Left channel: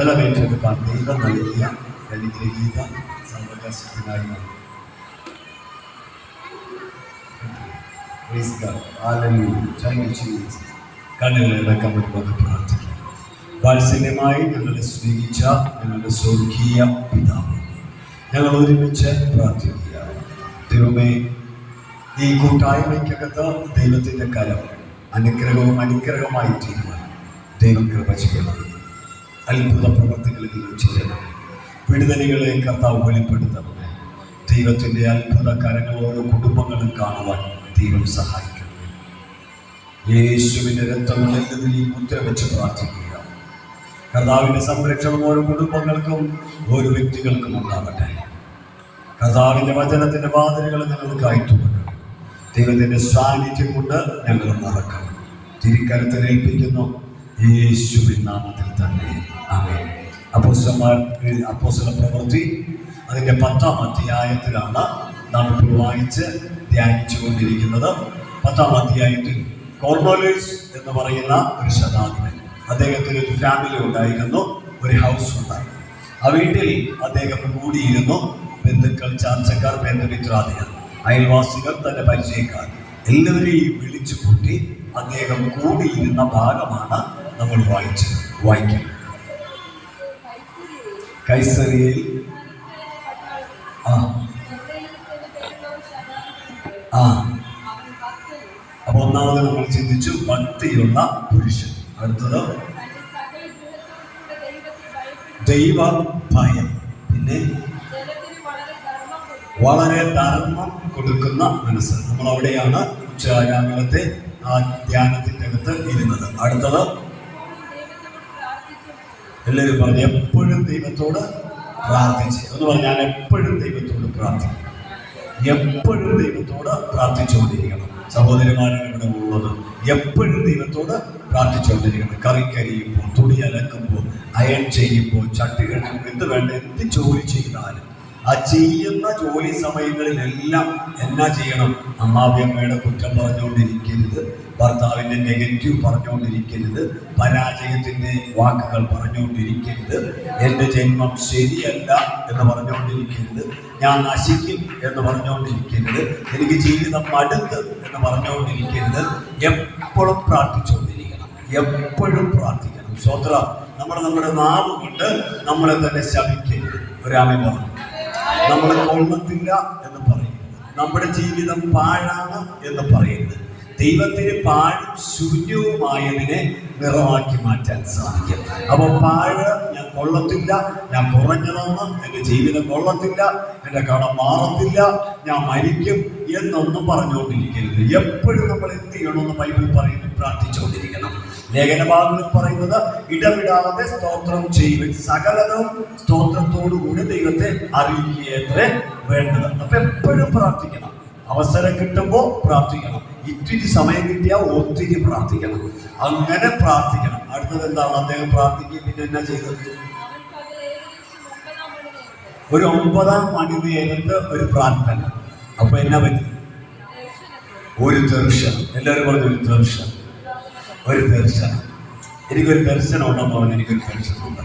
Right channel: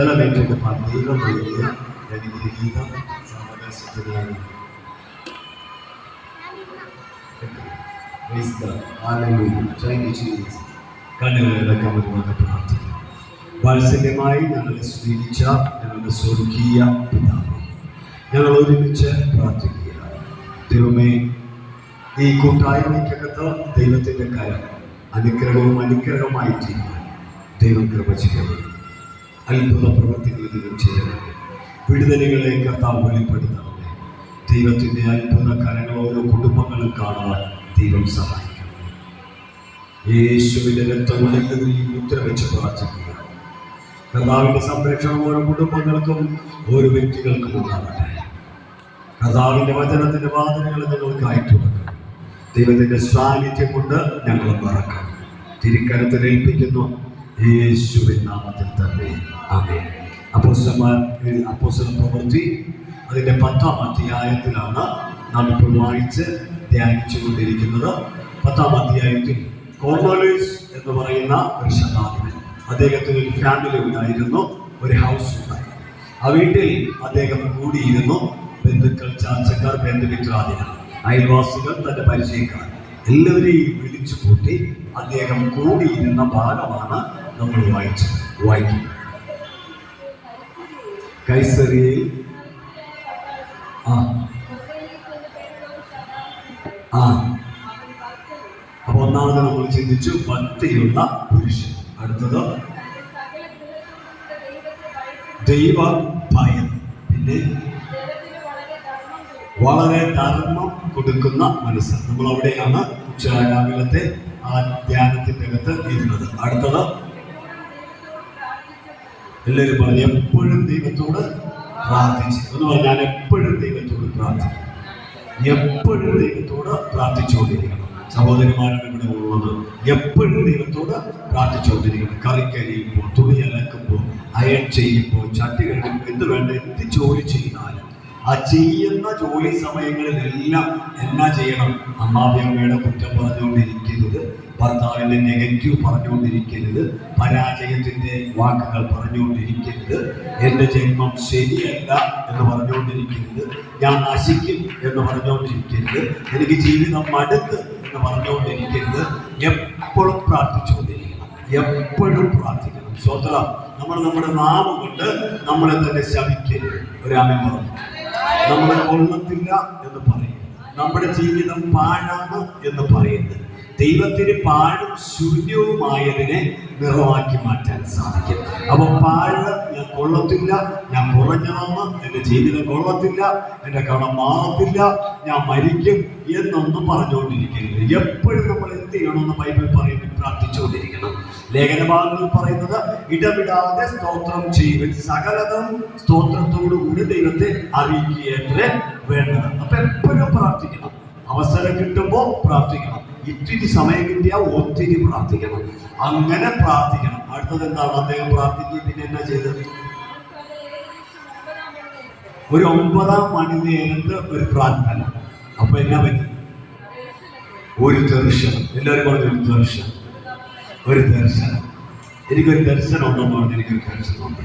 ബലമേറ്റെടുക്കാൻ ദൈവം നൽകിയ അനുഗ്രഹീത സാവകാശത്തിനായി കണ്ണുകളടക്കം നമുക്ക് പ്രാർത്ഥിക്കാം. വാത്സല്യമായി ഞങ്ങളെ സ്നേഹിച്ച ഞങ്ങളുടെ സ്വർഗീയ പിതാവ്, ഞങ്ങൾ ഒരുമിച്ച് പ്രാർത്ഥിക്കുക. ദൈവമേ, ഈ കൂട്ടായ്മയ്ക്കകത്ത് ദൈവത്തിൻ്റെ കരം അനുഗ്രഹവും അനുഗ്രഹമായി തീരുവാൻ ദൈവം കൃപ ചെയ്യണം. അത്ഭുത പ്രവൃത്തികളിൽ ചെയ്യണമേ. വിടുതലുകളെ കർത്താവ് വെളിപ്പെടുത്തണമേ. ദൈവത്തിൻ്റെ അത്ഭുത കരങ്ങൾ ഓരോ കുടുംബങ്ങളും കാണുവാൻ ദൈവം സഹായിക്കണം. യേശുവിൻ്റെ രക്തങ്ങളിൽ ഈ മുദ്ര വെച്ച് പ്രാർത്ഥിക്കുക. കർത്താവിൻ്റെ സംരക്ഷണം ഓരോ കുടുംബങ്ങൾക്കും ഓരോ വ്യക്തികൾക്കും ഉണ്ടാകട്ടെ. കർത്താവിൻ്റെ വചനത്തിൻ്റെ വാതിലുകൾ നിങ്ങൾക്ക് അയറ്റുകൊടുക്കണം. ദൈവത്തിൻ്റെ സാന്നിധ്യം കൊണ്ട് ഞങ്ങൾ മറക്കണം. തിരുക്കരത്തിൽ ഏൽപ്പിക്കുന്നു യേശുവിൻ നാമത്തിൽ തന്നെ. ആമേൻ. അപ്പോസ്തല പ്രവൃത്തി അതിൻ്റെ 10-ാം അധ്യായത്തിലാണ് നാം ഇപ്പോൾ വായിച്ച് ധ്യാനിച്ചു കൊണ്ടിരിക്കുന്നത്. 10-ാം അധ്യായത്തിൽ കോർണേലിയസ് എന്ന് പറയുന്ന ഒരു ശതാധിപൻ, അദ്ദേഹത്തിന് ഒരു ഫാമിലി ഉണ്ടായിരുന്നു, ഒരു ഹൗസ് ഉണ്ടായിരുന്നു. ആ വീട്ടിൽ അദ്ദേഹം കൂടിയിരുന്നു. ബന്ധുക്കൾ, ചാർച്ചക്കാർ, ബന്ധുമിത്രാദികൾ, അയൽവാസികൾ, തൻ്റെ പരിചയക്കാർ എല്ലാവരെയും വിളിച്ചു കൂട്ടി അദ്ദേഹം കൂടിയിരുന്ന ഭാഗമാണ് നമ്മൾ വായിക്കുന്നത്. കൈസറിയയിൽ അപ്പൊ ഒന്നാമത് നമ്മൾ ചിന്തിച്ചു ഭക്തിയുള്ള പുരുഷൻ. അടുത്തത് ദൈവ ഭയം. പിന്നെ വളരെ ധർമ്മം കൊടുക്കുന്ന മനസ്സ്. നമ്മൾ അവിടെയാണ് രാവിലത്തെ ആ ധ്യാനത്തിൻ്റെ അകത്ത് ഇരുന്നത്. അടുത്തത് എല്ലാവരും പറഞ്ഞു എപ്പോഴും ദൈവത്തോട് പ്രാർത്ഥിച്ച് എന്ന് പറഞ്ഞാൽ ഞാൻ എപ്പോഴും ദൈവത്തോട് പ്രാർത്ഥിക്കും. എപ്പോഴും ദൈവത്തോട് പ്രാർത്ഥിച്ചുകൊണ്ടിരിക്കണം. സഹോദരിമാരും ഇവിടെ ഉള്ളത് എപ്പോഴും ദൈവത്തോട് പ്രാർത്ഥിച്ചുകൊണ്ടിരിക്കണം. കറിക്കരിയുമ്പോൾ, തുണി അലക്കുമ്പോൾ, അയൺ ചെയ്യുമ്പോൾ, ചട്ടി കഴുകുമ്പോൾ, എന്ത് വേണ്ട എന്ത് ജോലി ചെയ്താലും ആ ചെയ്യുന്ന ജോലി സമയങ്ങളിലെല്ലാം എന്നാ ചെയ്യണം? അമ്മാവിയമ്മയുടെ കുറ്റം പറഞ്ഞുകൊണ്ടിരിക്കരുത്, ഭർത്താവിൻ്റെ നെഗറ്റീവ് പറഞ്ഞുകൊണ്ടിരിക്കരുത്, പരാജയത്തിൻ്റെ വാക്കുകൾ പറഞ്ഞുകൊണ്ടിരിക്കരുത്, എൻ്റെ ജന്മം ശരിയല്ല എന്ന് പറഞ്ഞുകൊണ്ടിരിക്കരുത്, ഞാൻ നശിക്കും എന്ന് പറഞ്ഞുകൊണ്ടിരിക്കരുത്, എനിക്ക് ജീവിതം മടുത്ത് എന്ന് പറഞ്ഞുകൊണ്ടിരിക്കരുത്. എപ്പോഴും പ്രാർത്ഥിച്ചുകൊണ്ടിരിക്കണം. എപ്പോഴും പ്രാർത്ഥിക്കണം. സ്വതന്ത്രം. നമ്മുടെ നാമം കൊണ്ട് നമ്മളെ തന്നെ ശപിക്കരുത്. ഒരാമൻ പറഞ്ഞു. നമ്മൾ കൊള്ളത്തില്ല എന്ന് പറയരുത്. നമ്മുടെ ജീവിതം പാഴാണ് എന്ന് പറയരുത്. ദൈവത്തിന് പാഴും ശൂന്യവുമായതിനെ നിറമാക്കി മാറ്റാൻ സാധിക്കും. അപ്പൊ പാഴ് ഞാൻ കൊള്ളത്തില്ല, ഞാൻ കുറഞ്ഞണമെന്ന്, എൻ്റെ ജീവിതം കൊള്ളത്തില്ല, എൻ്റെ കടം മാറത്തില്ല, ഞാൻ മരിക്കും എന്നൊന്നും പറഞ്ഞുകൊണ്ടിരിക്കരുത്. എപ്പോഴും നമ്മൾ എന്ത് ചെയ്യണമെന്ന് ബൈബിൾ പറയുന്നു? പ്രാർത്ഥിച്ചുകൊണ്ടിരിക്കണം. ലേഖനഭാഗങ്ങൾ പറയുന്നത് ഇടവിടാതെ സ്തോത്രം ചെയ്യുക, സകലതും സ്തോത്രത്തോടുകൂടി ദൈവത്തെ അറിയിക്കുകയത്രേ വേണ്ടത്. അപ്പൊ എപ്പോഴും പ്രാർത്ഥിക്കണം. അവസരം കിട്ടുമ്പോൾ പ്രാർത്ഥിക്കണം. ഇത്തിരി സമയം കിട്ടിയാൽ ഒത്തിരി പ്രാർത്ഥിക്കണം. അങ്ങനെ പ്രാർത്ഥിക്കണം. അടുത്തത് എന്താണ്? അദ്ദേഹം പ്രാർത്ഥിക്കുകയും പിന്നെ എന്നാ ചെയ്തത്? ഒരു 9-ാം മണി നേരത്ത് ഒരു പ്രാർത്ഥന. അപ്പൊ എന്നാ പറ്റി? ഒരു ദർശനം. എല്ലാവരും പറഞ്ഞു ഒരു ദർശനം. ഒരു ദർശനം. എനിക്കൊരു ദർശനം ഉണ്ടെന്ന് പറഞ്ഞു. എനിക്കൊരു ദർശനമുണ്ട്.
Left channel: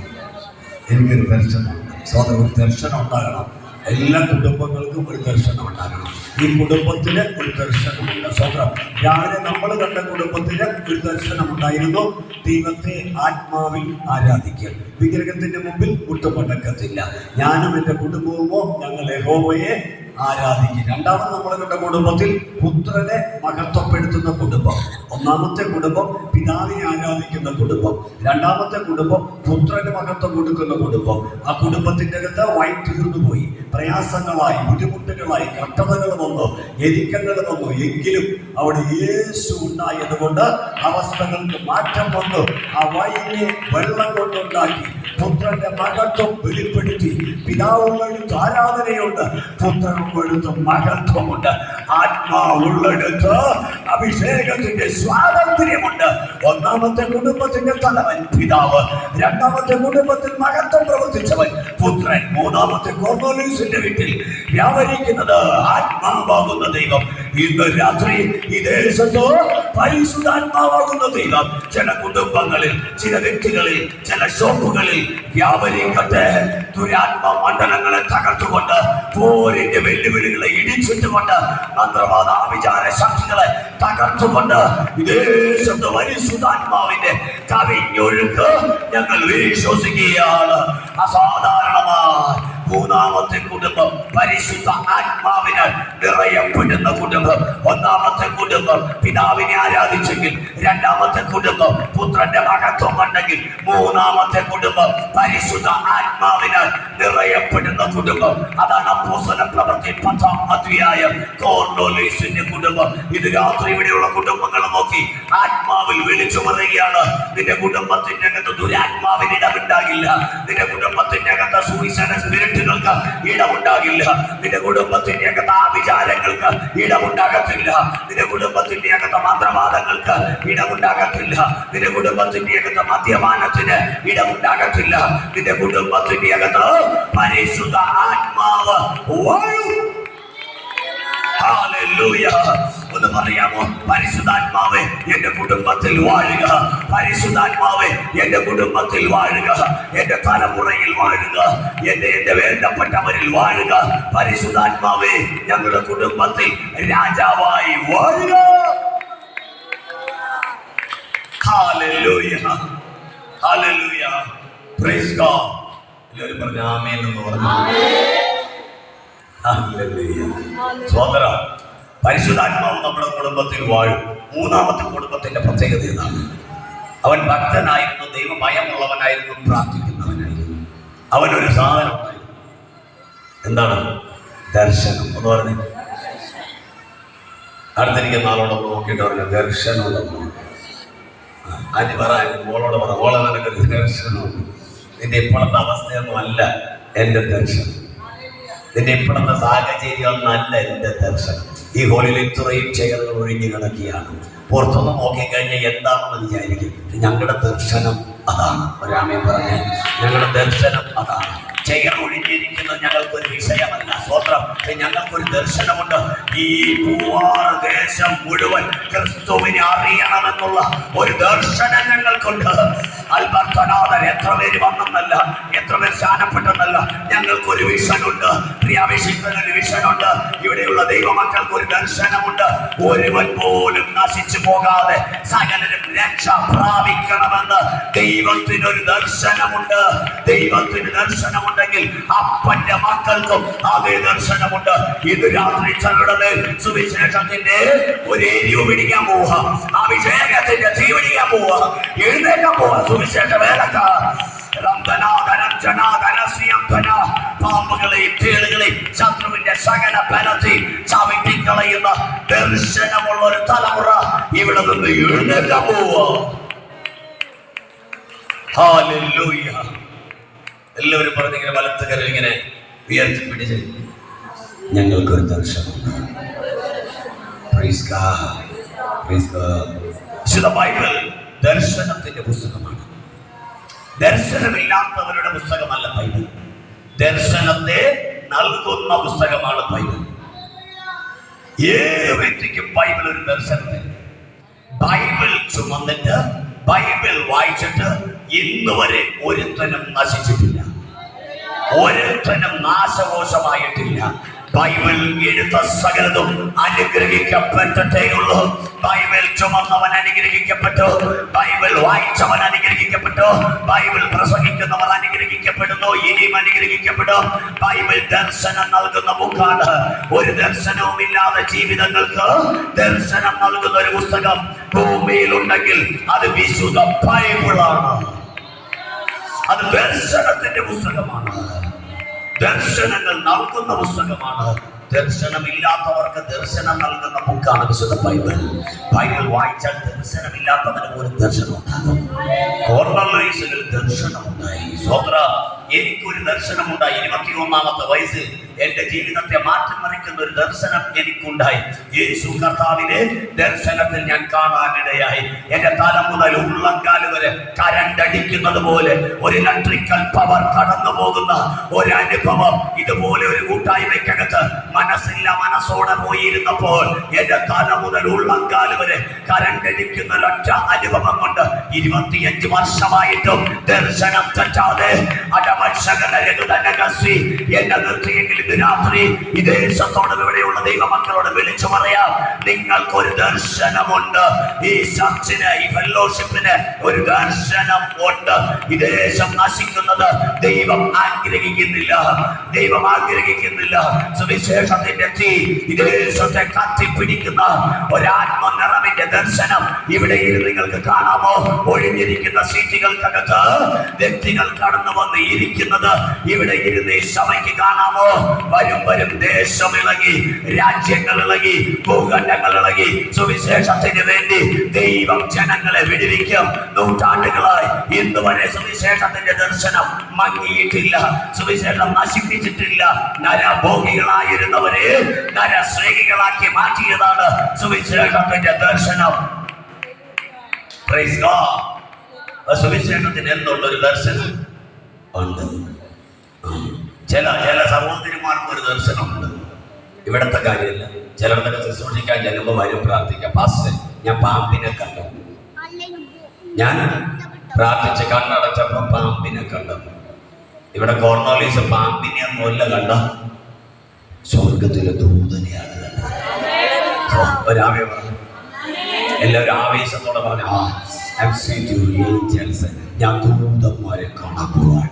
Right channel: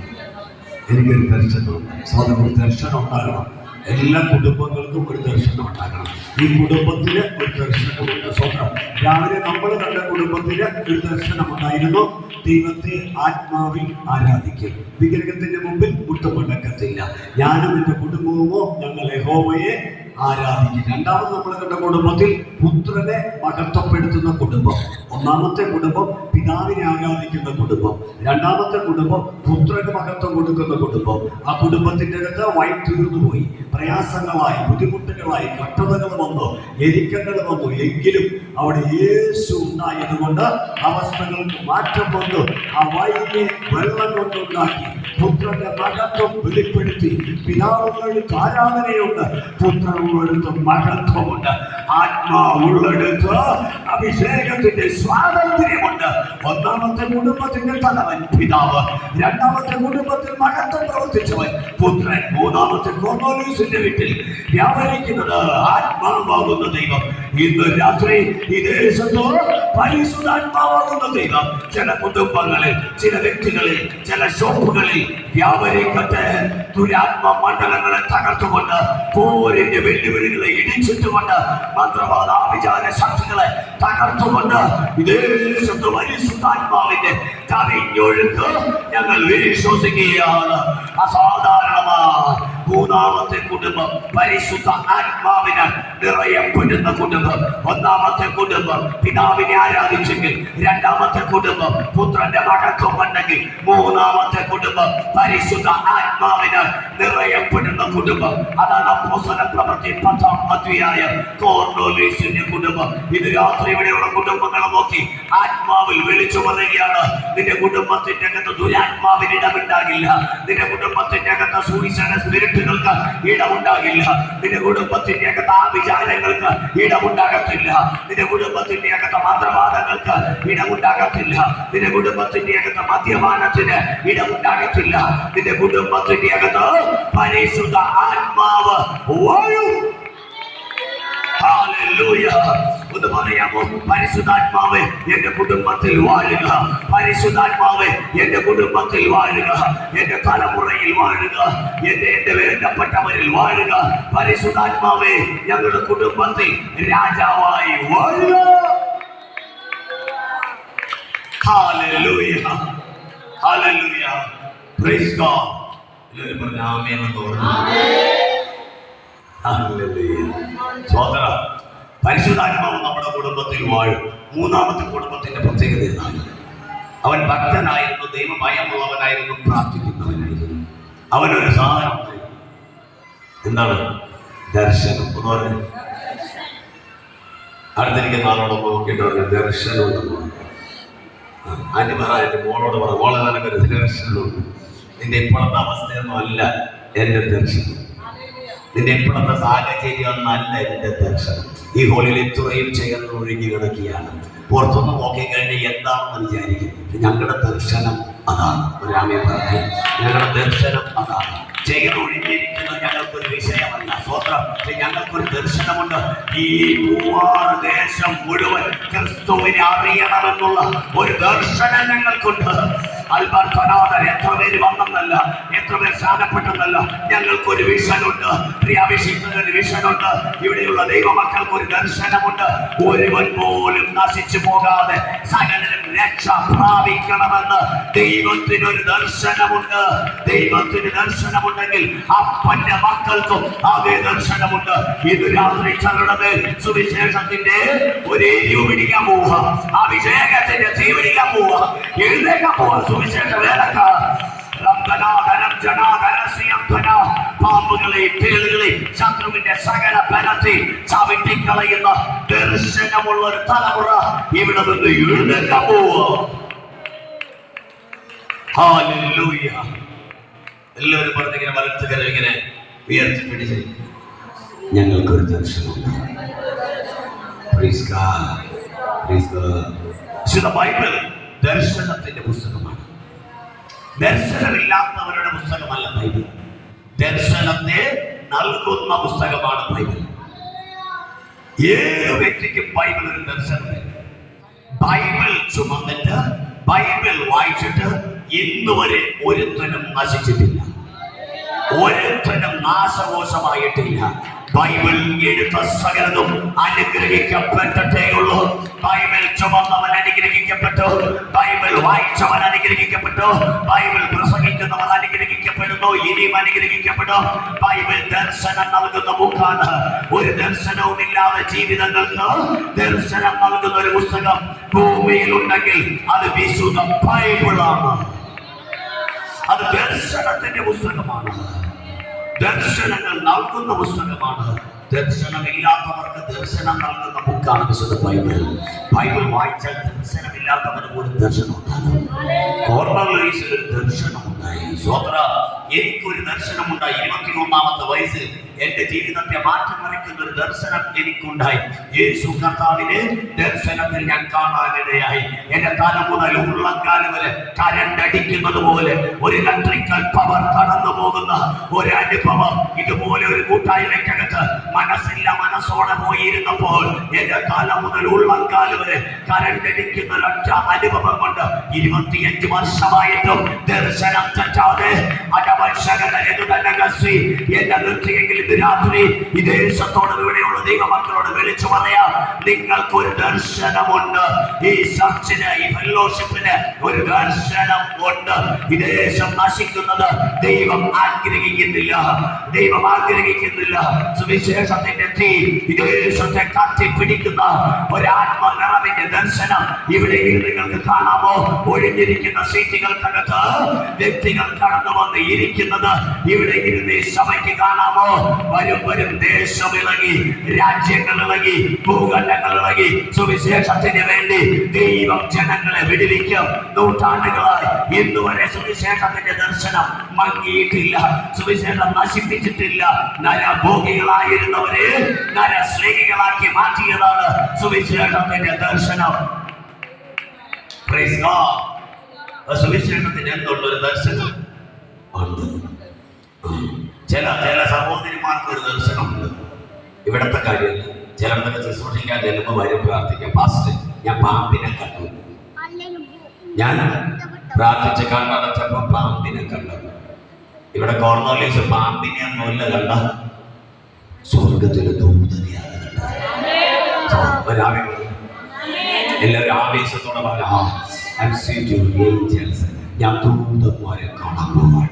ഒരു ദർശനം ഉണ്ടാകണം. എല്ലാ കുടുംബങ്ങൾക്കും ഒരു ദർശനം ഉണ്ടാകണം. ഈ കുടുംബത്തിന് ഒരു ദർശനമുണ്ട്. സ്വന്തം രാവിലെ നമ്മൾ കണ്ട കുടുംബത്തിന് ഒരു ദർശനം ഉണ്ടായിരുന്നു. ദൈവത്തെ ആത്മാവിൽ ആരാധിക്കും. വിഗ്രഹത്തിന്റെ മുമ്പിൽ മുട്ടുമടക്കത്തില്ല. ഞാനും എൻ്റെ കുടുംബവുമോ ഞങ്ങൾ യഹോവയെ ആരാധിക്കും. രണ്ടാമത് നമ്മൾ കണ്ട കുടുംബത്തിൽ പുത്രനെ മഹത്വപ്പെടുത്തുന്ന കുടുംബം. ഒന്നാമത്തെ കുടുംബം പിതാവിനെ ആരാധിക്കുന്ന കുടുംബം. രണ്ടാമത്തെ കുടുംബം പുത്രന് മഹത്വം കൊടുക്കുന്ന കുടുംബം. ആ കുടുംബത്തിൻ്റെ അകത്ത് വഴി തീർന്നു പോയി. പ്രയാസങ്ങളായി, ബുദ്ധിമുട്ടുകളായി, കഷ്ടതകൾ വന്നു, ഞെരുക്കങ്ങൾ വന്നു. എങ്കിലും അവിടെ യേശു ഉണ്ടായത് കൊണ്ട് അവസ്ഥകൾക്ക് മാറ്റം വന്നു. ആ വഴിയെ വെള്ളം കൊണ്ടുണ്ടാക്കി പുത്രന്റെ മഹത്വം വെളിപ്പെടുത്തി. പിതാവുള്ളടുത്ത് ആരാധനയുണ്ട്, പുത്രനുള്ളടുത്ത് മഹത്വമുണ്ട്. ആത്മാവുള്ളടുത്ത് അഭിഷേകത്തിന്റെ സ്വാതന്ത്ര്യമുണ്ട്. ഒന്നാമത്തെ കുടുംബത്തിന്റെ തലവൻ പിതാവ്, രണ്ടാമത്തെ കുടുംബത്തിൽ മഹത്വം പ്രവർത്തിച്ചവൻ പുത്രൻ, മൂന്നാമത്തെ കൊർന്നേലിയോസിന്റെ വീട്ടിൽ വ്യാപരിക്കുന്നത് ആത്മാവാകുന്ന ദൈവം. ഇന്ന് രാത്രി ഈ ദേശത്ത് പരിശുദ്ധാത്മാവാകുന്ന ദൈവം ചില കുടുംബങ്ങളിൽ, ചില വ്യക്തികളിൽ, ചില ഷോപ്പുകളിൽ വ്യാപരിക്കട്ടെ. ദുരാത്മ മണ്ഡലങ്ങളെ തകർത്തുകൊണ്ട്, പോരിന്റെ വെല്ലുവിളികളെ ഇടിച്ചിട്ടുകൊണ്ട്, മന്ത്രവാദ ആഭിചാര ശക്തികളെ തകർത്തുകൊണ്ട് ദേശത്ത് പരിശുദ്ധാത്മാവിന്റെ കവിഞ്ഞൊഴുക്ക് ഞങ്ങൾ വിശ്വസിക്കുകയാണ്. അസാധാരണമായി മൂന്നാമത്തെ കുടുംബം പരിശുദ്ധ ആത്മാവിനാൽ നിറയപ്പെടുന്ന കുടുംബം. ഒന്നാമത്തെ കുടുംബം പിതാവിനെ ആരാധിച്ചെങ്കിൽ, രണ്ടാമത്തെ കുടുംബം പുത്രന്റെ മഹത്വം കണ്ടെങ്കിൽ, മൂന്നാമത്തെ കുടുംബം പരിശുദ്ധ ആത്മാവിനാൽ നിറയപ്പെടുന്ന കുടുംബം. അതാണ് അപ്പോസ്തല പ്രവൃത്തി 10-ാം അധ്യായം കൊർന്നേലിയോസിന്റെ കുടുംബം. ഇത് രാത്രി ഇവിടെയുള്ള കുടുംബങ്ങളെ നോക്കി ആത്മാവിൽ വിളിച്ചു പറയുകയാണ്, നിന്റെ കുടുംബത്തിന്റെ അകത്ത് ദുരാത്മാവിന് ഇടമുണ്ടാകില്ല. നിന്റെ കുടുംബത്തിന്റെ അകത്ത് സുവിശേഷ സ്പിരിറ്റുകൾക്ക് ഇടമുണ്ടാകില്ല. നിന്റെ കുടുംബത്തിന്റെ അകത്ത് ആഭിചാരങ്ങൾക്ക് ഇടമുണ്ടാകത്തില്ല. നിന്റെ കുടുംബത്തിന്റെ അകത്ത് മന്ത്രവാദങ്ങൾക്ക് ഇടമുണ്ടാകത്തില്ല. നിന്റെ കുടുംബത്തിന്റെ അകത്ത് മദ്യപാനത്തിന് ഇടമുണ്ടാകത്തില്ല. നിന്റെ കുടുംബത്തിന്റെ അകത്ത് പരിശുദ്ധ ആത്മാവ് വായു. ഹല്ലേലൂയ. ഒന്ന് പറയാമോ? പരിശുദ്ധാത്മാവേ എന്റെ കുടുംബത്തിൽ വാഴുക. പരിശുദ്ധാത്മാവേ എന്റെ കുടുംബത്തിൽ വാഴുക. എന്റെ തലമുറയിൽ വാഴുക. എന്റെ വേണ്ടപ്പെട്ടവരിൽ വാഴുക. പരിശുദ്ധാത്മാവേ ഞങ്ങളുടെ കുടുംബത്തിൽ രാജാവായി വാഴുക. Hallelujah, hallelujah, praise God. എല്ലാവരും പറഞ്ഞ ആമേൻ എന്ന് പറഞ്ഞു. ഹല്ലേലൂയ, സ്തോത്രം. പരിശുദ്ധാത്മാവ് നമ്മുടെ കുടുംബത്തിൽ വാഴും. മൂന്നാമത്തെ കുടുംബത്തിന്റെ പ്രത്യേകത ഇതാണ്, അവൻ ഭക്തനായിരുന്നു, ദൈവഭയമുള്ളവനായിരുന്നു, പ്രാർത്ഥിക്കുന്നവനായിരുന്നു. അവനൊരു സാധനം ഉണ്ടായിരുന്നു. എന്താണ്? ദർശനം. എന്ന് പറഞ്ഞു അടുത്തിരിക്കുന്ന ആളോടൊന്ന് നോക്കിയിട്ട് പറഞ്ഞു ദർശനമുണ്ടെന്ന്. ആദ്യം പറ, എൻ്റെ മോളോട് പറ, മോളെ നിനക്കൊരു ദർശനമുണ്ട്. നിന്റെ ഇപ്പോഴത്തെ അവസ്ഥയൊന്നും അല്ല എൻ്റെ ദർശനം. നിന്റെ ഇപ്പോഴത്തെ സാഹചര്യമൊന്നല്ല എൻ്റെ ദർശനം. ഈ ഹോളിൽ ഇത്രയും ചെയറുകൾ ഒഴിഞ്ഞു കിടക്കുകയാണ്. പുറത്തൊന്ന് നോക്കിക്കഴിഞ്ഞാൽ എന്താണെന്ന് വിചാരിക്കും. ഞങ്ങളുടെ ദർശനം അതാണ്. ഒരാമേ പറഞ്ഞേ, ഞങ്ങളുടെ ദർശനം അതാണ്. ചെയർ ഒഴിഞ്ഞിരിക്കുന്നത് ഞങ്ങൾക്കൊരു വിഷയമല്ല. സ്വത്രം, ഞങ്ങൾക്കൊരു ദർശനമുണ്ട്. ഈ പൂവാർ ദേശം മുഴുവൻ ക്രിസ്തുവിനെ അറിയണമെന്നുള്ള ഒരു ദർശനം ഞങ്ങൾക്കുണ്ട്. അൽബർത്തനാഥൻ എത്ര പേര് വന്നെന്നല്ല, എത്ര പേർ സ്ഥാനപ്പെട്ടെന്നല്ല, ഞങ്ങൾക്കൊരു വിഷനുണ്ട്. പ്രിയാഭിഷിക്തനൊരു വിഷനുണ്ട്. ഇവിടെയുള്ള ദൈവമക്കൾക്കൊരു ദർശനമുണ്ട്. ഒരുവൻ പോലും നശിച്ചു പോകാതെ സകലരും രക്ഷ പ്രാപിക്കണമെന്ന് ദൈവത്തിനൊരു ദർശനമുണ്ട്. ദൈവത്തിന് ദർശനമുണ്ടെങ്കിൽ അപ്പന്റെ മക്കൾക്കും അതേ ദർശനമുണ്ട്. ഇത് രാത്രി ചങ്ങളുടെ സുവിശേഷത്തിന്റെ ഒരു എരിവ് പിടിക്കാൻ പോവുക, അഭിഷേകത്തിന്റെ തീ പിടിക്കാൻ പോവുക, എഴുന്നേക്കാൻ പോവുക. സുവിശേഷ വേലക്കാർ പാമ്പുകളെ, തേളുകളെ, ശത്രുവിന്റെ സകല ബലത്തിൽ ചവിട്ടിക്കളയുന്ന ദർശനമുള്ള ഒരു തലമുറ ഇവിടെ നിന്ന് എഴുന്നേക്കാൻ പോവുക. ഹല്ലേലൂയ. എല്ലാവരും പറഞ്ഞിങ്ങനെ വലത്തുകരം ഇങ്ങനെ ഉയർത്തിപ്പിടിച്ച് ഞങ്ങൾക്കൊരു ദർശനമുണ്ട്. Praise God, praise God. വിശുദ്ധ ബൈബിൾ ദർശനത്തിന്റെ പുസ്തകമാണ്. ദർശനമില്ലാത്തവരുടെ പുസ്തകമല്ല ബൈബിൾ. ദർശനത്തെ നൽകുന്ന പുസ്തകമാണ് ബൈബിൾ. ഏത് വ്യക്തിക്കും ബൈബിൾ ഒരു ദർശനമില്ല. ബൈബിൾ ചുമന്നിട്ട്, ബൈബിൾ വായിച്ചിട്ട് ഇന്നുവരെ ഒരുത്തനും നശിച്ചിട്ടില്ല, ഒരുത്തനും നാശകോശമായിട്ടില്ല. ബൈബിൾ എഴുത്ത സകലതും അനുഗ്രഹിക്കപ്പെട്ടിട്ടേയുള്ളൂ. ബൈബിൾ ചുമന്നവൻ അനുഗ്രഹിക്കപ്പെട്ടു, ബൈബിൾ വായിച്ചവൻ അനുഗ്രഹിക്കപ്പെട്ടു, ബൈബിൾ പ്രസംഗിക്കുന്നവൻ അനുഗ്രഹിക്കപ്പെടുന്നു, ഇനിയും അനുഗ്രഹിക്കപ്പെടും. ബൈബിൾ ദർശനം നൽകുന്ന ബുക്കാണ്. ഒരു ദർശനവുമില്ലാതെ ജീവിതങ്ങൾക്ക് ദർശനം നൽകുന്ന ഒരു പുസ്തകം ഭൂമിയിൽ ഉണ്ടെങ്കിൽ അത് വിശുദ്ധ ബൈബിളാണ്. അത് ദർശനത്തിന്റെ പുസ്തകമാണ്. ദർശനങ്ങൾ നൽകുന്ന പുസ്തകമാണ്. ദർശനമില്ലാത്തവർക്ക് ദർശനം നൽകുന്ന ബുക്കാണ് വിശുദ്ധ ബൈബിൾ. ബൈബിൾ വായിച്ചാൽ ദർശനമില്ലാത്തവന് ഒരു ദർശനം ഉണ്ടാകും. കൊർന്നേലിയോസിന് ഒരു ദർശനമുണ്ടായി. സ്വത്ര, എനിക്കൊരു ദർശനമുണ്ടായി. 21-ാമത്തെ വയസ്സിൽ എന്റെ ജീവിതത്തെ മാറ്റിമറിക്കുന്ന ഒരു ദർശനം എനിക്കുണ്ടായി. യേശു കർത്താവിനെ ദർശനത്തിൽ ഞാൻ കാണാനിടയായി. എന്റെ തല മുതൽ ഉള്ളങ്കാല് വരെ കരണ്ട് അടിക്കുന്നത് പോലെ ഒരു ഇലക്ട്രിക്കൽ പവർ കടന്നു പോകുന്ന ഒരനുഭവം ഇതുപോലെ ഒരു കൂട്ടായ്മയ്ക്കകത്ത് മനസ്സോടെ പോയിരുന്നപ്പോൾ എന്റെ തല മുതൽ ഉള്ളങ്കാല് വരെ കരണ്ട് അടിക്കുന്ന ഒരൊറ്റ അനുഭവം കൊണ്ട് 25 വർഷമായിട്ടും ദർശനം തെറ്റാതെ എന്നെ നിർത്തിയെങ്കിൽ ഇന്ന് രാത്രി ഈ ദേശത്തോട് ഇവിടെയുള്ള ദൈവമക്കളോട് വിളിച്ചു പറയാം, നിങ്ങൾക്കൊരു ദർശനമുണ്ട്. ഈ ചർച്ചിന്, ഈ ഫെലോഷിപ്പിന് ഒരു ദർശനം ഉണ്ട്. ഈ ദേശം നശിക്കുന്നത് ദൈവം ആഗ്രഹിക്കുന്നില്ല. സുവിശേഷത്തിന്റെ തീ ഈ ദേശത്തെ കത്തിപ്പിടിക്കുന്ന ഒരാത്മനിറവിന്റെ ദർശനം ഇവിടെ നിങ്ങൾക്ക് കാണാമോ? ഒഴിഞ്ഞിരിക്കുന്ന സീറ്റുകൾക്കകത്ത് വ്യക്തികൾ കടന്നു വന്ന് ഇരിക്കുന്നത് ഇവിടെ ഇരുന്ന് ഈ സഭയ്ക്ക് കാണാമോ? വരും ദേശം ഇളകി, രാജ്യങ്ങൾ ഇളകി, ഭൂഖണ്ഡങ്ങൾ ഇളകി. സുവിശേഷത്തിന് വേണ്ടി ദൈവം ജനങ്ങളെ വിടുവിക്കും. നൂറ്റാണ്ടുകളായി ഇന്ന് വരെ സുവിശേഷത്തിന്റെ ദർശനം മങ്ങിയിട്ടില്ല. സുവിശേഷം നശിപ്പിച്ചിട്ടില്ല. നരഭോഗികളായിരുന്നവരെ നരശ്രേണികളാക്കി മാറ്റിയതാണ് സുവിശേഷത്തിന്റെ ദർശനം. Praise God. സുവിശേഷത്തിന് എന്തുള്ളൊരു ദർശനം ഉണ്ട്. ചില സഹോദരിമാർക്ക് ഒരു ദർശനമുണ്ട്. ഇവിടത്തെ കാര്യമില്ല. ചിലർക്കൊക്കെ ശുശ്രൂഷിക്കാൻ ചെല്ലുമ്പോൾ വരും പ്രാർത്ഥിക്കാം, പാസ്റ്റർ ഞാൻ പാമ്പിനെ കണ്ടു. ഞാൻ പ്രാർത്ഥിച്ച് കണ്ണടച്ചപ്പോൾ പാമ്പിനെ കണ്ടു. ഇവിടെ കോർണോലീസ് പാമ്പിനെ ഒന്നുമല്ല കണ്ട, സ്വർഗത്തിലെ ദൂതനെയാണ് കണ്ടത്. എല്ലാവരും ആവേശത്തോടെ പറഞ്ഞു, ഞാൻ ദൂതന്മാരെ കാണാൻ പോവാണ്.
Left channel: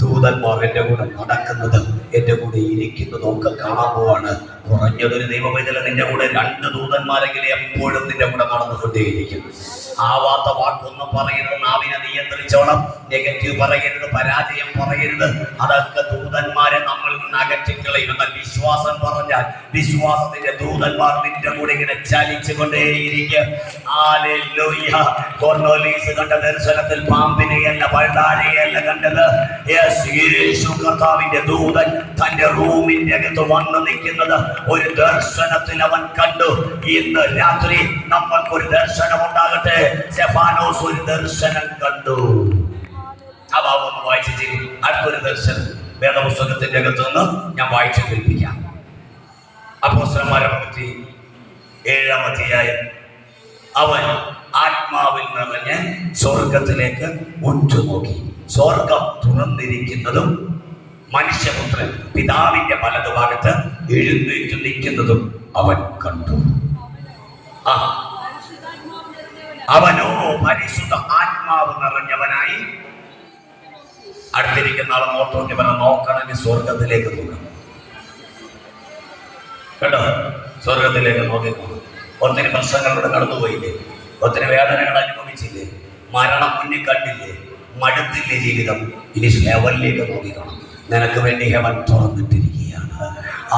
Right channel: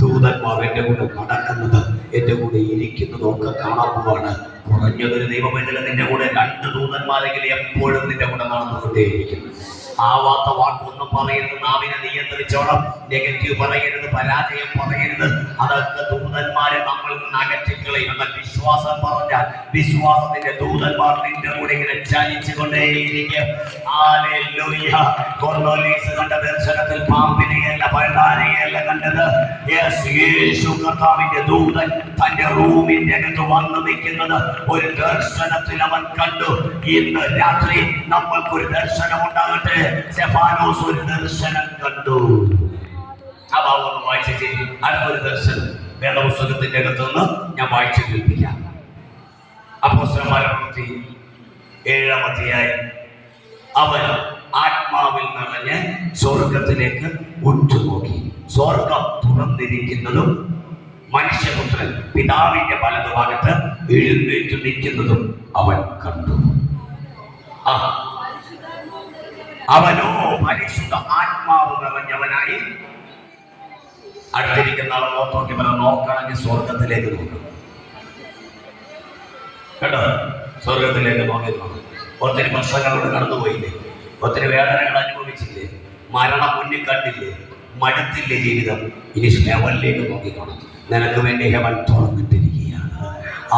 ദൂതന്മാർ എൻ്റെ കൂടെ നടക്കുന്നത്, എൻ്റെ കൂടെ ഇരിക്കുന്നതും ഒക്കെ കാണാൻ പോവാണ്. കുറഞ്ഞതൊരു ദൈവവേദന നിന്റെ കൂടെ 2 ദൂതന്മാരെങ്കിലും എപ്പോഴും നിന്റെ കൂടെ നടന്നുകൊണ്ടേയിരിക്കും. ആവാത്ത വാക്കൊന്നും പറയരുത്. നാവിനെ നിയന്ത്രിച്ചോണം. നെഗറ്റീവ് പറയരുത്, പരാജയം പറയരുത്. അതൊക്കെ ദൂതന്മാരെ നമ്മളിൽ നിന്ന് അകറ്റിക്കളയും. എന്നാൽ വിശ്വാസം പറഞ്ഞാൽ വിശ്വാസത്തിന്റെ ദൂതന്മാർ നിന്റെ കൂടെ ഇങ്ങനെ ചലിച്ചുകൊണ്ടേയിരിക്കും. ഹല്ലേലൂയ. കോർണേലിയസ് കണ്ട ദർശനത്തിൽ പാമ്പിനെയല്ല പണ്ടാരയെയല്ല കണ്ടത്. യേശു കർത്താവിന്റെ ദൂതൻ തന്റെ റൂമിന്റെ അകത്ത് വന്ന് നിൽക്കുന്നത് ഒരു ദർശനത്തിൽ അവൻ കണ്ടു. ഇന്ന് രാത്രി നമ്മൾക്കൊരു ദർശനം ഉണ്ടാകട്ടെ. സ്തെഫാനോസ് ഒരു ദർശനം കണ്ടു. ആ ഭാഗം ഒന്ന് വായിച്ചു ചെയ്യും. അടുത്തൊരു ദർശനം വേദപുസ്തകത്തിന്റെ അകത്ത് നിന്ന് ഞാൻ വായിച്ചു കേൾപ്പിക്കാം. അപ്പോസ്തലന്മാരുടെ പ്രവൃത്തി 7-ാം അധ്യായം. അവൻ ആത്മാവിൽ നിറഞ്ഞ് സ്വർഗത്തിലേക്ക് ഉറ്റുനോക്കി. സ്വർഗം തുറന്നിരിക്കുന്നതും മനുഷ്യപുത്രൻ പിതാവിന്റെ വലതുഭാഗത്ത് എഴുന്നേറ്റ് നിൽക്കുന്നതും അവൻ കണ്ടു. അവനോ പരിശുദ്ധ ആത്മാവ് നിറഞ്ഞവനായി. അടുത്തിരിക്കുന്ന ആളെ നോക്കി നോക്കണമെങ്കിൽ സ്വർഗത്തിലേക്ക് നോക്കണം കേട്ടോ. സ്വർഗത്തിലേക്ക് നോക്കി. ഒത്തിരി പ്രശ്നങ്ങളിലൂടെ കടന്നുപോയില്ലേ? ഒത്തിരി വേദനകൾ അനുഭവിച്ചില്ലേ? മരണം മുന്നിൽ കണ്ടില്ലേ? മടുത്തില്ലേ ജീവിതം? ഇനി ഹെവനിലേക്ക് നോക്കിക്കണം. നിനക്ക് വേണ്ടി ഹെവൻ തുറന്നിട്ടിരിക്കുകയാണ്.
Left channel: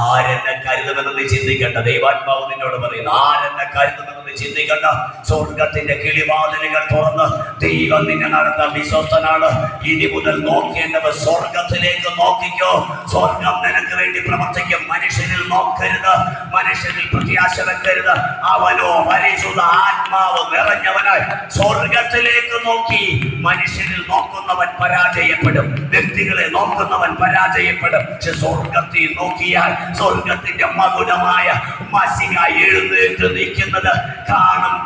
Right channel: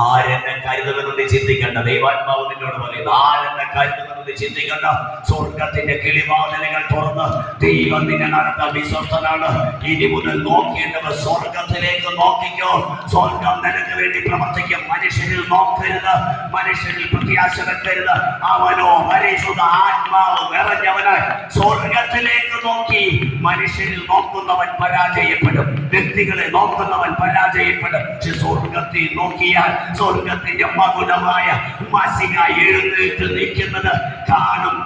ആരെന്നെ കരുതുമെന്ന് ചിന്തിക്കണ്ട. ദൈവാത്മാവ് നിന്നോട് പറയുന്നു, ആരെന്നെ കരുതുമെന്ന് ചിന്തിക്കണ്ട. സ്വർഗത്തിന്റെ കിളിവാതിലുകൾ തുറന്ന് ദൈവം നിന്നെ നടത്താൻ വിശ്വസ്തനാണ്. ഇനി മുതൽ നോക്കേണ്ടത് സ്വർഗത്തിലേക്ക് നോക്കിക്കോ. സ്വർഗം നിനക്ക് വേണ്ടി പ്രവർത്തിക്കും. മനുഷ്യരിൽ നോക്കരുത്, മനുഷ്യരിൽ പ്രത്യാശ വെക്കരുത്. അവനോ പരിശുദ്ധ ആത്മാവ് നിറഞ്ഞവനായി സ്വർഗത്തിലേക്ക് നോക്കി. മനുഷ്യരിൽ നോക്കുന്നവൻ പരാജയപ്പെടും, വ്യക്തികളെ നോക്കുന്നവൻ പരാജയപ്പെടും. പക്ഷെ സ്വർഗത്തിൽ നോക്കിയാൽ സ്വർഗത്തിന്റെ മകുടമായ മസിക എഴുന്നേറ്റ് നിൽക്കുന്നത് കാണും.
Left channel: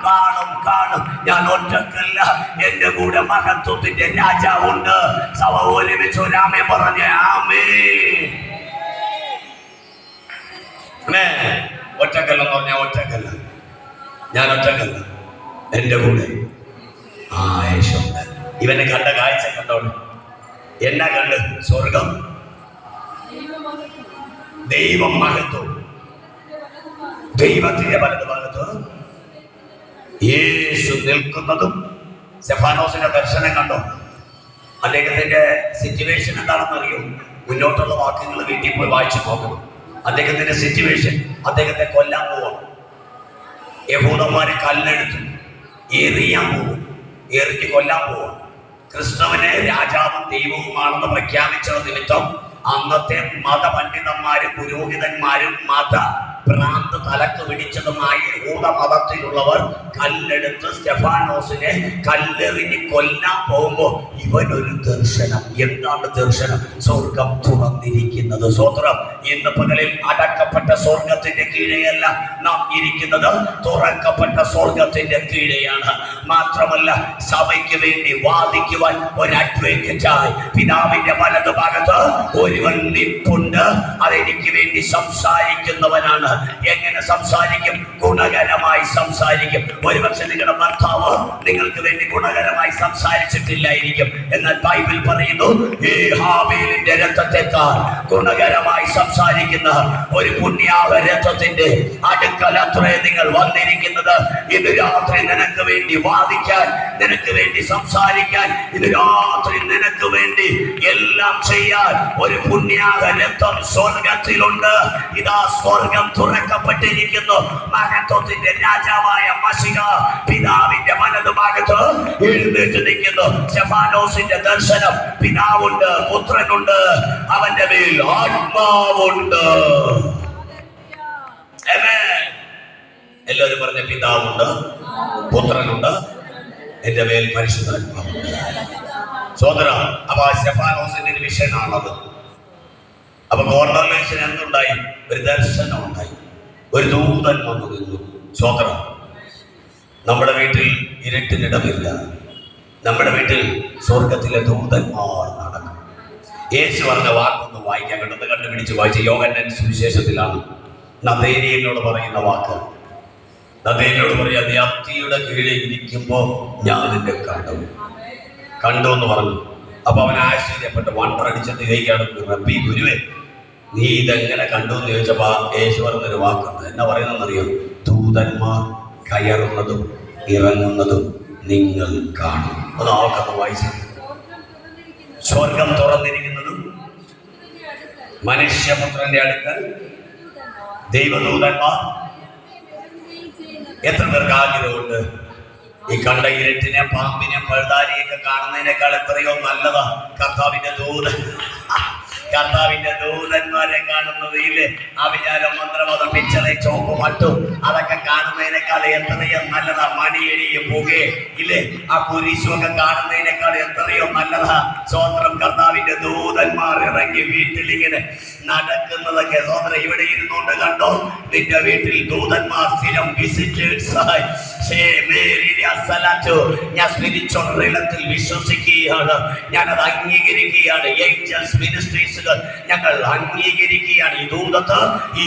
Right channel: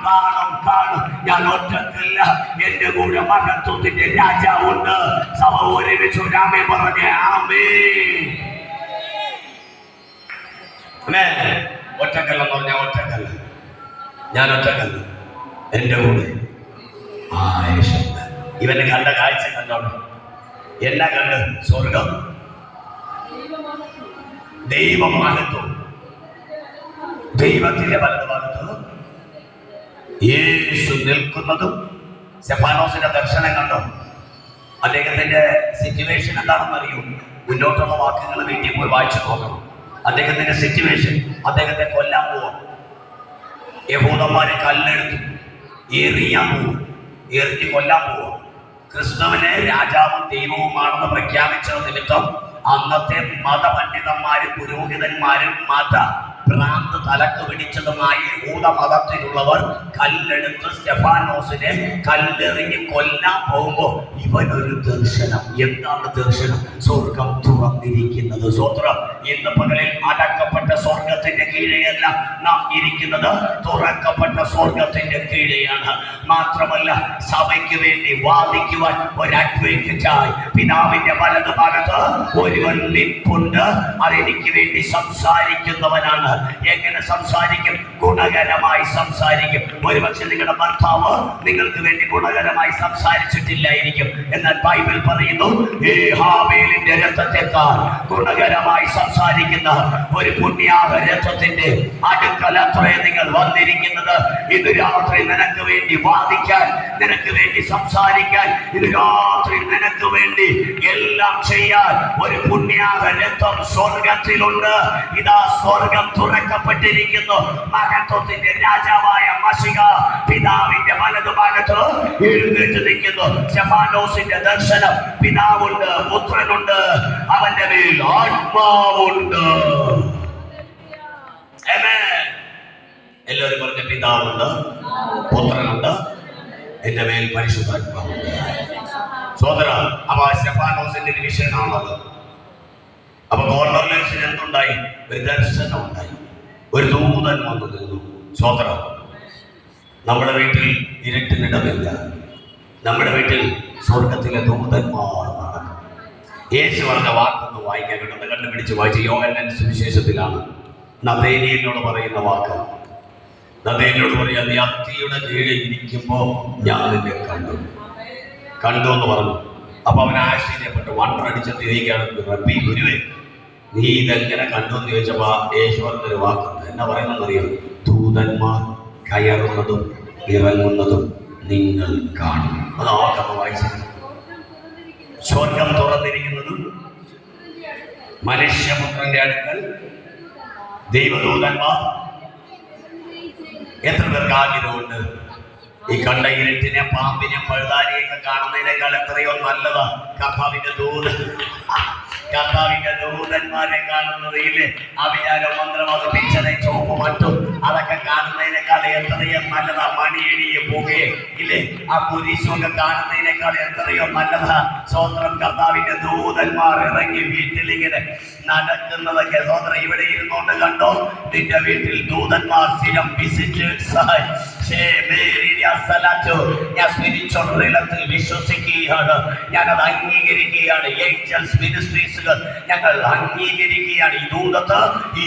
ഞാൻ ഒറ്റക്കല്ല, എന്റെ കൂടെ മഹത്വത്തിന്റെ രാജാവുണ്ട്. സഭ ഒരുമിച്ച് ഒരാമേ പറഞ്ഞ ആമേൻ. ഒറ്റക്കല്ലെന്ന് പറഞ്ഞാൽ ഒറ്റക്കല്ല, ഞാൻ ഒറ്റക്കല്ല, എന്റെ കൂടെ ആയേശുണ്ട്. ഇവനെ കണ്ട കാഴ്ച കണ്ടോളൂ. എല്ലാം കണ്ട് സ്വർഗം, ദൈവം മഹത്വം, ദൈവത്തിന്റെ വലതുഭാഗത്ത് യേശു നിൽക്കുന്നതും. സ്തെഫാനോസിന്റെ ദർശനം കണ്ടോ? അദ്ദേഹത്തിന്റെ സിറ്റുവേഷൻ എന്താണെന്ന് അറിയും. മുന്നോട്ടുള്ള വാക്യങ്ങൾ വീട്ടിൽ പോയി വായിച്ചു നോക്കണം. അദ്ദേഹത്തിന്റെ സിറ്റുവേഷൻ, അദ്ദേഹത്തെ കൊല്ലാൻ പോവാം. യഹൂദന്മാര് കല്ലെടുത്തു എറിയാൻ പോവും, എറിഞ്ഞ് കൊല്ലാൻ പോവാം. ക്രിസ്തുവിനെ രാജാവും ദൈവവുമാണെന്ന് പ്രഖ്യാപിച്ച നിമിത്തം അന്നത്തെ മതപണ്ഡിതന്മാരും പുരോഹിതന്മാരും ഭ്രാന്ത് തലക്ക് പിടിച്ചതുമായി യഹൂദമതത്തിലുള്ളവർ കല്ലെടുത്ത് സ്റ്റെഫാനോസിനെ കല്ലെറിഞ്ഞ് കൊല്ലാൻ പോകുമ്പോ ഇവനൊരു ദർശനം. എന്താണ് ദർശനം? സ്വർഗം തുറന്നിരിക്കുന്നത്. സ്വത്രം. ഇന്ന് പകലിൽ അടക്കപ്പെട്ട സ്വർഗത്തിന്റെ കീഴെയല്ല നാം ഇരിക്കുന്നത്, തുറക്കപ്പെട്ട സ്വർഗത്തിന്റെ കീഴെയാണ്. മാത്രമല്ല, സഭയ്ക്ക് വേണ്ടി വാദിക്കുവാൻ ഒരു അഡ്വക്കേറ്റായി പിതാവിന്റെ വലതു ഭാഗത്ത് ഒരുവൻ നിപ്പുണ്ട്. അതെനിക്ക് വേണ്ടി സംസാരിക്കുന്നവനാണ്. എങ്ങനെ സംസാരിക്കും? ഗുണകരമായി സംസാരിക്കും. ഒരുപക്ഷെ നിങ്ങളുടെ ഭർത്താവ് നിങ്ങൾക്ക് വേണ്ടി ഗുണകരമായി സംസാരിച്ചിട്ടില്ലായിരിക്കും. എന്നാൽ ബൈബിൾ പറയുന്നു, ഈ ഹാബേലിന്റെ രക്തത്തെക്കാൾ ഗുണകരമായി സംസാരിക്കുന്ന ഒരു പുണ്യാഹ രക്തത്തിന്റെ അടുക്കലത്രേ നിങ്ങൾ വന്നിരിക്കുന്നത്. ഇന്ന് രാത്രി നിനക്ക് വേണ്ടി വാദിക്കാൻ, നിനക്ക് വേണ്ടി സംസാരിക്കാൻ, ഇന്ന് രാത്രി നിനക്ക് വേണ്ടി എല്ലാം ചെയ്യാൻ ഒരു പുണ്യാഹ രക്തം സ്വർഗത്തിലുണ്ട്. ഇതാ സ്വർഗം തുറക്കപ്പെട്ടിരിക്കുന്നു. മഹത്വത്തിന്റെ രാജാവായ മശിഹ പിതാവിന്റെ വലതുഭാഗത്ത് എഴുന്നേറ്റ് നിൽക്കുന്നു. സ്റ്റെഫാനോസിന്റെ ദർശനം. പിതാവുണ്ട്, പുത്രനുണ്ട്, അവന്റെ മേൽ ആത്മാവുണ്ട്. എല്ലാവരും പറഞ്ഞ പിതാവുണ്ട്, പുത്രനുണ്ട്, എന്റെ മേൽ പരിശുദ്ധാത്മാവുണ്ട്. സോദര, അപ്പൊ സ്റ്റെഫാനോസിന്റെ ഒരു വിഷനാണത്. അപ്പൊ കോർണർലേസിന് എന്തുണ്ടായി? ഒരു ദർശനം ഉണ്ടായി. ഒരു ദൂതൻ വന്നു നിന്നു. സ്വതന്ത്ര. നമ്മുടെ വീട്ടിൽ ഇരുട്ടിനിടമില്ല. നമ്മുടെ വീട്ടിൽ സ്വർഗത്തിലെ ദൂതന്മാർ നടക്കും. യേശു പറഞ്ഞ വാക്കൊന്ന് വായിക്കാൻ വേണ്ടത് കണ്ടുപിടിച്ച് വായിച്ച യോഹന്നാൻ സുവിശേഷത്തിലാണ്. നഥനയേലിനോട് പറയുന്ന വാക്ക്. നഥനയേലിനോട് പറയാ, നീ അത്തിയുടെ കീഴിൽ ഇരിക്കുമ്പോ ഞാൻ നിന്നെ കണ്ടു എന്ന് പറഞ്ഞു. അപ്പൊ അവൻ ആശ്ചര്യപ്പെട്ട് വണ്ടടിച്ചിട്ട് ഇതേക്കാണ്, റബ്ബി ഗുരുവേ, നീ ഇതെങ്ങനെ കണ്ടു എന്ന് ചോദിച്ചപ്പോ യേശു പറഞ്ഞൊരു വാക്കുണ്ട്. എന്നാ പറയുന്നറിയോ? ദൂതന്മാർ കയറുന്നതും ഇറങ്ങുന്നതും നിങ്ങൾ കാണും. അത് ആൾക്കൊന്ന് വായിച്ചു. സ്വർഗം തുറന്നിരിക്കുന്നതും മനുഷ്യപുത്രന്റെ അടുക്കൽ ദൈവദൂതന്മാർ. എത്ര പേർക്ക് ആഗ്രഹമുണ്ട് ഈ കണ്ട ഇരുട്ടിനെ, പാമ്പിനെ, പഴുതാരിയൊക്കെ കാണുന്നതിനേക്കാൾ എത്രയോ നല്ലതാ കർത്താവിന്റെ ദൂതന്മാരെ കാണുന്നത്. ഇല്ലേ, അഭിചാരം, മന്ത്രവാദം, പിച്ചള, ചോപ്പ്, മട്ടും അതൊക്കെ കാണുന്നതിനേക്കാൾ എത്രയോ നല്ലതാ. മണിയടിയെ പുകയെ, ഇല്ലേ, ആ കുരിശുമൊക്കെ കാണുന്നതിനേക്കാൾ എത്രയോ നല്ലതാ. സ്വതന്ത്രം. കർത്താവിന്റെ ദൂതന്മാർ ഇറങ്ങി വീട്ടിലിങ്ങനെ നടക്കുന്നതൊക്കെ സ്വതന്ത്രം. ഇവിടെ ഇരുന്നോണ്ട് കണ്ടോ, നിന്റെ വീട്ടിൽ ദൂതന്മാർ സ്ഥിരം വിസിറ്റേഴ്സായി. ഞാൻ സ്പിരിച്വൽ റിലത്തിൽ വിശ്വസിക്കുകയാണ്, ഞാനത് അംഗീകരിക്കുകയാണ്. ഏഞ്ചൽസ് മിനിസ്ട്രീസുകൾ ഞങ്ങൾ അംഗീകരിക്കുകയാണ്. ഈ ദൂതത്ത്, ഈ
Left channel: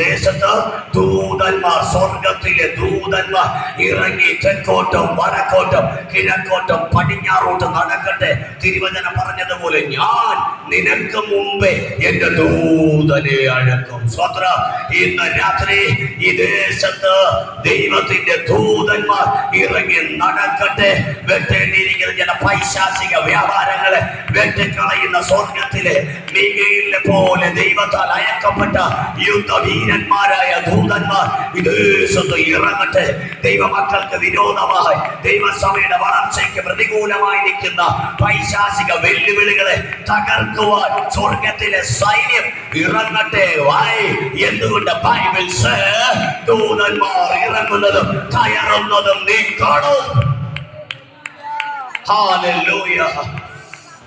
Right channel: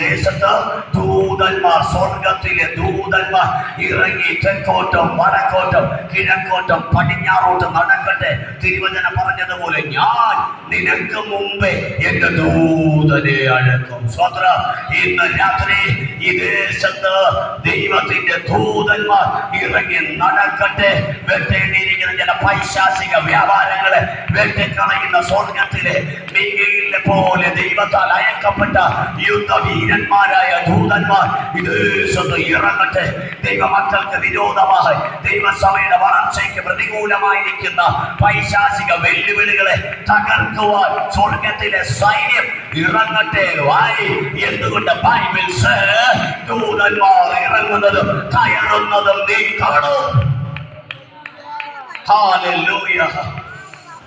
ദേശത്ത് ദൂതന്മാർ, സ്വർഗത്തിലെ ദൂതന്മാർ ഇറങ്ങി തെക്കോട്ടും വടക്കോട്ടും കിഴക്കോട്ടും പടിഞ്ഞാറോട്ടും നടക്കട്ടെ. തിരുവചനം പറഞ്ഞതുപോലെ ഞാൻ നിനക്ക് മുമ്പേ എന്റെ ദൂതനെ അഴക്കും. സ്വത്ര. ഇന്ന് രാത്രി ഈ ദേശത്ത് ദൈവത്തിന്റെ ദൂതന്മാർ ഇറങ്ങി നടക്കട്ടെ. വെട്ടേണ്ടിയിരിക്കുന്ന ചില പൈശാചിക വ്യാപാരങ്ങളെ വെട്ടിക്കളയുന്ന സ്വർഗത്തിലെ മീഖയേലിനെ പോലെ ദൈവത്താൽ അയക്കപ്പെട്ട യുദ്ധവീരന്മാരായ ദൂതന്മാർ ഈ ദേശത്ത് ഇറങ്ങട്ടെ. ദൈവമക്കൾക്ക് വിരോധമായി, ദൈവസഭയുടെ വളർച്ചയ്ക്ക് പ്രതികൂലമായി നിൽക്കുന്ന പൈശാചിക വെല്ലുവിളികളെ തകർക്കുവാൻ സ്വർഗത്തിലെ സൈന്യം ഇറങ്ങട്ടെ. എന്തുകൊണ്ട്? ബൈബിൾ ദൂതന്മാർ ഇറങ്ങുന്നതും കയറുന്നതും നീ കാണും. ഹല്ലേലൂയ.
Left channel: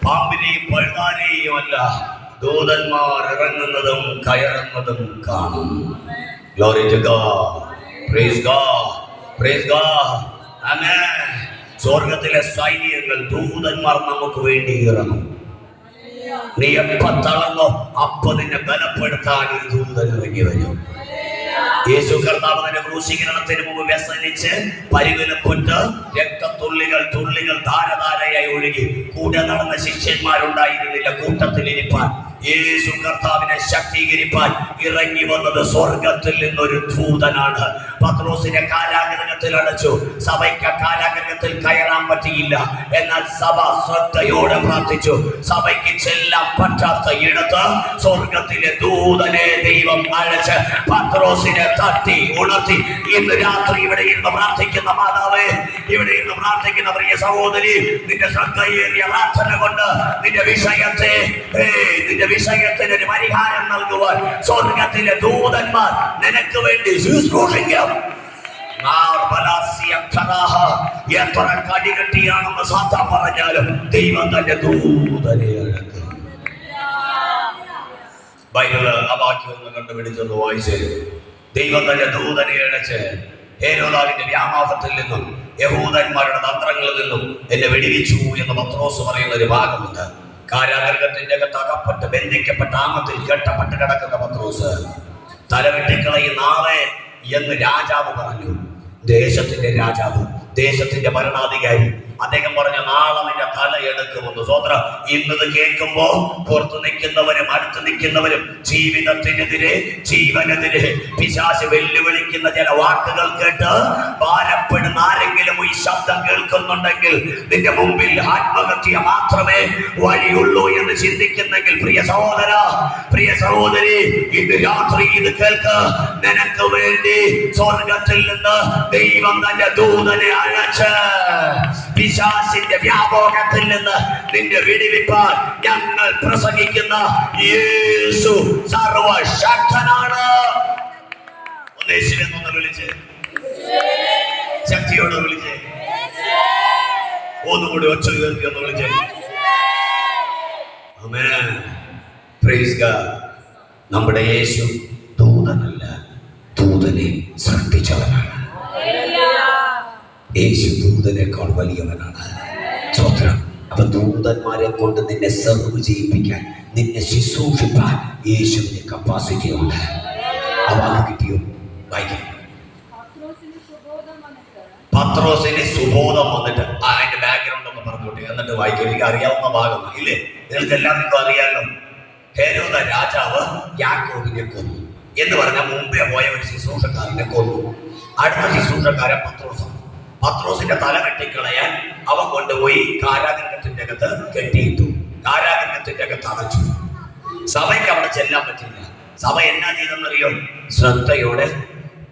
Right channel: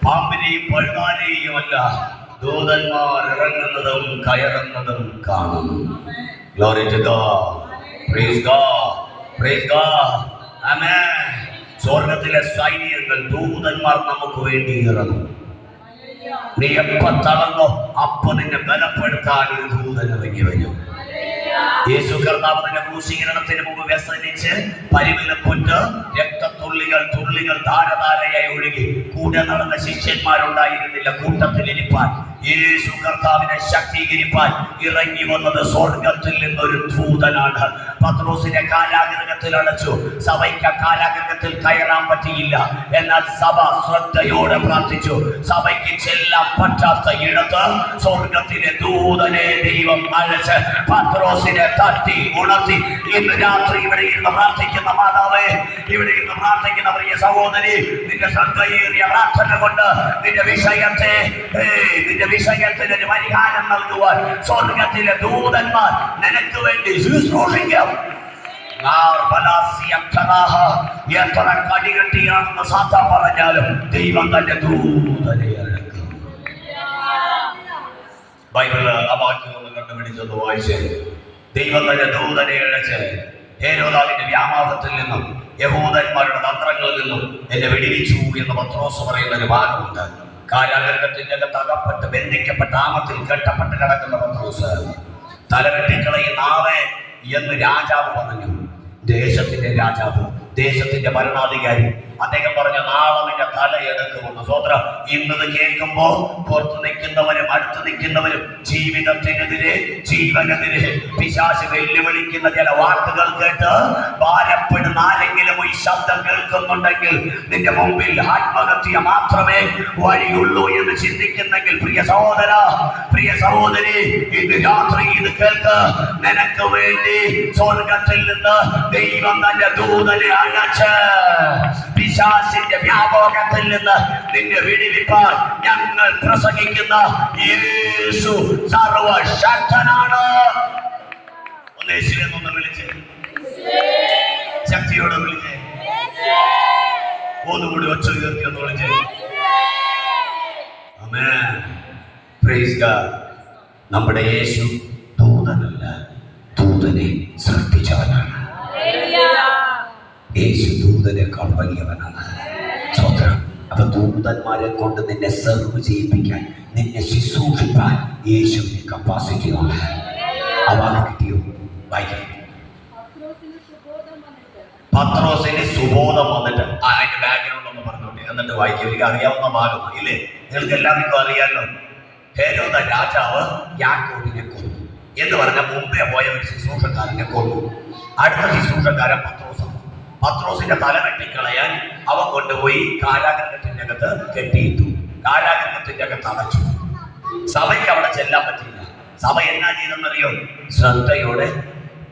പാമ്പിനെയും പഴുതാനെയും അല്ല, ദൂതന്മാർ ഇറങ്ങുന്നതും കയറുന്നതും കാണും. Glory to God. Praise God. Praise God. Amen. സ്വർഗത്തിലെ സൈന്യങ്ങൾ, ദൂതന്മാർ നമുക്ക് വേണ്ടി ഇറങ്ങും. നീ എപ്പോ തളർന്നോ അപ്പൊ നിന്നെ ബലപ്പെടുത്താൻ ദൂതൻ ഇറങ്ങി വരും. യേശു കർത്താവ് തന്റെ ക്രൂശീകരണത്തിന് മുമ്പ് വ്യസനിച്ച് പരിവിലപ്പെട്ട് രക്തത്തുള്ളികൾ ധാരധാരയായി ഒഴുകി. കൂടെ നടന്ന ശിഷ്യന്മാരുണ്ടായിരുന്നില്ല കൂട്ടത്തിലിരിപ്പാൻ. യേശു കർത്താവിനെ ശക്തീകരിപ്പാൻ ഇറങ്ങി വന്നത് സ്വർഗത്തിൽ നിന്നൊരു ദൂതനാണ്. പത്രോസിനെ കാരാഗൃഹത്തിൽ അടച്ചു. സഭയ്ക്ക് കാരാഗൃഹത്തിൽ കയറാൻ പറ്റിയില്ല. എന്നാൽ സഭ ശ്രദ്ധയോടെ പ്രാർത്ഥിച്ചു. സഭയ്ക്ക് ചെല്ലാൻ പറ്റാത്ത ഇടത്ത് സ്വർഗത്തിലെ ദൂതനെ ദൈവം അഴച്ച് പത്രോസിനെ തട്ടി ഉണർത്തി. ഇന്ന് രാത്രി ഇവിടെ ഇരുന്ന് പ്രാർത്ഥിക്കുന്ന മാതാവേ, ഇവിടെ ഇരുന്ന് പ്രാർത്ഥിക്കുന്ന പ്രിയ സഹോദരി, നിന്റെ ശ്രദ്ധയേറിയ പ്രാർത്ഥന കൊണ്ട് നിന്റെ വിഷയത്തെ, നിന്റെ വിഷയത്തിന് ഒരു പരിഹാരം നൽകുവാൻ സ്വർഗത്തിലെ ദൂതന്മാർ നിനക്ക് വേണ്ടി ശുശ്രൂഷിക്കും. എത്ര കടികെട്ടിയാണെന്ന് സാത്താൻ പറഞ്ഞാലും ദൈവം തന്റെ ദൂതനെ അഴക്കും. ബൈബിള് ആ വാക്യം ഒന്ന് കണ്ടുപിടിച്ചൊന്ന് വായിച്ചേ. ദൈവം തന്റെ ദൂതനെ അഴച്ച് ഹേരോദാവിന്റെ വ്യാമോഹത്തിൽ നിന്നും യഹൂദന്മാരുടെ തന്ത്രങ്ങളിൽ നിന്നും എന്നെ വെടിവെച്ചു എന്ന് പത്രോസ് പറയുന്ന ഒരു ഭാഗമുണ്ട്. കാരാഗൃഹത്തിന്റെ അകത്ത് അകപ്പെട്ട് ബന്ധിക്കപ്പെട്ട ആമത്തിൽ കെട്ടപ്പെട്ട് കിടക്കുന്ന പത്രോസ് തലവെട്ടിക്കളയും നാളെ എന്ന് രാജാവ് പറഞ്ഞു. ദേശത്തിന്റെ രാജാവ്, ദേശത്തിന്റെ ഭരണാധികാരി അദ്ദേഹം പറഞ്ഞ നാളെ നിന്റെ തല എടുക്കുമെന്ന്. സ്വതന്ത്ര ഇന്നത് കേൾക്കുമ്പോ പുറത്തു നിൽക്കുന്നവരും അടുത്ത് നിൽക്കുന്നവരും ജീവിതത്തിനെതിരെ ജീവനെതിരെ പിശാച് വെല്ലുവിളിക്കുന്ന ചില വാക്കുകൾ കേട്ട് ഭാരപ്പെടുന്ന ആരെങ്കിലും ഈ ശബ്ദം കേൾക്കുന്നുണ്ടെങ്കിൽ നിന്റെ മുമ്പിൽ ആത്മഹത്യ മാത്രമേ വഴിയുള്ളൂ എന്ന് ചിന്തിക്കുന്നെങ്കിൽ പ്രിയ സഹോദര, പ്രിയ സഹോദരി, ഇന്ന് രാത്രി ഇത് കേൾക്ക്. നിനക്ക് വേണ്ടി സ്വർഗത്തിൽ നിന്ന് ദൈവം തന്റെ ദൂതനെ അയച്ച് പിശാചിന്റെ വ്യാപകത്തിൽ നിന്ന് നിന്നെ വിടുവിപ്പാൻ ഞങ്ങൾ പ്രസംഗിക്കുന്ന യേശു സർവശക്തനാണ്. യേശുവിനെ വിളിച്ച് ശക്തിയോട് വിളിച്ച് ഒന്നുകൂടി ഒച്ച കയറി ഒന്ന് വിളിച്ച് ആമേൻ. Praise God. നമ്മുടെ യേശു ദൂതനല്ല, ദൂതനെ സൃഷ്ടിച്ചവനാണ്. യേശു ദൂതനേക്കാൾ വലിയവനാണ്. സ്വതന്ത്രം. അപ്പൊ ദൂതന്മാരെ കൊണ്ട് നിന്നെ സെർവ് ചെയ്യിപ്പിക്കാൻ, നിന്നെ ശുശ്രൂഷിക്കാൻ യേശുവിന് കപ്പാസിറ്റി ഉണ്ട്. ആ വാക്ക് കിട്ടിയോ? വായിക്കാം. പത്രോസിന് സുബോധം വന്നിട്ട് അതിന്റെ ബാക്ക്ഗ്രൗണ്ട് ഒന്ന് പറഞ്ഞോട്ടെ, എന്നിട്ട് വായിക്കാം. എനിക്ക് അറിയാവുന്ന ഭാഗമാണ് ഇല്ലേ? നിങ്ങൾക്ക് എല്ലാവർക്കും അറിയാലോ. ഹേരോദ രാജാവ് യാക്കോബിനെ കൊന്നു എന്ന് പറഞ്ഞാൽ മുമ്പേ പോയ ഒരു ശുശ്രൂഷക്കാരനെ കൊന്നു. അടുത്ത ശുശ്രൂഷക്കാരൻ പത്രോസാണ്. പത്രോസിന്റെ തല വെട്ടിക്കളയാൻ അവൻ കൊണ്ടുപോയി കാരാഗൃഹത്തിന്റെ അകത്ത് കെട്ടിയിട്ടു. കാരാഗൃഹത്തിന്റെ അകത്ത് അടച്ചു. സഭയ്ക്ക് അവിടെ ചെല്ലാൻ പറ്റില്ല. സഭ എന്നാ ചെയ്തെന്നറിയോ? ശ്രദ്ധയോടെ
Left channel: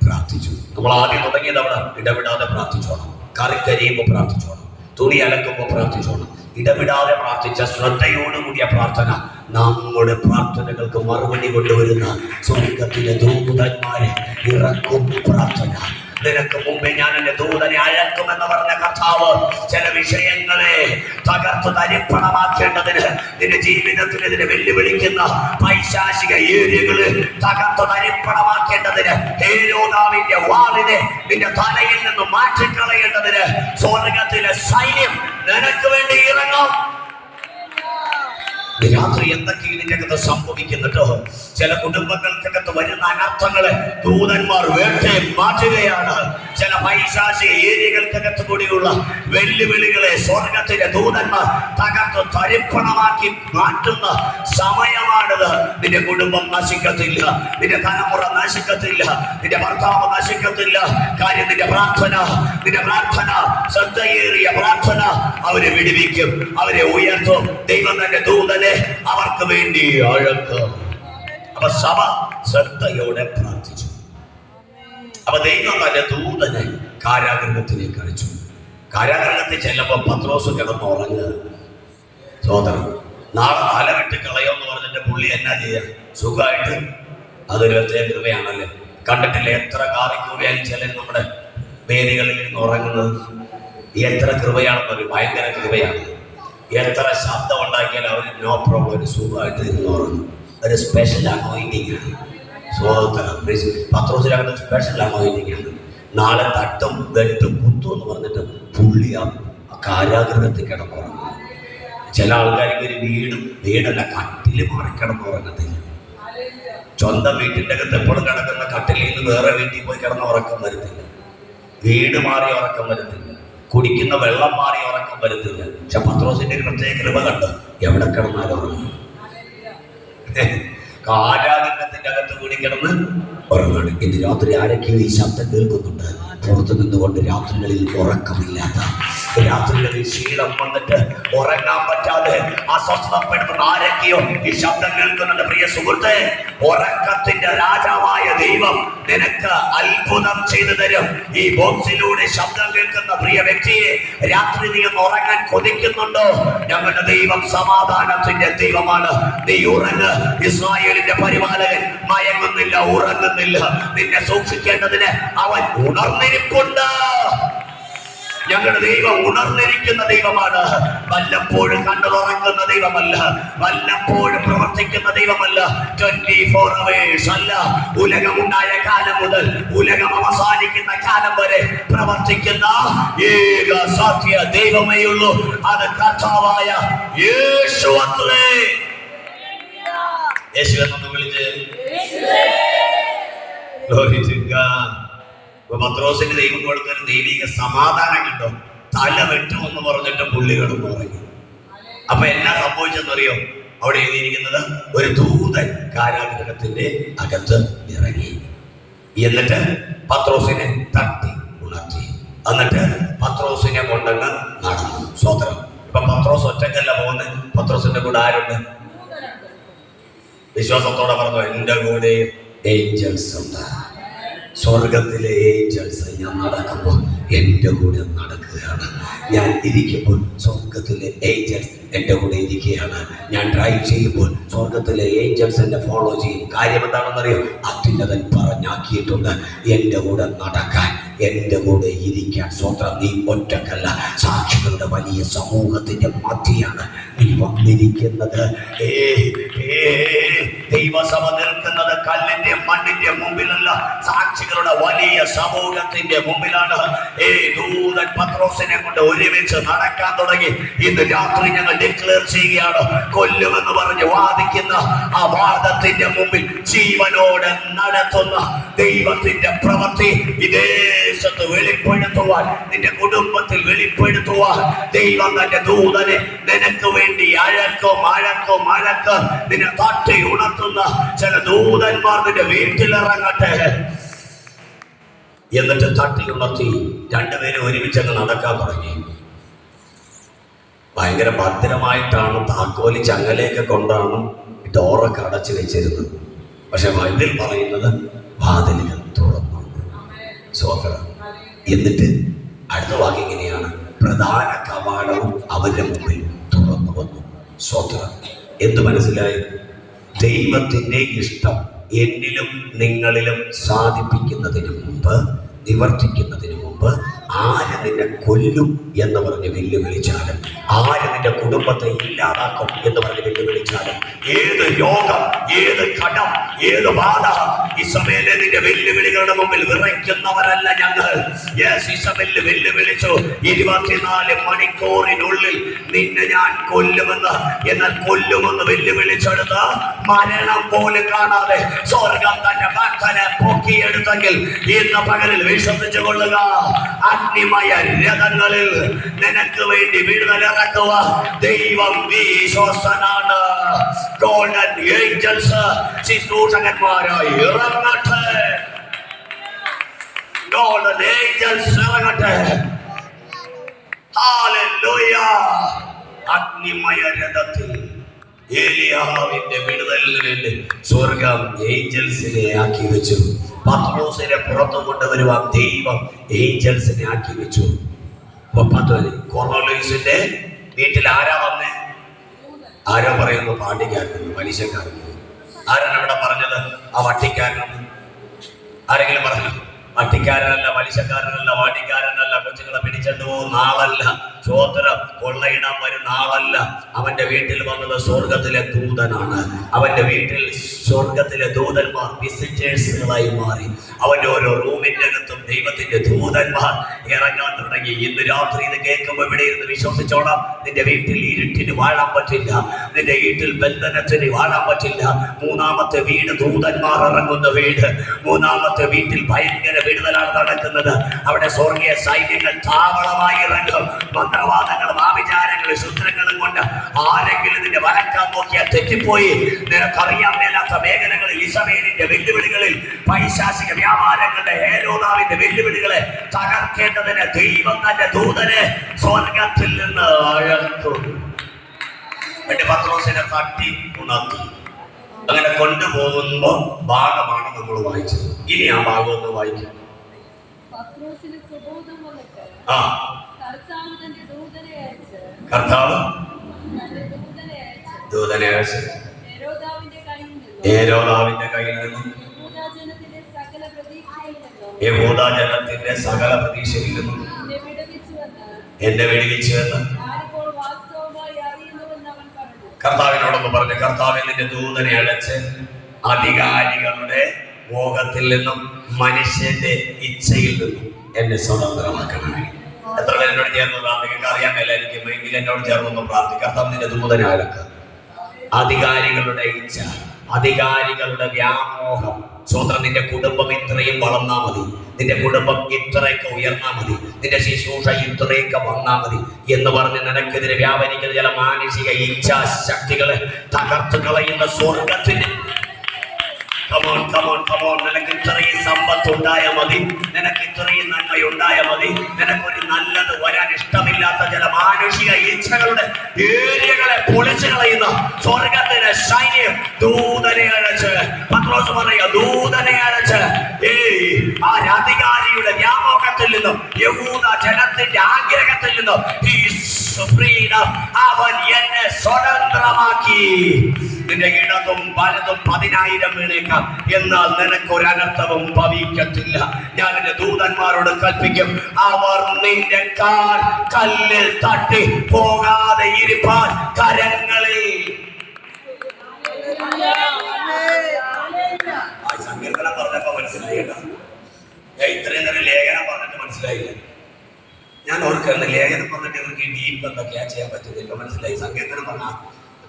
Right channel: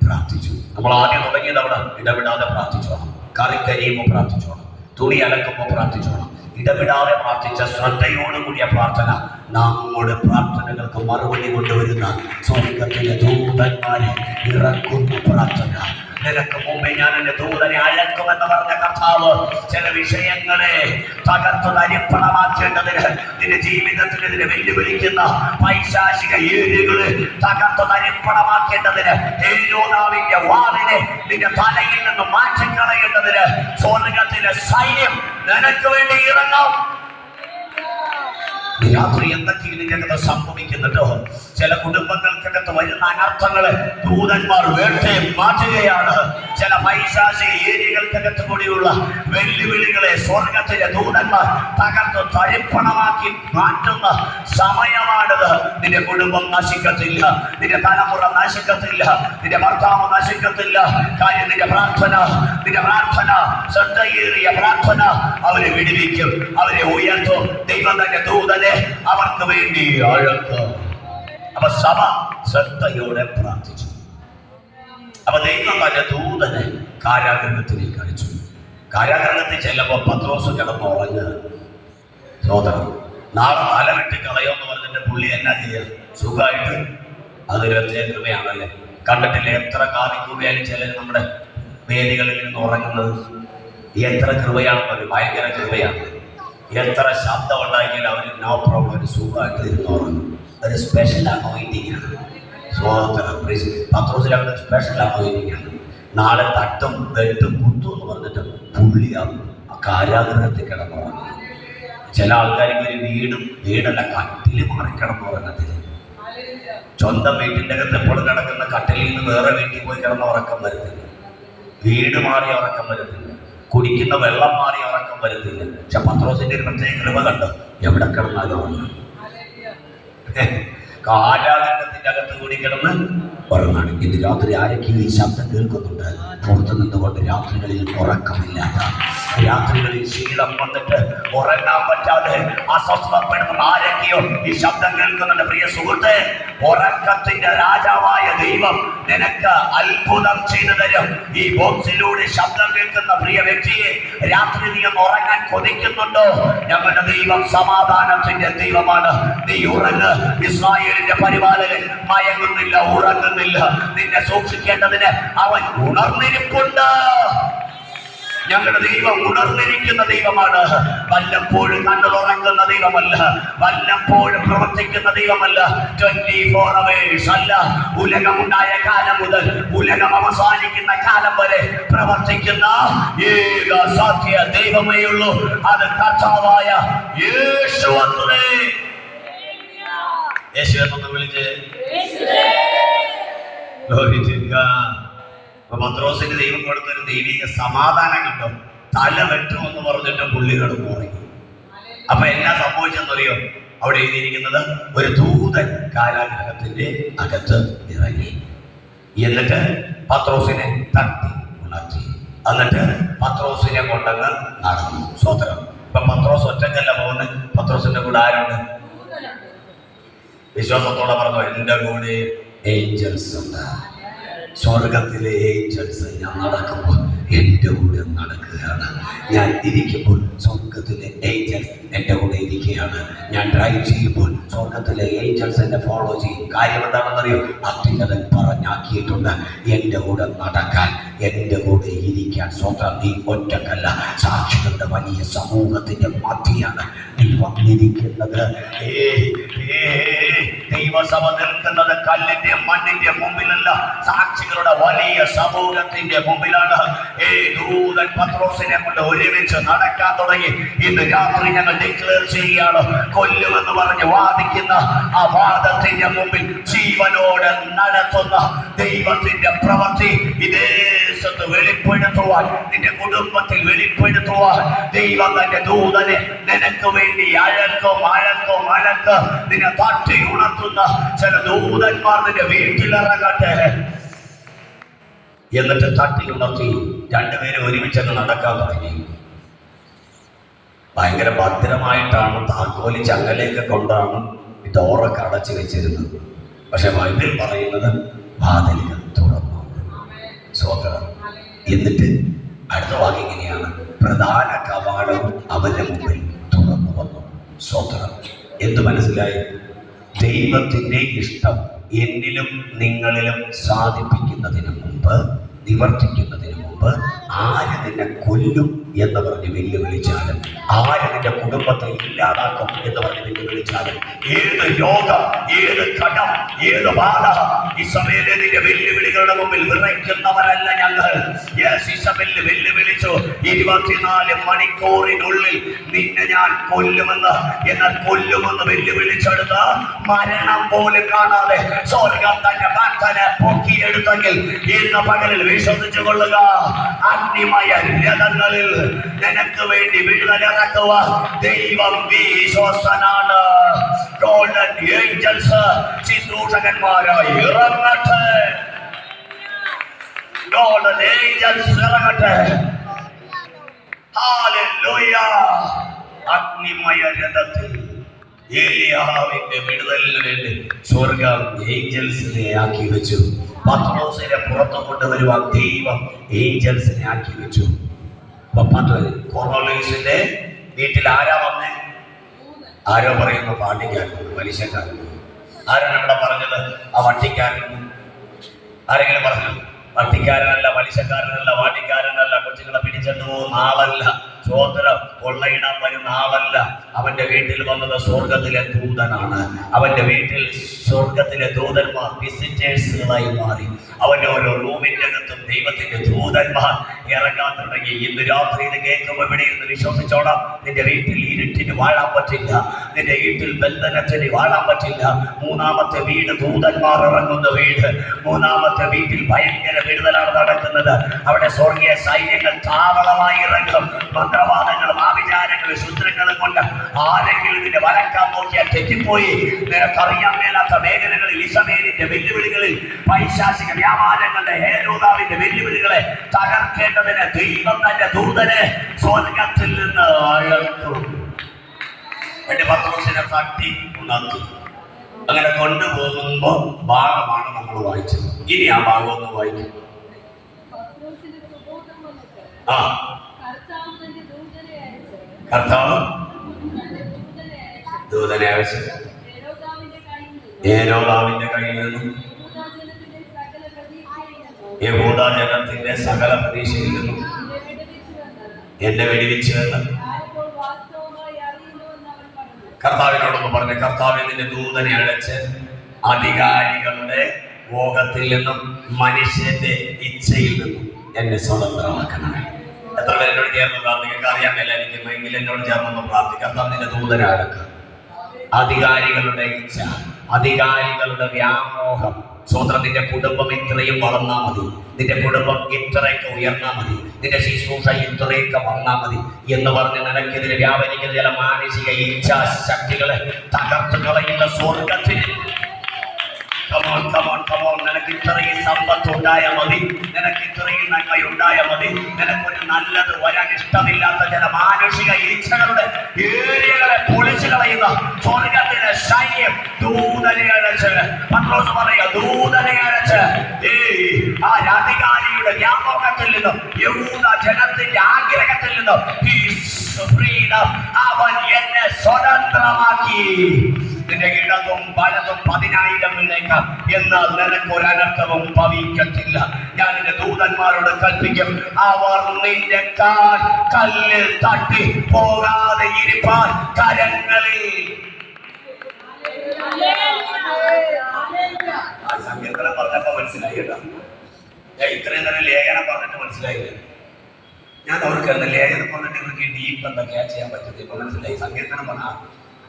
പ്രാർത്ഥിച്ചു. നമ്മൾ ആദ്യം തുടങ്ങിയത് അവിടെ ഇടവിടാതെ പ്രാർത്ഥിച്ചോണം. കറി കരിയുമ്പോൾ പ്രാർത്ഥിച്ചോണം, തുണി അലക്കുമ്പോൾ പ്രാർത്ഥിച്ചോണം. ഇടവിടാതെ പ്രാർത്ഥിച്ച ശ്രദ്ധയോടുകൂടിയ പ്രാർത്ഥന നമ്മുടെ പ്രാർത്ഥനകൾക്ക് മറുപടി കൊണ്ടുവരുന്ന സ്വർഗത്തിലെ ദൂതന്മാരെ ഇറക്കുന്ന പ്രാർത്ഥന. നിനക്ക് മുമ്പേ ഞാൻ എന്റെ ദൂതനെ അയക്കുമെന്ന് പറഞ്ഞ കർത്താവ് ചില വിഷയങ്ങളെ തകർത്ത് തരിപ്പണമാക്കേണ്ടതിന്, നിന്റെ ജീവിതത്തിനെതിരെ വെല്ലുവിളിക്കുന്ന പൈശാചിക ഏരിയകളെ തകർത്ത് തരിപ്പണമാക്കേണ്ടതിന്, ഹേരോദാവിന്റെ വാളിനെ നിന്റെ തലയിൽ നിന്ന് മാറ്റിക്കളയേണ്ടതിന് സ്വർഗത്തിലെ സൈന്യം നിനക്ക് വേണ്ടി ഇറങ്ങും. രാത്രി എന്തൊക്കെയാണ് ഇതിനകത്ത് സംഭവിക്കുന്നുണ്ടോ? ചില കുടുംബങ്ങൾക്കകത്ത് വരുന്ന അനർത്ഥങ്ങളെ ദൂതന്മാർ വേട്ടയെ മാറ്റുകയാണ്. ചില പൈശാചിക ഏരിയകൾക്കകത്ത് കൂടിയുള്ള വെല്ലുവിളികളെ സ്വർഗത്തിലെ ദൂതന്മാർ തകർത്ത് തരിപ്പണമാക്കി മാറ്റുന്ന സമയമാണിത്. നിന്റെ കുടുംബം നശിക്കത്തില്ല, നിന്റെ തലമുറ നശിക്കത്തില്ല, നിന്റെ ഭർത്താവ് നശിക്കത്തില്ല. കാര്യം നിന്റെ പ്രാർത്ഥന ശ്രദ്ധയേറിയ പ്രാർത്ഥന അവരെ വിടുവിക്കും, അവരെ ഉയർത്തും. ദൈവം തന്റെ ദൂതനെ അവർക്ക് വേണ്ടി അഴക്കും. അപ്പൊ സഭ ശ്രദ്ധയോടെ പ്രാർത്ഥിച്ചു. അപ്പൊ ദൈവം തന്റെ ദൂതനെ കാരാഗൃഹത്തിലേക്ക് അയച്ചു. കാരാഗൃഹത്തിൽ ചെല്ലുമ്പോ പത്രോസ് കിടന്നുറങ്ങുക. സോദരൻ, നാളെ തലവിട്ട് കളയോന്ന് പറഞ്ഞിട്ട് പുള്ളി എന്നാ ചെയ്യാ? സുഖമായിട്ട്. അതൊരു പ്രത്യേക കൃപയാണല്ലേ. കണ്ടിട്ടില്ലേ എത്ര കാറിക്കൂടിയാലും ചിലർ നമ്മുടെ വേദികളിൽ നിന്ന് ഉറങ്ങുന്നത്? എത്ര കൃപയാണെന്നൊരു ഭയങ്കര കൃപയാണ്. എത്ര ശബ്ദം ഉണ്ടാക്കിയാൽ അവർ നോ പ്രോബ്ലം, ഒരു സുഖമായിട്ട് ഇരുന്ന് ഉറങ്ങും. ഒരു സ്പെഷ്യൽ അനോയിന്റിങ് ആണ്. പത്രോസിനകത്ത് സ്പെഷ്യൽ അനോയിന്റിങ് ആണ്. നാളെ തട്ടും വെട്ടും കുത്തും എന്ന് പറഞ്ഞിട്ട് പുള്ളി ആ കാരാഗൃഹത്തിൽ കിടന്നുറങ്ങും. ചില ആൾക്കാർക്ക് ഒരു വീടല്ല കട്ടിൽ മാറി കിടന്നുറങ്ങത്തില്ല. സ്വന്തം വീട്ടിൻ്റെ അകത്ത് എപ്പോഴും കിടക്കുന്ന കട്ടിലിൽ നിന്ന് വേറെ വീട്ടിൽ പോയി കിടന്ന് ഉറക്കം വരുത്തില്ല. വീട് മാറി ഉറക്കം വരുത്തില്ല. കുടിക്കുന്ന വെള്ളം മാറി ഉറക്കം വരുത്തില്ല. പക്ഷെ പത്രോസിന്റെ ഒരു പ്രത്യേക കൃപ കണ്ടു. എവിടെ കിടന്നാലും ഉറങ്ങും. കാരാഗൃഹത്തിന്റെ അകത്ത് കൂടി കിടന്ന് ഉറങ്ങാണ്. ഇന്ന് രാത്രി ആരൊക്കെയും ഈ ശബ്ദം കേൾക്കുന്നുണ്ട്. പുറത്തു നിന്നുകൊണ്ട് രാത്രികളിൽ ഉറക്കമില്ലാത്ത രാത്രികളിൽ ക്ഷീണം വന്നിട്ട് ഉറങ്ങാൻ പറ്റാതെ അസ്വസ്ഥപ്പെടുന്ന ആരൊക്കെയോ ഈ ശബ്ദം കേൾക്കുന്നുണ്ട്. പ്രിയ സുഹൃത്തെ, ഉറക്കത്തിന്റെ രാജാവായ ദൈവം നിനക്ക് അത്ഭുതം ചെയ്തു തരും. ഈ ബോക്സിലൂടെ ശബ്ദം കേൾക്കുന്ന പ്രിയ വ്യക്തിയെ, രാത്രി നീ ഒന്ന് ഉറങ്ങാൻ കൊതിക്കുന്നുണ്ടോ? ഞങ്ങളുടെ ദൈവം സമാധാനത്തിന്റെ ദൈവമാണ്. നീ ഉറങ്ങ്. ഇസ്രായേലിന്റെ പരിപാലകൻ മയങ്ങുന്നില്ല, ഉറങ്ങുന്നില്ല. നിന്നെ സൂക്ഷിക്കേണ്ടതിന് അവൻ ഉണർന്നിരിപ്പുണ്ട്. ഞങ്ങളുടെ ദൈവം ഉണർന്നിരിക്കുന്ന ദൈവമാണ്. വല്ലപ്പോഴും കണ്ടു തുറക്കുന്ന ദൈവമല്ല, വല്ലപ്പോഴും പ്രവർത്തിക്കുന്ന ദൈവമല്ല. 24 hours അല്ല. ഉലകമുണ്ടായ കാലം മുതൽ ഉലകം അവസാനിക്കുന്ന കാലം വരെ പ്രവർത്തിക്കുന്ന ഏക സത്യ ദൈവമേ ഉള്ളൂ. അത് കർത്താവായ യേശു അത്രേ. യേശു എന്നൊന്ന് വിളിച്ച് പത്രോസിന്റെ ദൈവം കൊടുത്തൊരു ദൈവിക സമാധാനം കണ്ടോ? തല വെട്ടുമെന്ന് പറഞ്ഞിട്ട് പുള്ളി കിടന്നു ഉറങ്ങി. അപ്പൊ എന്നാ സംഭവിച്ചെന്നറിയോ? അവിടെ എഴുതിയിരിക്കുന്നത്, ഒരു ദൂതൻ കാരാഗൃഹത്തിന്റെ അകത്ത് ഇറങ്ങി, എന്നിട്ട് പത്രോസിനെ തട്ടി ഉണർത്തി, എന്നിട്ട് പത്രോസിനെ കൊണ്ടങ്ങ് നടന്നു. സ്വതന്ത്രം. ഇപ്പൊ പത്രോസ് ഒറ്റക്കല്ല പോകുന്നത്, പത്രോസിന്റെ കൂടെ ആരുണ്ട്? വിശ്വാസത്തോടെ പറഞ്ഞു, എന്റെ കൂടെ ഏഞ്ചൽസ് ഉണ്ട്. സ്വർഗത്തിലെ ഏഞ്ചൽസ് ഞാൻ നടക്കുമ്പോൾ എൻ്റെ കൂടെ നടക്കുകയാണ്. ഞാൻ ഇരിക്കുമ്പോൾ സ്വർഗത്തിലെ ഏഞ്ചൽസ് എൻ്റെ കൂടെ ഇരിക്കുകയാണ്. ഞാൻ ഡ്രൈവ് ചെയ്യുമ്പോൾ സ്വർഗത്തിലെ ഏഞ്ചൽസ് എന്നെ ഫോളോ ചെയ്യും. കാര്യം എന്താണെന്നറിയോ? അത്യുന്നതൻ പറഞ്ഞാക്കിയിട്ടുണ്ട് എൻ്റെ കൂടെ നടക്കാൻ, എൻ്റെ കൂടെ ഇരിക്കാൻ. സ്വന്തം നീ ഒറ്റക്കല്ല, സാക്ഷികളുടെ വലിയ സമൂഹത്തിന്റെ മധ്യയാണ് നീ വന്നിരിക്കുന്നത്. ദൈവസഭ നിൽക്കുന്നത് കല്ലിന്റെ മണ്ണിന്റെ മുമ്പിലല്ല, സാക്ഷികളുടെ വലിയ സമൂഹത്തിന്റെ മുമ്പിലാണ്. ദൂതൻ പത്രോസിനെ കൊണ്ട് ഒരുമിച്ച് നടക്കാൻ തുടങ്ങി. ഇന്ന് രാത്രി ഞങ്ങൾ ഡിക്ലെയർ ചെയ്യുകയാണ്, കൊല്ലുമെന്ന് പറഞ്ഞ് വാദിക്കുന്ന ആ വാദത്തിന്റെ മുമ്പിൽ ജീവനോടെ നടത്തുന്ന ദൈവത്തിന്റെ പ്രവൃത്തി ഇതേ ദേശത്ത് വെളിപ്പെടുത്തുവാൻ, നിന്റെ കുടുംബത്തിൽ വെളിപ്പെടുത്തുവാൻ ദൈവം തന്റെ ദൂതനെ നിനക്ക് വേണ്ടി അഴക്കും നിന്നെ തട്ടി ഉണർത്തുന്ന ചില ദൂതന്മാർ നിന്റെ വീട്ടിലിറങ്ങട്ടെ. എന്നിട്ട് തട്ടി ഉണർത്തി രണ്ടുപേരും ഒരുമിച്ചങ്ങ് നടക്കാൻ തുടങ്ങി. ഭയങ്കര ഭദ്രമായിട്ടാണ് താക്കോല് ചങ്ങലയൊക്കെ കൊണ്ടാണ് ഡോറൊക്കെ അടച്ചു വെച്ചിരുന്നത്. പക്ഷെ ബൈബിൾ പറയുന്നത് വാതിലുകൾ തുറന്നു. സ്വതന്ത്രം. എന്നിട്ട് അടുത്ത വാക്യം ഇങ്ങനെയാണ്, പ്രധാന കവാടവും അവരുടെ മുമ്പിൽ തുറന്നു വന്നു. സ്വതന്ത്രം. എന്ത് മനസ്സിലായി? ദൈവത്തിന്റെ ഇഷ്ടം എന്നിലും നിങ്ങളിലും സാധിപ്പിക്കുന്നതിന് മുമ്പ്, നിവർത്തിക്കുന്നതിന് മുമ്പ്, ആര് നിന്നെ കൊല്ലും എന്ന് പറഞ്ഞ് വെല്ലുവിളിച്ചാലും, ആര് നിന്റെ കുടുംബത്തെ ഇല്ലാതാക്കും എന്ന് പറഞ്ഞ് വെല്ലുവിളിച്ചാലും, ഏത് രോഗം, ഏത് കടം, ഏത് ബാധ, ഇസബേലെ നിന്റെ വെല്ലുവിളികളുടെ മുമ്പിൽ വിറയ്ക്കുന്നവരല്ല ഞങ്ങൾ. ഇസബേല് വെല്ലുവിളിച്ചു, 24 മണിക്കൂറിനുള്ളിൽ നിന്നെ ഞാൻ കൊല്ലുമെന്ന്. എന്നാൽ കൊല്ലുമെന്ന് വെല്ലുവിളിച്ചെടുത്ത് മരണം പോലും കാണാതെ സ്വർഗം തന്റെ ഭക്തനെ പൊക്കിയെടുത്തെങ്കിൽ ഇന്ന് പകലിൽ വിശ്വസിച്ചു കൊള്ളുക, അഗ്നിമയ രഥങ്ങളിൽ നിനക്ക് വേണ്ടി വിടുതലിറക്കുക ദൈവം വിശ്വസ്തനാണ്. ഗോൾഡൻ ഏഞ്ചൽസ് ശുശ്രൂഷകന്മാരായി ഇറങ്ങട്ടെ. ഗോൾഡൻ ഏഞ്ചൽസ് ഇറങ്ങട്ടെ. ഹല്ലേലൂയ. അഗ്നിമയ രഥത്തിൽ ഏലിയാവിന്റെ വിടുതലിന് വേണ്ടി സ്വർഗം ഏഞ്ചൽസിനെ ആക്കി വെച്ചു. പത്രോസിനെ പുറത്തു കൊണ്ടുവരുവാൻ ദൈവം ഏഞ്ചൽസിനെ ആക്കി വെച്ചു. കൊർന്നേലിയോസിന്റെ വീട്ടിൽ ആരാ വന്നേ? ആരാ പറയുന്നു? പാണ്ടിക്കാരനും പലിശക്കാരനും. ആരാണ് ഇവിടെ പറഞ്ഞത്? ആ വട്ടിക്കാരനും. ആരെങ്കിലും പറഞ്ഞു? വട്ടിക്കാരനല്ല, പലിശക്കാരനല്ല, വാട്ടിക്കാരനല്ല, കൊച്ചുങ്ങളെ പിടിച്ചിട്ട് പോകുന്ന ആളല്ല, ചോദ്യം കൊള്ളയിടാൻ വരുന്ന ആളല്ല. അവന്റെ വീട്ടിൽ വന്നത് സ്വർഗത്തിലെ ദൂതനാണ്. അവന്റെ വീട്ടിൽ സ്വർഗത്തിലെ ദൂതന്മാർ വിസിറ്റേഴ്സുകളായി മാറി. അവന്റെ ഓരോ റൂമിന്റെ അകത്തും ദൈവത്തിന്റെ ദൂതന്മാർ ഇറങ്ങാൻ തുടങ്ങി. ഇന്ന് രാത്രി ഇത് കേൾക്കുമ്പോൾ ഇവിടെ ഇരുന്ന് വിശ്വസിച്ചോണം, നിന്റെ വീട്ടിൽ ഇരുട്ടിന് വാഴാൻ പറ്റില്ല, നിന്റെ വീട്ടിൽ ബന്ധനത്തിന് വാഴാൻ പറ്റില്ല. മൂന്നാമത്തെ വീട് ദൂതന്മാർ ഇറങ്ങുന്ന വീട്. മൂന്നാമത്തെ വീട്ടിൽ ഭയങ്കര വിടുതലാണ് നടക്കുന്നത്. അവിടെ സ്വർഗീയ സൈന്യങ്ങൾ താവളമായി ഇറങ്ങും. മന്ത്രവാദങ്ങളും ആഭിചാരങ്ങളും ശുദ്രങ്ങളും കൊണ്ട് ആരെങ്കിലും ഇതിന്റെ വരക്കാൻ നോക്കിയാൽ തെറ്റിപ്പോയി. നിനക്കറിയാൻ മേലാത്ത മേഖലകളിൽ, ഇസബേലിന്റെ വെല്ലുവിളികളിൽ, പൈശാചിക വ്യാപാരങ്ങളുടെ, ഹേരോദാവിന്റെ വെല്ലുവിളികളെ തകർക്കേണ്ടതിന് ദൈവം തന്റെ ദൂതനെ സ്വർഗത്തിൽ നിന്ന് അകർത്തു. പത്രോസിനെ തട്ടി ഉണർത്തി. അങ്ങനെ കൊണ്ടുപോകുമ്പോ ഭാഗമാണ് നമ്മൾ വായിച്ചത്. ഇനി ആ ഭാഗം ഒന്ന് വായിക്കും. കർത്താവ് ദൂതനെ അയച്ച് ഹേരോദാവിന്റെ കയ്യിൽ നിന്നും യഹൂദ ജനത്തിന്റെ സകല പ്രതീക്ഷയിൽ നിന്നും എന്നെ വെടിവെച്ചു എന്ന് കർത്താവിനോടൊന്ന് പറഞ്ഞു. കർത്താവ് നിന്റെ ദൂതനെ അടച്ച് അധികാരികളുടെ ഭോഗത്തിൽ നിന്നും മനുഷ്യന്റെ ഇച്ഛയിൽ നിന്നും എന്നെ സ്വതന്ത്രമാക്കണം. എത്ര പേര് എന്നോട് ചേർന്ന് പ്രാർത്ഥിക്കുക അറിയാൻ മേലായിരിക്കും, എങ്കിൽ എന്നോട് ചേർന്നൊന്ന് പ്രാർത്ഥിക്കുക. കർത്താവ് നിന്റെ ദൂതനെ അടക്കുക. അധികാരികളുടെ ഇച്ഛ, അധികാരികളുടെ വ്യാമോഹം. സ്വതന്ത്രം. നിന്റെ കുടുംബം ഇത്രയും വളർന്നാ മതി, നിന്റെ കുടുംബം ഇത്രയൊക്കെ ഉയർന്നാ മതി, നിന്റെ ശുശ്രൂഷ ഇത്രയൊക്കെ വന്നാ മതി എന്ന് പറഞ്ഞ് നിനക്കെതിരെ വ്യാപരിക്കുന്ന ചില മാനസിക ഇച്ഛാശക്തികളെ തകർത്തു കളയുന്ന സ്വർഗത്തിന് നിനക്ക് ഇത്രയും സമ്പത്ത് ഉണ്ടായാൽ മതി, നിനക്ക് ഇത്രയും നന്മയുണ്ടായാൽ മതി, നിനക്കൊരു നല്ലത് വരാൻ ഇഷ്ടമില്ലാത്ത ചില മാനുഷിക ഇച്ഛകളുടെ ഏരിയകളെ പൊളിച്ചു കളയുന്ന സ്വർഗത്തിന്റെ സൈന്യം ദൂതനെ അയച്ച്, പത്രോസ് പറയുക, ദൂതനെ അയച്ച് ആ അധികാരിയുടെ വ്യാമോഹത്തിൽ നിന്നും യഹൂദ ജനത്തിന്റെ ആഗ്രഹത്തിൽ നിന്നും അവൻ എന്നെ സ്വതന്ത്രമാക്കി. നിന്റെ ഇടതും വലതും 10,000 വീണേക്കാം, എന്നാൽ നിനക്കൊരനർത്ഥവും ഭവിക്കത്തില്ല. ഞാൻ എന്റെ ദൂതന്മാരോട് കൽപ്പിക്കും, അവർ നിന്റെ കാൽ കല്ലിൽ തട്ടി പോകാതെ ഇരിപ്പാൻ കരങ്ങളിൽ. സങ്കീർത്തനം പറഞ്ഞപ്പോ മനസ്സിലായി കേട്ടോ. ഇത്രയും നേരം ലേഖനം പറഞ്ഞിട്ട് മനസ്സിലായില്ലേ? ഞാൻ ഓർക്കുന്ന ലേഖനം പറഞ്ഞിട്ട് ഇവർക്ക് ഡീപ്പ് എന്തൊക്കെയാ ചെയ്യാൻ പറ്റുന്നത് ഇപ്പൊ മനസ്സിലായി. സങ്കീർത്തനം പറഞ്ഞ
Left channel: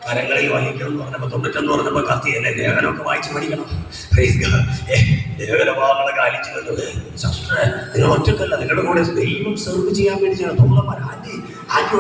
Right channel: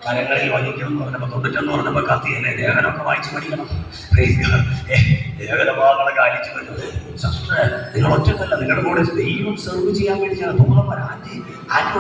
കരങ്ങളിൽ വഹിക്കണം എന്ന് പറഞ്ഞപ്പോ 91 പറഞ്ഞപ്പോ കത്തിയല്ലേ. ലേഖനമൊക്കെ വായിച്ചു പഠിക്കണം. ലേഖനഭാഗങ്ങളൊക്കെ അലിച്ചു കണ്ടത് നിങ്ങൾ ഒറ്റക്കല്ല, നിങ്ങളുടെ കൂടെ ദൈവം സെർവ് ചെയ്യാൻ വേണ്ടി ചെയ്യണം. ദൂതന്മാർ ആന്റി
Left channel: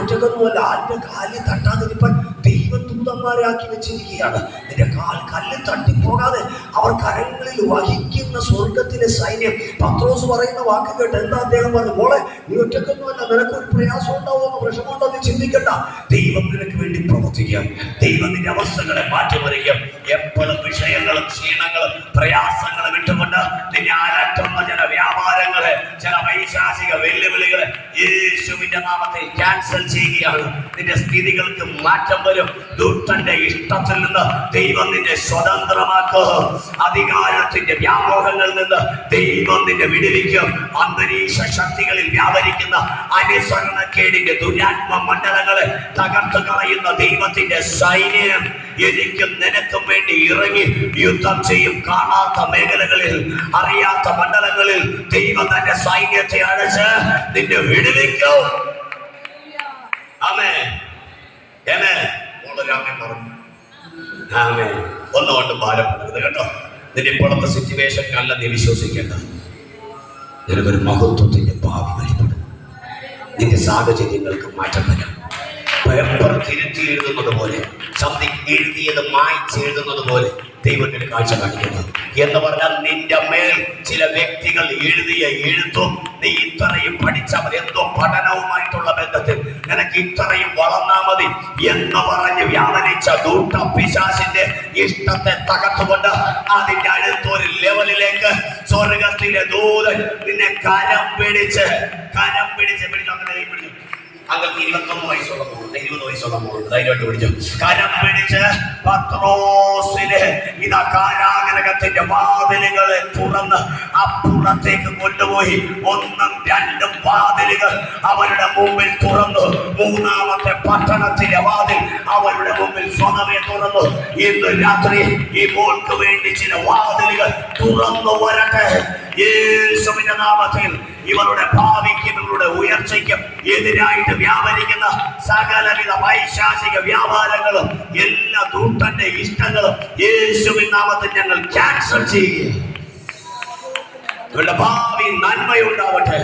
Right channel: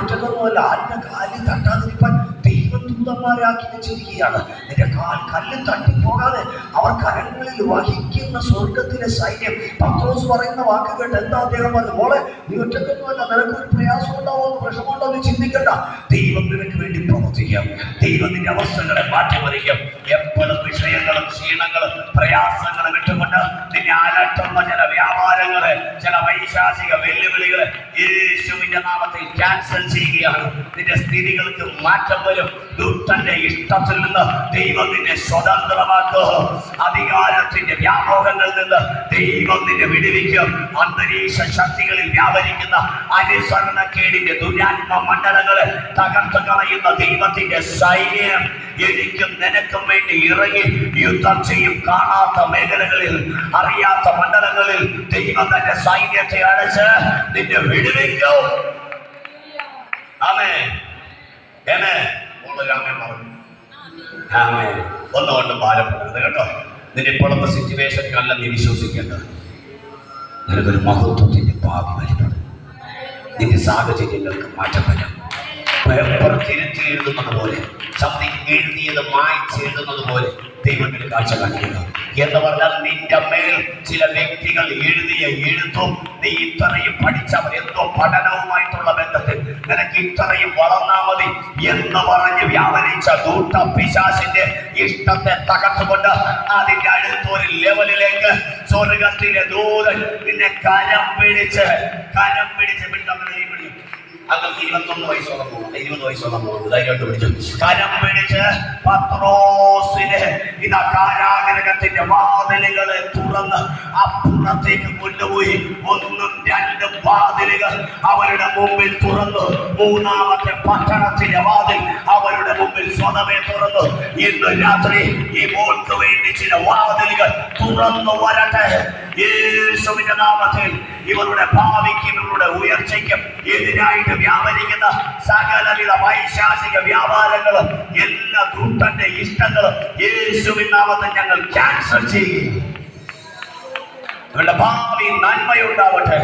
ഒറ്റക്കൊന്നുമല്ല. ആരുടെ കാലിൽ തട്ടാതിരിപ്പാൻ ദൈവം ദൂതന്മാരാക്കി വെച്ചിരിക്കുകയാണ്. നിന്റെ കാൽ കല്ലിൽ തട്ടിപ്പോകാതെ അവർ കരങ്ങളിൽ വഹിക്കുന്ന സ്വർഗത്തിലെ സൈന്യം. പത്രോസ് പറയുന്ന വാക്ക് കേട്ട് എന്താ അദ്ദേഹം പറഞ്ഞു? മോളെ, നീ ഒറ്റക്കൊന്നുമല്ല, നിനക്കൊരു പ്രയാസം ഉണ്ടാവുമെന്ന്, വിഷമമുണ്ടോ നീ ചിന്തിക്കണ്ട. ദൈവം നിനക്ക് വേണ്ടി പ്രവർത്തിക്കാം. ദൈവം നിന്റെ അവസ്ഥകളെ മാറ്റിമറിക്കും. എപ്പോഴും വിഷയങ്ങളും ക്ഷീണങ്ങളും പ്രയാസങ്ങളും ഇട്ടുകൊണ്ട് നിന്നെ അലട്ടുന്ന ചില വ്യാപാരങ്ങളെ, ചില വൈശാചിക വെല്ലുവിളികളെ യേശുവിന്റെ നാമത്തിൽ ക്യാൻസൽ ചെയ്യുകയാണ്. നിന്റെ സ്ഥിതികൾക്ക് മാറ്റം വരും. ദുഷ്ടന്റെ ഇഷ്ടത്തിൽ നിന്ന് ദൈവം നിന്നെ സ്വതന്ത്രമാക്കും. അധികാരത്തിന്റെ വ്യാമോഹങ്ങളിൽ നിന്ന് ദൈവം നിന്നെ വിടുവിക്കും. അന്തരീക്ഷ ശക്തികളിൽ വ്യാപരിക്കുന്ന അനുസരണക്കേടിന്റെ ദുരാത്മ മണ്ഡലങ്ങളെ തകർത്തു കളയുന്ന ദൈവത്തിന്റെ സൈന്യം എനിക്കും നിനക്കും വേണ്ടി ഇറങ്ങി യുദ്ധം ചെയ്യും. കാണാത്ത മേഖലകളിൽ, അറിയാത്ത മണ്ഡലങ്ങളിൽ ദൈവം തന്റെ സൈന്യത്തെ അടച്ച് നിന്നെ വിടുവിക്കും. ആമേൻ. ഒന്നുകൊണ്ട് ഭാരപ്പെടരുത് കേട്ടോ. നിന്റെ ഇപ്പോഴത്തെ സിറ്റുവേഷനിലല്ല നീ വിശ്വസിക്കേണ്ടത്. നിനക്കൊരു മഹത്വത്തിന്റെ ഭാവി വെളിപ്പെടും. നിന്റെ സാഹചര്യങ്ങൾക്ക് മാറ്റം വരും. പേപ്പർ തിരുത്തി എഴുതുന്നത് പോലെ, സംതിങ് എഴുതിയത് മായ്ച്ചെഴുതുന്നത് പോലെ ദൈവത്തിന് കാഴ്ച കാണിക്കുന്നത് എന്ന് പറഞ്ഞാൽ നിന്റെ മേൽ ചില വ്യക്തികൾ എഴുതിയ എഴുത്തും നീ ഇത്രയും പഠിച്ചാൽ മതി, എന്തോ പഠനവുമായിട്ടുള്ള ബന്ധത്തിൽ നിനക്ക് ഇത്രയും വളർന്നാൽ മതി എന്ന് പറഞ്ഞ് വ്യാപരിച്ച ദൂട്ട പിശാചിന്റെ ഇഷ്ടത്തെ തകർത്തുകൊണ്ട് അതിന്റെ അടുത്തൊരു ലെവലിലേക്ക് സ്വർഗത്തിലെ ദൂതൻ നിന്നെ കരം പിടിച്ച് അങ്ങനെ 21 വയസ്സോളം പോകുന്നുണ്ട്, 20 വയസ്സോളം പോകുന്നുണ്ട്. ധൈര്യമായിട്ട് പിടിച്ചു കരം പിടിച്ച് പത്രോസിനെ ഇതാ കാരാഗ്രഹത്തിന്റെ വാതിലുകളെ തുറന്ന് അപ്പുറത്തേക്ക് കൊണ്ടുപോയി. 1ഉം 2ഉം വാതിലുകൾ അവരുടെ മുമ്പിൽ തുറന്നു. 3ാമത്തെ പട്ടണത്തിന്റെ വാതിൽ അവരുടെ മുമ്പിൽ സ്വതവേ തുറന്നു. ഇന്ന് രാത്രി ഈ മോൾക്ക് വേണ്ടി ചില വാതിലുകൾ തുറന്നു വരട്ടെ യേശുവിന്റെ നാമത്തിൽ. ഇവരുടെ ഭാവിക്കും ഇവരുടെ ഉയർച്ചയ്ക്കും എതിരായിട്ട് വ്യാപരിക്കുന്ന സകലവിധ വൈശാചിക വ്യാപാരങ്ങളും എല്ലാ ദൂതന്റെ ഇഷ്ടങ്ങളും യേശുവിൻ നാമത്തിൽ ഞങ്ങൾ ക്യാൻസൽ ചെയ്യുക. ഇവരുടെ ഭാവി നന്മയുണ്ടാവട്ടെ.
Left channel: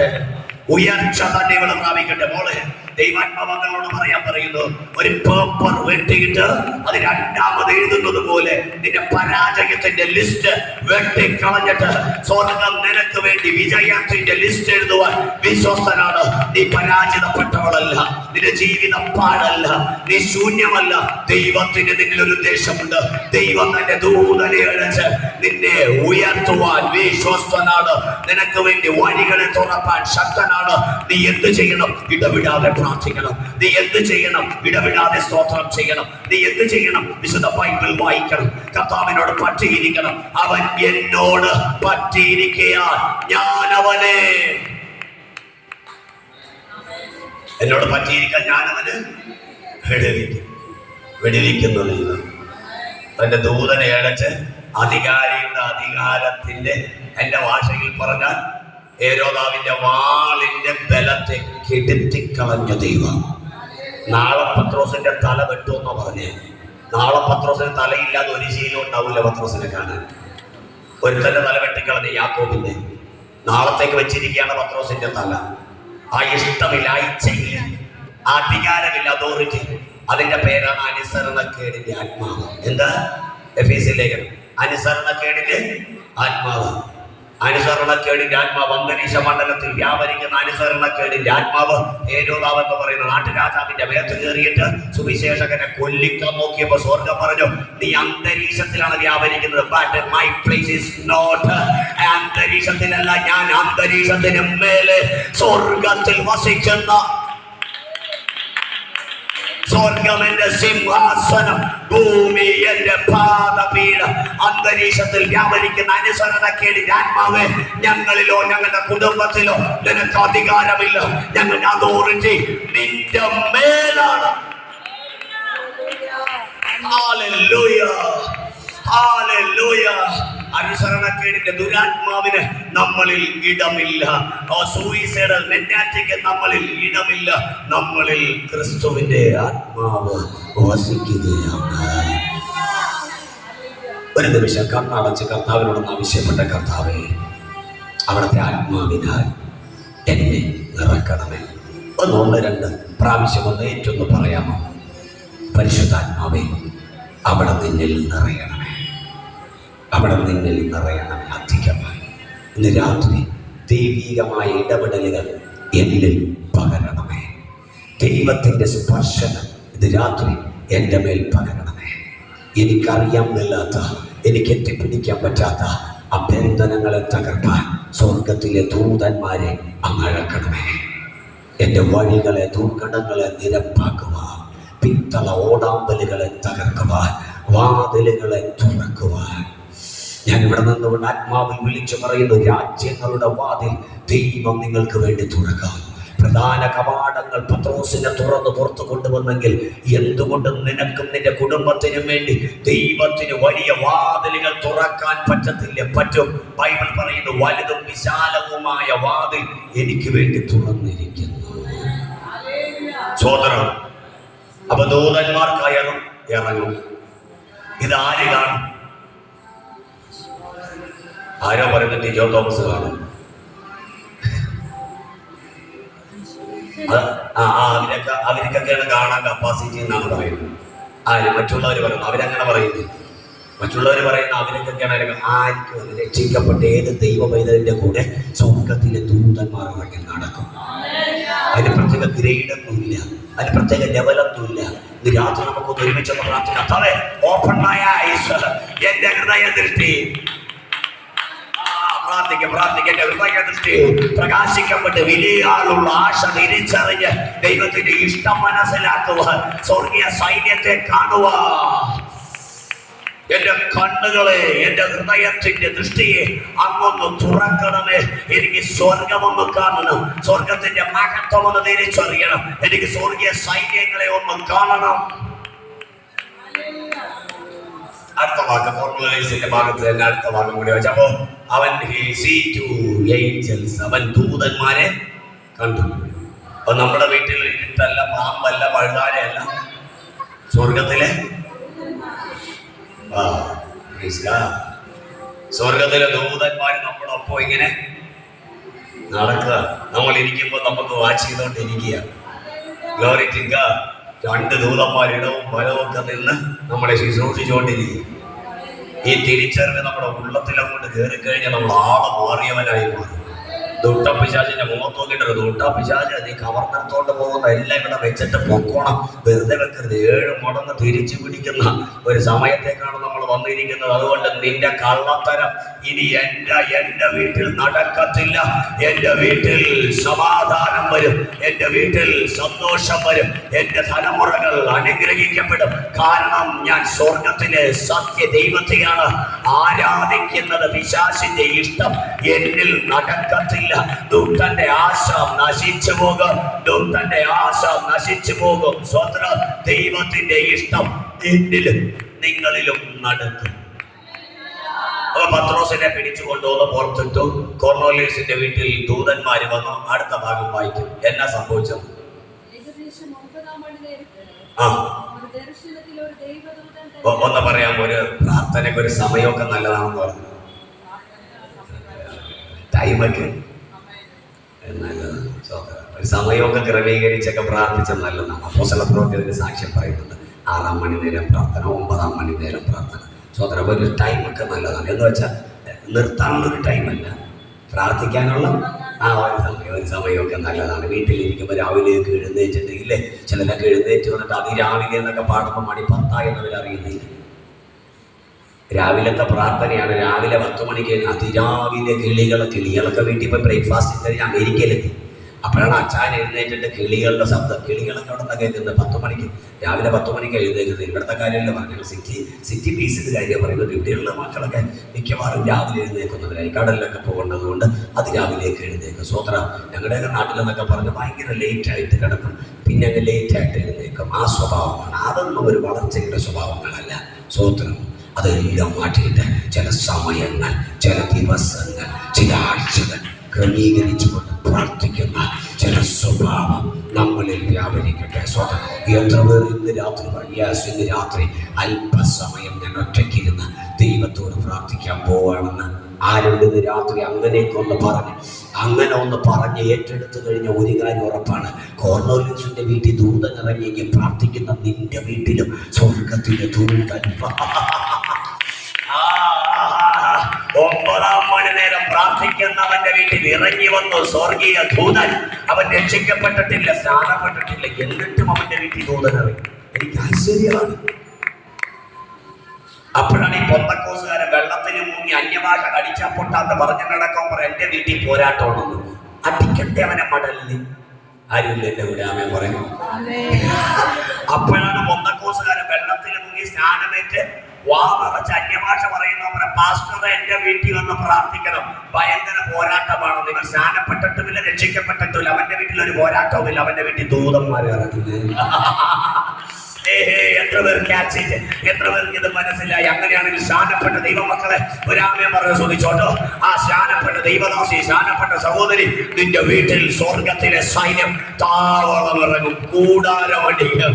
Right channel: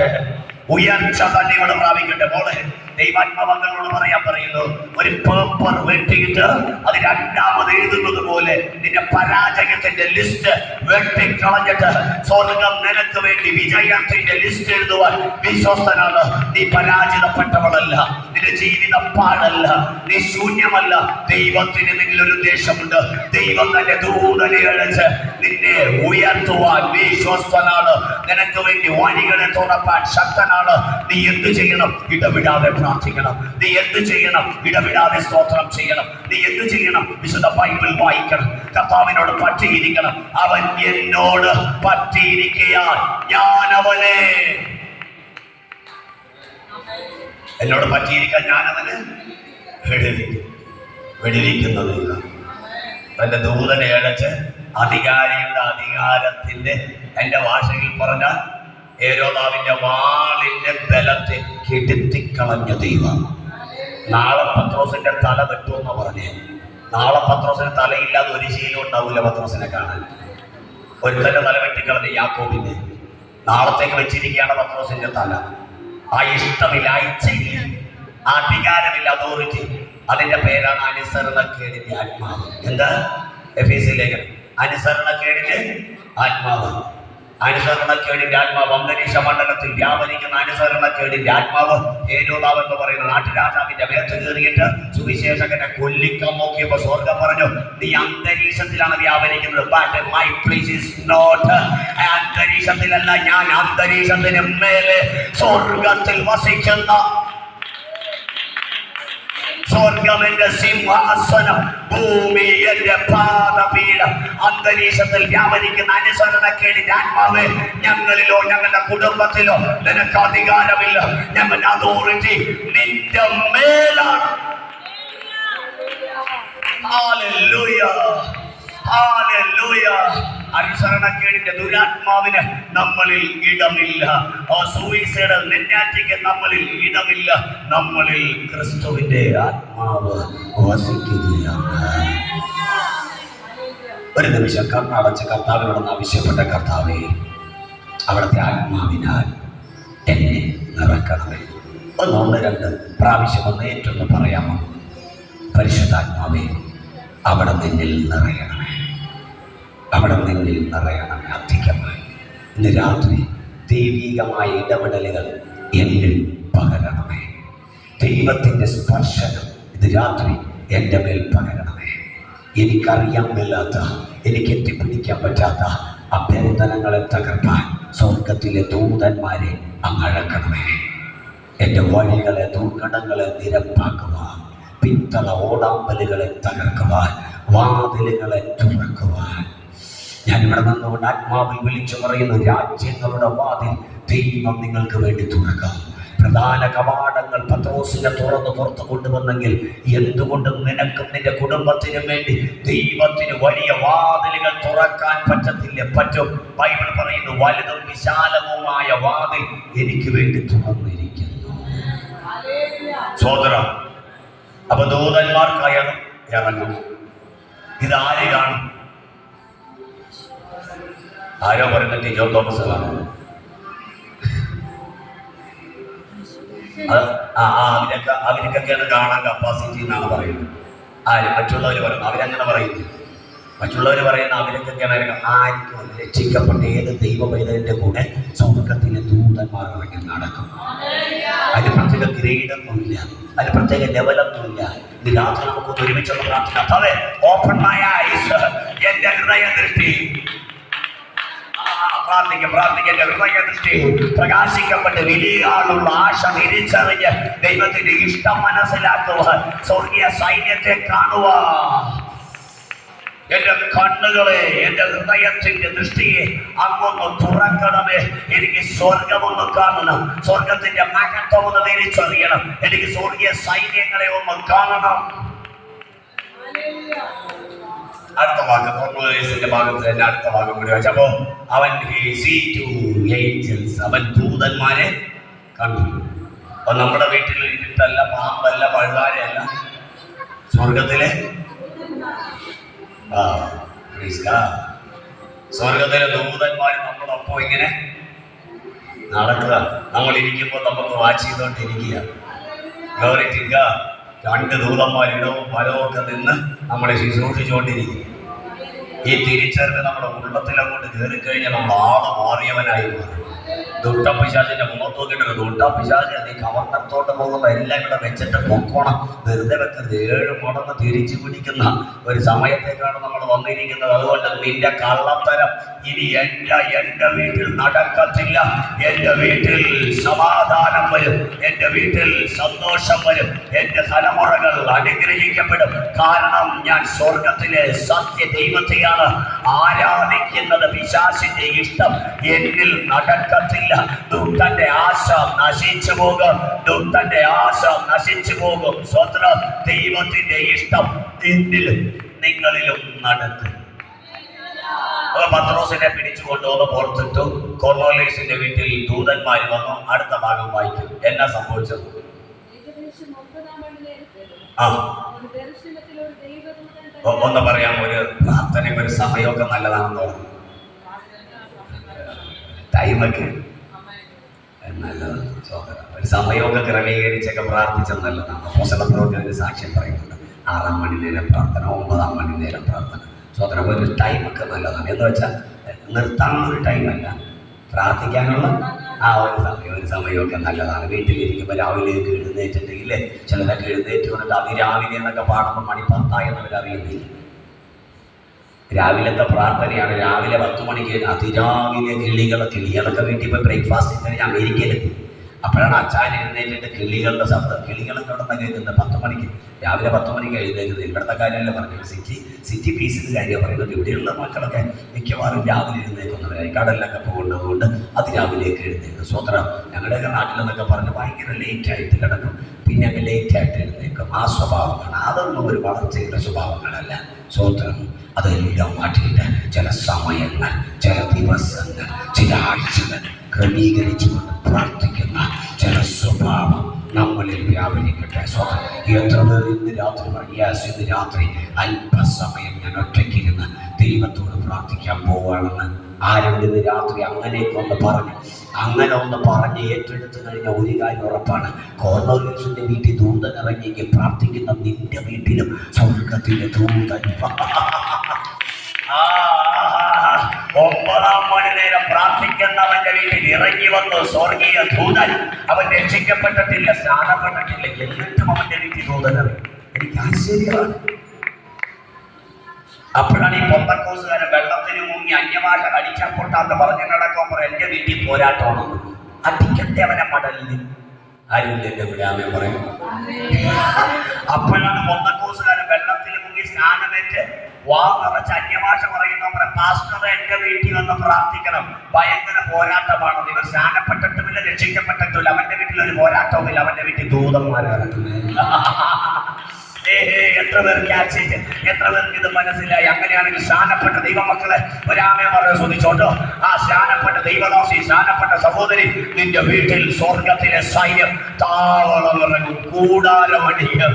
ഉയർച്ച തന്നെ ഇവിടെ പ്രാപിക്കട്ടെ. മോളെ ദൈവാത്മാവങ്ങളോട് പറയാൻ പറയുന്നു, ഒരു പേപ്പർ വെട്ടിയിട്ട് അത് രണ്ടാമത് എഴുതുന്നത് പോലെ നിന്റെ പരാജയത്തിന്റെ ലിസ്റ്റ് വെട്ടിക്കളഞ്ഞിട്ട് സ്വർഗം നിനക്ക് വേണ്ടി വിജയത്തിന്റെ ലിസ്റ്റ് എഴുതുവാൻ വിശ്വസ്തനാണ്. നീ പരാജിതപ്പെട്ടവളല്ല, നിന്റെ ജീവിതം പാടല്ല, നീ ശൂന്യമല്ല. ദൈവത്തിന് നിന്നിൽ ഒരു ഉദ്ദേശമുണ്ട്. ദൈവം തന്റെ ദൂതനെ അടച്ച് നിന്നെ ഉയർത്തുവാൻ വിശ്വസ്തനാണ്. നിനക്ക് വേണ്ടി വഴികളെ തുറപ്പാൻ ശക്തനാണ്. നീ എന്ത് ചെയ്യണം? ഇടവിടാതെ പ്രാർത്ഥിക്കണം. നീ എന്ത് ചെയ്യണം? ഇടവിടാതെ സ്തോത്രം ചെയ്യണം. നീ എന്ത് ചെയ്യണം? വിശുദ്ധ ബൈബിൾ വായിക്കണം. കർത്താവിനോട് പറ്റിയിരിക്കണം. അവൻ എന്നോട് പറ്റിയിരിക്കയാൽ ഞാൻ അവനെ, എന്നോട് പറ്റിയിരിക്കാൻ ഞാൻ അവന് വെടിവെക്കുന്നതില്ല. തന്റെ ദൂതനെ അടച്ച് അധികാരിയുടെ അധികാരത്തിന്റെ, എന്റെ ഭാഷയിൽ പറഞ്ഞാൽ ഹേരോദാവിന്റെ വാളിന്റെ ബലത്തെ കെടുത്തിക്കളഞ്ഞ ദൈവം. നാളെ പത്രോസിന്റെ തല വെട്ടുമെന്ന് പറഞ്ഞ്, നാളെ പത്രോസിന് തലയില്ലാതെ ഒരു ശീലം ഉണ്ടാവില്ല പത്രോസിനെ കാണാൻ. ഒരുത്തന്റെ തല വെട്ടിക്കളഞ്ഞ യാക്കോബിന്റെ നാളത്തേക്ക് വെച്ചിരിക്കുകയാണ് പത്രോസിന്റെ തല. ആ ഇഷ്ടമില്ല, ഇച്ഛയില്ല, അധികാരമില്ല, അതോറിറ്റി. അതിന്റെ പേരാണ് അനുസരണക്കേടിന്റെ ആത്മാവ്. എന്താ? എഫേസ്യ ലേഖനം. അനുസരണക്കേടിന്റെ ആത്മാവ്. അനുസരണക്കേടിന്റെ ആത്മാവ് അന്തരീക്ഷ മണ്ഡലത്തിൽ വ്യാപരിക്കുന്ന അനുസരണക്കേടിന്റെ ആത്മാവ്. ഹേരോദാവ് എന്ന് പറയുന്ന നാട്ടുരാജാവിന്റെ മേത്ത് കയറിയിട്ട് സുവിശേഷകനെ കൊല്ലിക്കാൻ നോക്കിയപ്പോ സ്വർഗം പറഞ്ഞു, നീ അന്തരീക്ഷത്തിലാണ് വ്യാപരിക്കുന്നത്. But my place is not. അന്തരീക്ഷത്തിലല്ല, ഞാൻ അന്തരീക്ഷത്തിന് മേലെ സ്വർഗത്തിൽ വസിക്കുന്ന, സ്വർഗം എന്റെ സിംഹാസനം, ഭൂമി എന്റെ പാദപീഠം. അന്തരീക്ഷത്തിൽ വ്യാപരിക്കുന്ന അനുസരണക്കേടിന്റെ ആത്മാവേ, ഞങ്ങളിലോ ഞങ്ങളുടെ കുടുംബത്തിലോ നിനക്ക് അധികാരമില്ല. ഞങ്ങളുടെ അതോറിറ്റി നിന്റെ മേലാണ്. Hallelujah, hallelujah. അനുസരണക്കേടിന്റെ ദുരാത്മാവിന് നമ്മളിൽ ഇടമില്ല. സൂയിസൈഡൽ മെന്റാലിറ്റിക്ക് നമ്മളിൽ ഇടമില്ല. നമ്മളിൽ ക്രിസ്തുവിന്റെ ആത്മാവ് വസിക്കുകയാണ്. ഒരു നിമിഷം കണ്ണടച്ച് കർത്താവിനോടൊന്ന് ആവശ്യപ്പെട്ട, കർത്താവേ, അവിടുത്തെ ആത്മാവിനാൽ എന്നെ നിറക്കണമേ. ഒന്നുകൊണ്ട് രണ്ട് പ്രാവശ്യം ഒന്ന് ഏറ്റൊന്ന് പറയാമോ? പരിശുദ്ധാത്മാവേ, അവിടെ നിന്നിൽ നിറയണമേ, അവിടെ നിന്നിൽ നിറയണമേ അധികമായി. ഇന്ന് രാത്രി ദൈവികമായ ഇടപെടലുകൾ എന്നിൽ പകരണമേ. ദൈവത്തിൻ്റെ സ്പർശനം ഇന്ന് രാത്രി എൻ്റെ മേൽ പകരണമേ. എനിക്കറിയാൻ മേലാത്ത, എനിക്ക് എത്തിപ്പിടിക്കാൻ പറ്റാത്ത അഭ്യന്തരങ്ങളെ തകർക്കാൻ സ്വർഗത്തിലെ ദൂതന്മാരെ അങ്ങഴക്കണമേ. എൻ്റെ വഴികളെ, ദുർഘടങ്ങളെ നിരപ്പാക്കുവാൻ, പിത്തള ഓടാമ്പലുകളെ തകർക്കുവാൻ, വാതിലുകളെ തുറക്കുവാൻ ഞാൻ ഇവിടെ നിന്നുകൊണ്ട് ആത്മാവിൽ വിളിച്ചു പറയുന്നു, രാജ്യങ്ങളുടെ വാതിൽ ദൈവം നിങ്ങൾക്ക് വേണ്ടി തുറക്കാം. പ്രധാന കവാടങ്ങൾ പത്രോസിനെ തുറന്ന് പുറത്തു കൊണ്ടുവന്നെങ്കിൽ എന്തുകൊണ്ട് നിനക്കും നിന്റെ കുടുംബത്തിനും വേണ്ടി ദൈവത്തിന് വലിയ വാതിലുകൾ തുറക്കാൻ പറ്റത്തില്ല? പറ്റും. ബൈബിൾ പറയുന്നു, വലുതും വിശാലവുമായ വാതിൽ എനിക്ക് വേണ്ടി തുറന്നിരിക്കുന്നു. സോദരം, അപ്പൊ ദൂതന്മാർക്കായാലും ഇറങ്ങും. ഇത് ആര് കാണും? ആരോ പറയുന്നത് ജോ തോമസ് കാണും. അവരൊക്കെയാണ് കാണാൻ കപ്പാസിറ്റി എന്നാണ് പറയുന്നത്. ആര്? മറ്റുള്ളവർ പറയുന്നു. അവരങ്ങനെ പറയുന്നു. മറ്റുള്ളവർ പറയുന്ന അവരൊക്കെയാണ് ആർക്കും രക്ഷിക്കപ്പെട്ട ഏത് ദൈവ പൈതലിന്റെ കൂടെ സ്വർഗത്തിലെ ദൂതന്മാർ ഇറങ്ങി നടക്കും. അതിന് പ്രത്യേക ഗ്രേഡൊന്നുമില്ല, അതിന് പ്രത്യേക ലെവലൊന്നുമില്ല. ഇത് രാത്രി നമുക്കൊന്ന് ഒരുമിച്ചൊന്ന് പ്രാർത്ഥിക്കാം. ഓപ്പൺ മൈ ഐസ്, എന്റെ ഹൃദയദൃഷ്ടി പ്രാർത്ഥിക്കന്റെ ഹൃദയദൃഷ്ടി പ്രകാശിക്കപ്പെട്ട് വലിയ ആളുള്ള ആശ തിരിച്ചറിഞ്ഞ് ദൈവത്തിന്റെ ഇഷ്ടം മനസ്സിലാക്കുക, സ്വർഗീയ സൈന്യത്തെ കാണുക. എന്റെ കണ്ണുകളെ, എന്റെ ഹൃദയത്തിന്റെ ദൃഷ്ടിയെ അങ്ങൊന്ന് തുറക്കണമേ. എനിക്ക് സ്വർഗമൊന്ന് കാണണം, സ്വർഗത്തിന്റെ മഹത്വം ഒന്ന് തിരിച്ചറിയണം, എനിക്ക് സ്വർഗീയ സൈന്യങ്ങളെ ഒന്ന് കാണണം. അടുത്ത വാക്ക് ഫോർമുലേഴ്സിന്റെ ഭാഗത്ത് തന്നെ അടുത്ത ഭാഗം കൂടി വെച്ചപ്പോ അവൻ അവൻ ദൂതന്മാരെ കണ്ടു. അപ്പൊ നമ്മുടെ വീട്ടിൽ ഇരുട്ടല്ല, പാമ്പല്ല, പഴുതാരയല്ല, സ്വർഗത്തിലെ സ്വർഗത്തിലെ ദൂതന്മാർ നമ്മളൊപ്പം ഇങ്ങനെ നടക്കുക. നമ്മൾ ഇരിക്കുമ്പോൾ നമുക്ക് വാച്ച് ചെയ്തുകൊണ്ടിരിക്കുക. Glory to God. 2 ദൂതന്മാർ ഇടവും വലവും ഒക്കെ നിന്ന് നമ്മളെ ശുശ്രൂഷിച്ചുകൊണ്ടിരിക്കും. ഈ തിരിച്ചറിവ് നമ്മുടെ ഉള്ളത്തിലങ്ങോട്ട് കയറി കഴിഞ്ഞാൽ നമ്മൾ ആളെ മാറിയവനായി മാറും. ദുഷ്ടപിശാചിന്റെ മുഖത്ത് നോക്കിയിട്ട് ദുഷ്ടപിശാച് നീ കവർന്നെടുത്തോണ്ട് പോകുമ്പോൾ എല്ലാം കൂടെ വെച്ചിട്ട് പൊക്കോണം, വെറുതെ വെക്കരുത്. 7 മടങ്ങ് തിരിച്ചു പിടിക്കുന്ന ഒരു സമയത്തേക്കാണ് നമ്മൾ വന്നിരിക്കുന്നത്. അതുകൊണ്ട് നിന്റെ കള്ളത്തരം ഇനി എന്റെ വീട്ടിൽ നടക്കത്തില്ല. എന്റെ വീട്ടിൽ സമാധാനം വരും, എന്റെ വീട്ടിൽ സന്തോഷം വരും, എന്റെ തലമുറകൾ അനുഗ്രഹിക്കപ്പെടും. കാരണം ഞാൻ സ്വർഗത്തിലെ സത്യ ദൈവത്തെയാണ് ആരാധിക്കുന്നത്. പിശാചിന്റെ ഇഷ്ടം എന്നിൽ നടക്കത്തില്ല. ദുഷ്ടന്റെ ആശ നശിച്ചു പോകും, ദുഷ്ടന്റെ ആശ നശിച്ചു പോകും. സ്വതന്ത്ര ദൈവത്തിന്റെ ഇഷ്ടം എന്നിലും നിങ്ങളിലും നടക്കും. പത്രോസിനെ പിടിച്ചു കൊണ്ടുപോകുന്ന പുറത്തിട്ടു. കൊർന്നേലിയോസിന്റെ വീട്ടിൽ ദൂതന്മാര് വന്നു. അടുത്ത ഭാഗം വായിക്കും. എന്നാ സംഭവിച്ചത്? ഒന്ന് പറയാം. ഒരു പ്രാർത്ഥനയ്ക്ക് ഒരു സമയമൊക്കെ നല്ലതാണെന്ന് പറഞ്ഞു. ടൈമൊക്കെ നല്ലതാണ്. ഒരു സമയമൊക്കെ ക്രമീകരിച്ചൊക്കെ പ്രാർത്ഥിച്ചത് നല്ലതാണ്. അപ്പോസ്തലപ്രവൃത്തിയിൽ സാക്ഷ്യം പറയുന്നുണ്ട്. 6 മണി നേരം പ്രാർത്ഥന, 9 മണി നേരം പ്രാർത്ഥന. സ്വതന്ത്ര ഒരു ടൈമൊക്കെ നല്ലതാണ്. എന്ന് വെച്ചാൽ നിർത്താനുള്ളൊരു ടൈമല്ല, പ്രാർത്ഥിക്കാനുള്ള ഒരു സമയമൊക്കെ നല്ലതാണ്. വീട്ടിലിരിക്കുമ്പോൾ രാവിലെയൊക്കെ എഴുന്നേറ്റിട്ടുണ്ടെങ്കിൽ ചിലരൊക്കെ എഴുന്നേറ്റ് വന്നിട്ട് അതിരാവിലെ എന്നൊക്കെ പാടുമ്പോൾ മണി 10 എന്നവരറിയുന്നില്ല. രാവിലത്തെ പ്രാർത്ഥനയാണ്. രാവിലെ 10 മണിക്ക് അതിരാവിലെ കിളികളൊക്കെ വീട്ടിൽ പോയി ബ്രേക്ക്ഫാസ്റ്റ് കഴിഞ്ഞ് അമേരിക്കയിലെത്തി. അപ്പോഴാണ് അച്ഛൻ എഴുന്നേറ്റിട്ട് കിളികളുടെ ശബ്ദം. കിളികളൊക്കെ അവിടെ നിന്ന് കേൾക്കുന്നത് 10 മണിക്ക്. രാവിലെ 10 മണിക്ക് എഴുന്നേക്കുന്നത്. ഇവിടുത്തെ കാര്യമല്ല പറഞ്ഞത്, സിറ്റി പീസിൻ്റെ കാര്യമാണ് പറയുന്നത്. ഇവിടെയുള്ള മക്കളൊക്കെ മിക്കവാറും രാവിലെ എഴുന്നേക്കുന്നവരായി. കടലിലൊക്കെ പോകേണ്ടത് കൊണ്ട് അതിരാവിലേക്ക് എഴുന്നേക്കും. സ്വത്ര ഞങ്ങളുടെയൊക്കെ നാട്ടിലെന്നൊക്കെ പറഞ്ഞ് ഭയങ്കര ലേറ്റായിട്ട് കിടക്കും, പിന്നെ അങ്ങ് ലേറ്റായിട്ട് എഴുന്നേക്കും. ആ സ്വഭാവമാണ്. അതൊന്നും ഒരു വളർച്ചയുടെ സ്വഭാവങ്ങളല്ല. സ്വത്രം അതെല്ലാം മാറ്റിയിട്ട് ചില സമയങ്ങൾ, ചില ദിവസങ്ങൾ, ചില ആഴ്ചകൾ ക്രമീകരിച്ചുകൊണ്ട് പ്രാർത്ഥിക്കുന്ന ചില സ്വഭാവം നമ്മളിൽ വ്യാപരിക്കട്ടെ. സ്വതം എത്ര പേർ ഇന്ന് രാത്രി അല്പസമയം ഞാൻ ഒറ്റയ്ക്കിരുന്ന് ദൈവത്തോട് പ്രാർത്ഥിക്കാൻ പോവുകയാണെന്ന് ആരോട് ഇന്ന് രാത്രി അങ്ങനെ ഒന്ന് പറഞ്ഞ് ഏറ്റെടുത്തു കഴിഞ്ഞ ഒരു കാര്യം ഉറപ്പാണ്. കൊർന്നേലിയോസിന്റെ വീട്ടിൽ ദൂതൻ ഇറങ്ങിയെങ്കിൽ പ്രാർത്ഥിക്കുന്ന നിന്റെ വീട്ടിലും സ്വർഗത്തിലെ ദൂതൻ 9 മണി നേരം പ്രാർത്ഥിക്കുന്നവന്റെ വീട്ടിൽ ഇറങ്ങി വന്നു സ്വർഗീയ ദൂതൻ. അവൻ രക്ഷിക്കപ്പെട്ടിട്ടില്ല, സ്നാനപ്പെട്ടിട്ടില്ല, എന്നിട്ടും അവന്റെ വീട്ടിൽ ദൂതൻ ഇറങ്ങി. എനിക്ക് ആശ്ചര്യമാണ്. അപ്പോഴാണ് ഈ പെന്തക്കോസ്തുകാരൻ വെള്ളത്തിന് മുങ്ങി അന്യഭാഷ അടിച്ചാൽ പൊട്ടാത്ത പറഞ്ഞു നടക്കുമ്പോൾ എന്റെ വീട്ടിൽ പോരാട്ടമാണെന്ന് അടിക്കട്ടെ അവനെ മടലിന്. ആരും എന്റെ വിടാമേ പറയും. അപ്പോഴാണ് പെന്തക്കോസ്തുകാരൻ വെള്ളത്തിന് മുങ്ങി സ്നാനമേറ്റ് വാ നിറച്ച് അന്യഭാഷ പറയുന്നവരെ പാസ്റ്ററെ എന്റെ വീട്ടിൽ വന്ന് പ്രാർത്ഥിക്കണം, ഭയങ്കര പോരാട്ടമാണ്. നിങ്ങൾ സ്നാനപ്പെട്ടിട്ടുമില്ല, രക്ഷിക്കപ്പെട്ടിട്ടില്ല, അവന്റെ വീട്ടിൽ ഒരു പോരാട്ടവുമില്ല, അവന്റെ വീട്ടിൽ ദൂതന്മാരെ ഇറക്കുന്നത്. എത്ര പേർക്ക് ആക്സിറ്റ്, എത്ര പേർക്ക് ഇത് മനസ്സിലായി? അങ്ങനെയാണെങ്കിൽ സ്നാനപ്പെട്ട ദൈവമക്കളെ ഒരാമയം പറയാൻ ചോദിച്ചോട്ടോ. ആ സ്നാനപ്പെട്ട ദൈവദാസി, സ്നാനപ്പെട്ട സഹോദരി, നിന്റെ വീട്ടിൽ സ്വർഗത്തിലെ സൈന്യം താവളമിറങ്ങും, കൂടാരമടിയും.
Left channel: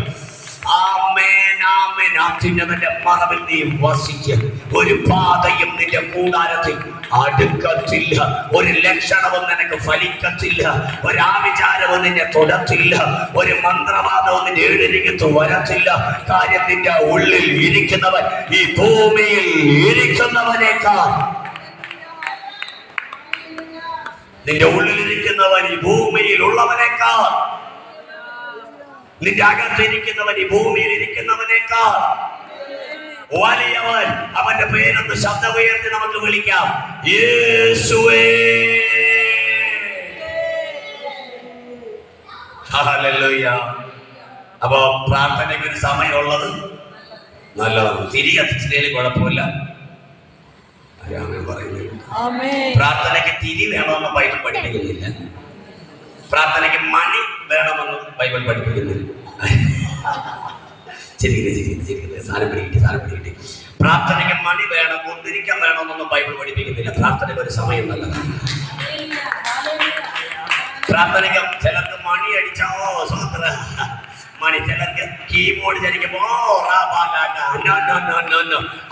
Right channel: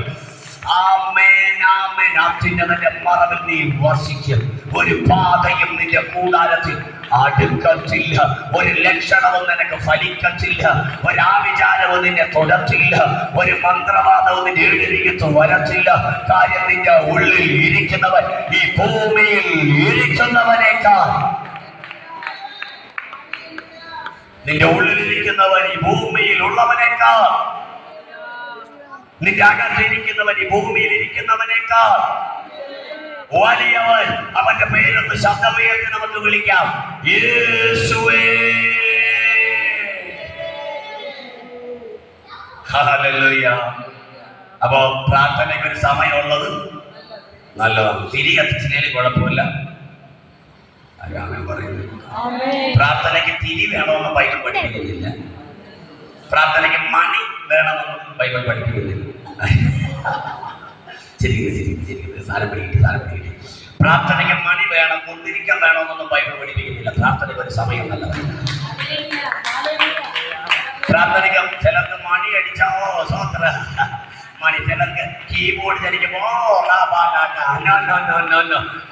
അത്യുന്നതന്റെ മറവിൽ നീ വസിക്കും. ഒരു പാതയും നിന്റെ കൂടാരത്തിൽ അടുക്കത്തില്ല, ഒരു ലക്ഷണവും നിനക്ക് ഫലിക്കത്തില്ല, ഒരാവിചാരവും നിന്നെ തൊടത്തില്ല, ഒരു മന്ത്രവാദവും നിന്റെ എഴുതിരിക്കത്ത് വരത്തില്ല. കാര്യം നിന്റെ ഉള്ളിൽ ഇരിക്കുന്നവൻ ഈ ഭൂമിയിൽ ഇരിക്കുന്നവനേക്കാൾ, നിന്റെ ഉള്ളിലിരിക്കുന്നവൻ ഈ ഭൂമിയിൽ ഉള്ളവനേക്കാൾ, നിന്റെ അകത്തിരിക്കുന്നവൻ ഈ ഭൂമിയിൽ ഇരിക്കുന്നവനേക്കാൾ വലിയവൻ. അവന്റെ പേരെന്ന് ശബ്ദമുയർത്തി നമുക്ക് വിളിക്കാം, യേശുവേ. ഹല്ലേലൂയ. അപ്പൊ പ്രാർത്ഥനയ്ക്ക് ഒരു സമയമുള്ളത് നല്ലതാണ്. തിരി കത്തിച്ചില്ലേലും കുഴപ്പമില്ല. ആരാണ് പറയുന്നത്? പ്രാർത്ഥനയ്ക്ക് തിരി വേണമെന്ന് ബൈബിൾ പഠിപ്പിക്കുന്നില്ല, പ്രാർത്ഥനയ്ക്ക് മണി വേണമെന്ന് ബൈബിൾ പഠിപ്പിക്കുന്നില്ല. ശരിക്കും സാധനം പിടികിട്ടി. പ്രാർത്ഥനയ്ക്ക് മണി വേണം, ഒന്നിരിക്കാൻ വേണമെന്നൊന്നും ബൈബിൾ പഠിപ്പിക്കുന്നില്ല. പ്രാർത്ഥനയ്ക്ക് ഒരു സമയം നല്ലതാണ്. പ്രാർത്ഥനയ്ക്ക് ചിലർക്ക് മണി അടിച്ചാ സ്വതന്ത്ര മണി, ചിലർക്ക് കീബോർഡ് ചലിക്കുമ്പോ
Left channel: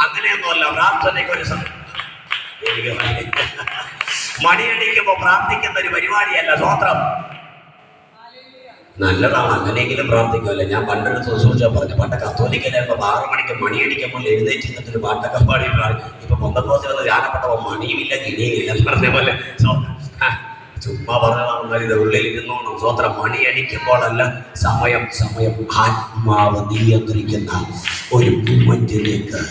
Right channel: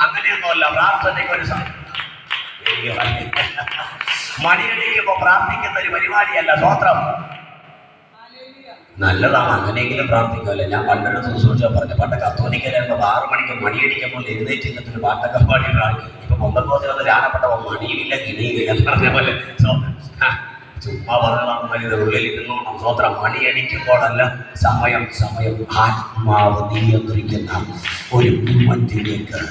അങ്ങനെയൊന്നുമല്ല. പ്രാർത്ഥനയ്ക്ക് ഒരു സമയം. മണിയടിക്കുമ്പോ പ്രാർത്ഥിക്കുന്ന ഒരു പരിപാടിയല്ല സ്തോത്രം. നല്ലതാണ്, അങ്ങനെയെങ്കിലും പ്രാർത്ഥിക്കുമല്ലോ. ഞാൻ പണ്ടൊരു ശുശ്രൂഷ പറഞ്ഞു, പണ്ട് കത്തോലിക്കലായിരുന്നു 6 മണിക്ക് മണിയടിക്കുമ്പോൾ എഴുന്നേറ്റ് നിന്നിട്ട് പാട്ടൊക്കെ പാടിയിട്ടാണ്. ഇപ്പൊ പൊന്തക്കോസിലൊന്ന് ധ്യാനപ്പെട്ടപ്പോൾ മണിയുമില്ല കിണിയുമില്ല എന്ന് പറഞ്ഞ പോലെ ചുമ്മാ പറഞ്ഞതാണ്. ഉള്ളിൽ ഇരുന്നോണം സ്തോത്രം. മണിയടിക്കുമ്പോഴല്ല, സമയം ആത്മാവ് നിയന്ത്രിക്കുന്ന ഒരു മൂവ്മെന്റിലേക്ക്,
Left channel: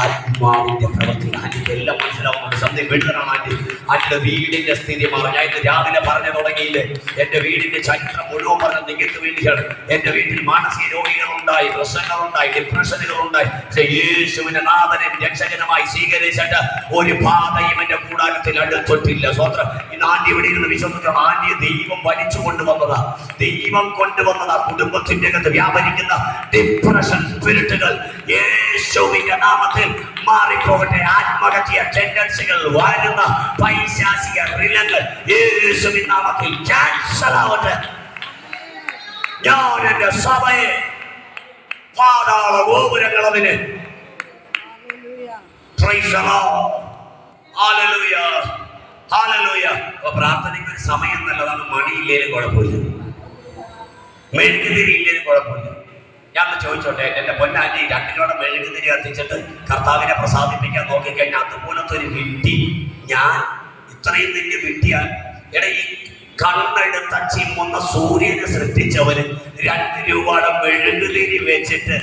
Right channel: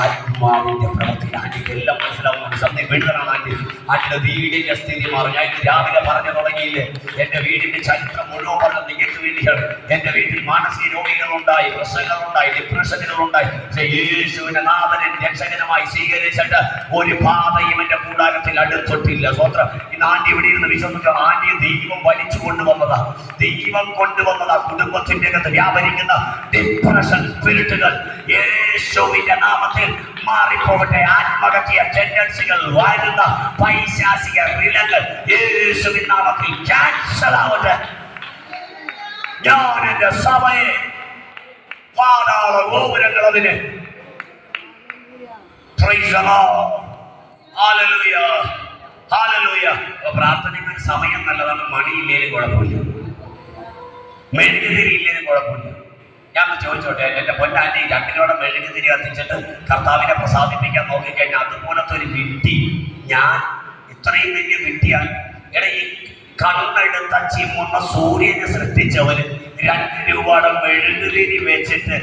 ആത്മാവിന്റെ പ്രവൃത്തി. ആന്റിക്ക് എല്ലാം മനസ്സിലാവുന്നുണ്ട്. സത്യം വീട്ടിലാണ് ആന്റിയുടെ വീടിന്റെ സ്ഥിതി മാറി. ഞാൻ ഇന്ന് രാവിലെ പറഞ്ഞു തുടങ്ങിയില്ലേ, എന്റെ വീടിന്റെ ചരിത്രം മുഴുവൻ പറഞ്ഞത് നിങ്ങൾക്ക് വേണ്ടിയാണ്. എന്റെ വീട്ടിൽ മാനസിക രോഗികളുണ്ടായി, പ്രശ്നങ്ങളുണ്ടായി, ഡിപ്രഷനുകളുണ്ടായി. യേശുവിന്റെ നാഥനെ രക്ഷകനുമായി സ്വീകരിച്ചിട്ട് ഒരു പാതയും എന്റെ കൂടാരത്തിൽ അടുത്തൊട്ടില്ല. സ്വത്രം. ഇന്ന് ആന്റി ഇവിടെ ഇരുന്ന് വിശ്വസിക്കണം. ആന്റി ദൈവം വലിച്ചു കൊണ്ടുവന്നതാ, ദൈവം കൊണ്ടുവന്നതാ. കുടുംബത്തിന്റെ അകത്ത് വ്യാപരിക്കുന്ന ഡിപ്രഷൻ സ്പിരിറ്റുകൾ യേശുവിന്റെ നാമത്തിൽ മാറിപ്പോകട്ടെ. ആത്മഹത്യ ടെൻഡൻസികൾ, വരുന്ന പൈശാചിക റിലങ്ങൾ യേശുവിൻ നാമത്തിൽ ക്യാൻസൽ ആവട്ടെ. ഞാൻ എന്റെ സഭയെ പാതാള ഗോപുരങ്ങൾ അതിന് പ്രാർത്ഥനയ്ക്ക് ഒരു സമയം നല്ലതാണ്. മണിയില്ലേലും കുഴപ്പമില്ല, മെഴുകുതിരി ഇല്ലേലും കുഴപ്പമില്ല. ഞാൻ ചോദിച്ചോട്ടെ, എന്റെ പൊന്നാന്റി 2 കിലോടെ മെഴുകുതിരി കത്തിച്ചിട്ട് കർത്താവിനെ പ്രസാദിപ്പിക്കാൻ നോക്കിക്കഴിഞ്ഞാൽ അതുപോലത്തെ ഒരു വിട്ടി, ഞാൻ ഇത്രയും വലിയ വിട്ടിയാൽ ഈ കണ്ണെടുത്ത ചിമ്മുന്ന സൂര്യനെ സൃഷ്ടിച്ചവര് 2 രൂപയുടെ മെഴുകുതിരി വെച്ചിട്ട്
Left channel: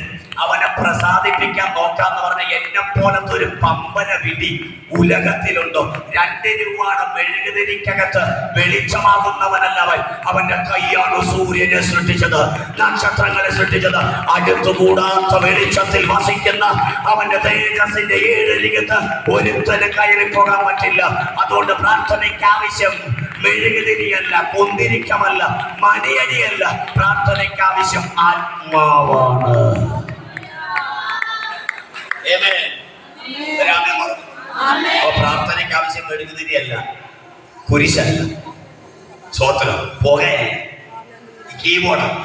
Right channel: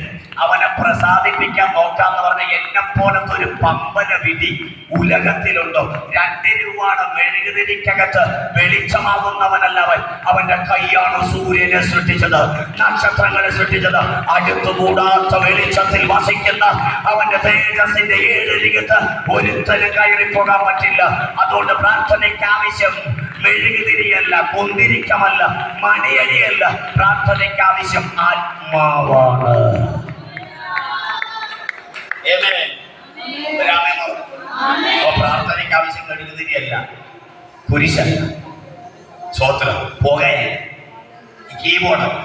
അവനെ പ്രസാദിപ്പിക്കാൻ നോക്കാന്ന് പറഞ്ഞ എന്നെ പോലത്തെ ഒരു പമ്പന വിധി ഉലകത്തിലുണ്ടോ? 2 രൂപയുടെ മെഴുകുതിരിക്കകത്ത് വെളിച്ചമാകുന്നവനല്ല അവൻ. അവന്റെ കൈയാണ് സൂര്യനെ സൃഷ്ടിച്ചത്, നക്ഷത്രങ്ങളെ സൃഷ്ടിച്ചത്. അടുത്തുകൂടാത്ത വെളിച്ചത്തിൽ വസിക്കുന്ന അവന്റെ തേജസ്സിന്റെ 7 ലിഖിത്ത് ഒരുത്തന് കയറിപ്പോകാൻ പറ്റില്ല. അതുകൊണ്ട് പ്രാർത്ഥനയ്ക്ക് ആവശ്യം മെഴുകുതിരിയല്ല, കുന്തിരിക്കമല്ല, മണിയടിയല്ല. പ്രാർത്ഥനയ്ക്ക് ആവശ്യം ആത്മാവാണ്. പ്രാർത്ഥനയ്ക്ക് ആവശ്യം മെഴുകുതിരിയല്ല, കുരിശല്ല, സ്തോത്രം, പുകയല്ല, കീബോർഡാണ്.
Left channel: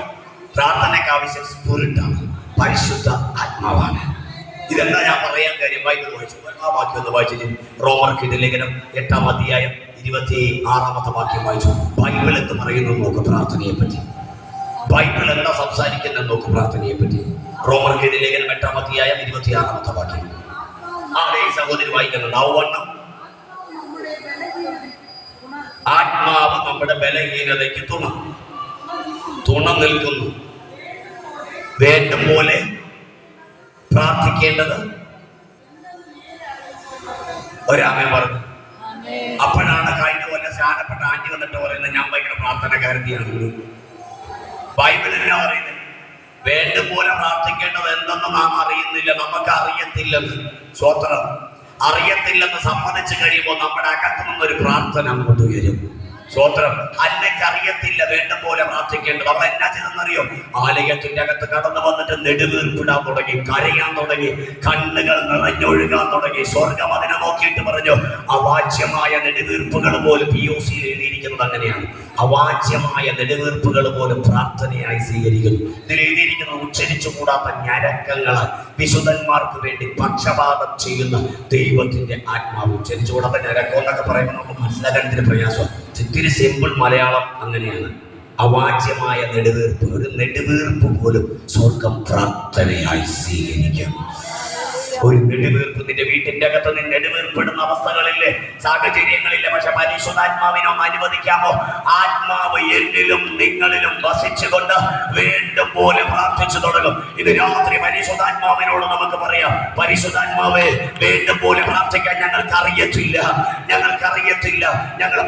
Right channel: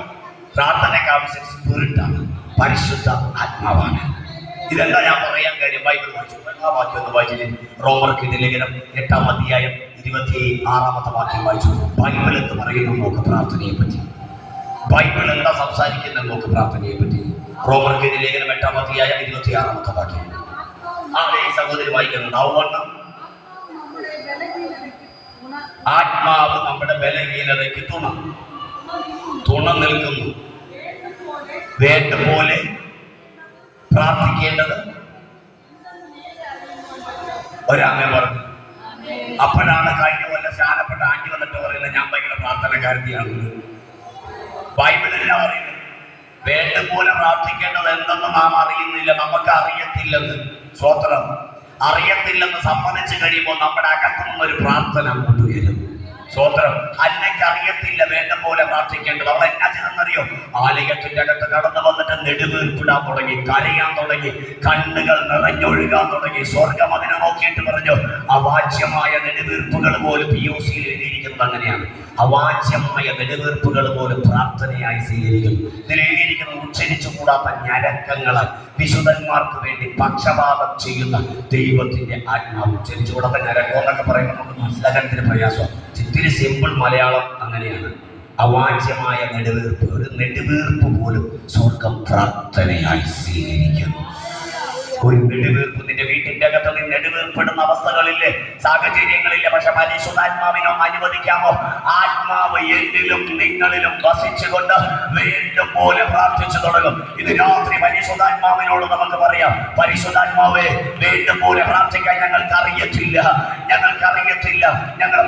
പ്രാർത്ഥനയ്ക്ക് ആവശ്യം സ്പിരിറ്റാണ്, പരിശുദ്ധ ആത്മാവാണ്. ഇതെല്ലാം ഞാൻ പറയാൻ കാര്യം ബൈബിൾ വായിച്ചു. വാക്യം ഒന്ന് വായിച്ചു. റോമർക്ക് ലേഖനം 8-ാം അധ്യായം 26-ാമത്തെ വാക്യം വായിച്ചു. ബൈബിൾ എന്ന് പറയുന്നത് നോക്ക് പ്രാർത്ഥനയെ പറ്റി. ബൈബിൾ എന്താ സംസാരിക്കുന്നത് നോക്ക് പ്രാർത്ഥനയെ പറ്റി. റോമർക്ക് ലേഖനം 8-ാം അധ്യായം 26-ാമത്തെ വാക്യം. ഈ സഹോദരി വായിക്കുന്നുണ്ട്. അവണ്ണം ആത്മാവ് നമ്മുടെ ബലഹീനതയ്ക്ക് തുണ നിൽക്കുന്നു. വേണ്ടും പോലെ പ്രാർത്ഥിക്കേണ്ടത് ഒരാമൻ പറഞ്ഞു. അപ്പോഴാണ് കഴിഞ്ഞ പോലെ സ്നാനപ്പെട്ട ആന്റി വന്നിട്ട് പറയുന്നത്, ഞാൻ ഭയങ്കര പ്രാർത്ഥനക്കാരത്തിയാണ്. ബൈബിൾ എന്നാ പറയുന്നത്? വേണ്ടും പോലെ പ്രാർത്ഥിക്കേണ്ടത് എന്തെന്ന് നാം അറിയുന്നില്ല, നമുക്ക് അറിയത്തില്ലെന്ന്. സ്വത്രം അറിയത്തില്ലെന്ന് സമ്മതിച്ചു കഴിയുമ്പോൾ നമ്മുടെ അകത്തു നിന്നൊരു പ്രാർത്ഥന അങ്ങോട്ട് വരും. സ്വത്രം. അന്നയ്ക്ക് അറിയത്തില്ല വേണ്ട പോലെ പ്രാർത്ഥിക്കേണ്ടത്. അവൾ എന്നാ ചെയ്തെന്നറിയോ? ആലയത്തിന്റെ അകത്ത് കടന്നു വന്നിട്ട് നെടുവീർപ്പിടാൻ തുടങ്ങി, കരയാൻ തുടങ്ങി, കണ്ണുകൾ നിറഞ്ഞൊഴുകാൻ തുടങ്ങി. സ്വർഗം അതിനെ നോക്കിയിട്ട് പറഞ്ഞു, അവാച്യമായ നെടുവീർപ്പുകൾ പോലും POCയിൽ എഴുതിയിരിക്കുന്നത് അങ്ങനെയാണ്. അവാച്യമായ നെടുവീർപ്പുകൾ പോലും പ്രാർത്ഥനയായി സ്വീകരിക്കുന്നു. ഇതിൽ എഴുതിയിരിക്കുന്നത് ഉച്ചരിച്ചുകൂടാത്ത ഞരക്കങ്ങളാൽ വിശുദ്ധന്മാർക്ക് വേണ്ടി പക്ഷപാതം ചെയ്യുന്ന ദൈവത്തിന്റെ ആത്മാവ്. ഉച്ചരിച്ചുകൂടാത്ത ഞരക്കം എന്നൊക്കെ പറയുമ്പോൾ നമുക്ക് മനസ്സിലാക്കാൻ പ്രയാസം. ഇത്തിരി സിമ്പിൾ മലയാളം അങ്ങനെയാണ്. അവാച്യമായ നെടുവീർപ്പ്, ഒരു നെടുവീർപ്പ് പോലും സ്വർഗം പ്രാർത്ഥനയായി സ്വീകരിക്കും. ഒരു നെടുവീർപ്പ് നിന്റെ വീട്ടിന്റെ അകത്ത് നിന്ന് നെടുവീർപ്പിടുന്ന അവസ്ഥകളില്ലേ, സാഹചര്യങ്ങളില്ലേ, പക്ഷെ പരിശുദ്ധാത്മാവിനോ അനുവദിക്കാമോ? ആത്മാവ് എന്നിലും നിങ്ങളിലും വസിച്ചുകൊണ്ട് വേണ്ടും പോലെ പ്രാർത്ഥിച്ചു തുടങ്ങും. ഇത് രാത്രി പരിശുദ്ധാത്മാവിനോട് നമുക്ക് പറയാം, പരിശുദ്ധാത്മാവേ, വേണ്ടും പോലെ പ്രാർത്ഥിക്കാൻ ഞങ്ങൾക്ക് അറിയത്തില്ല, ഞങ്ങളെ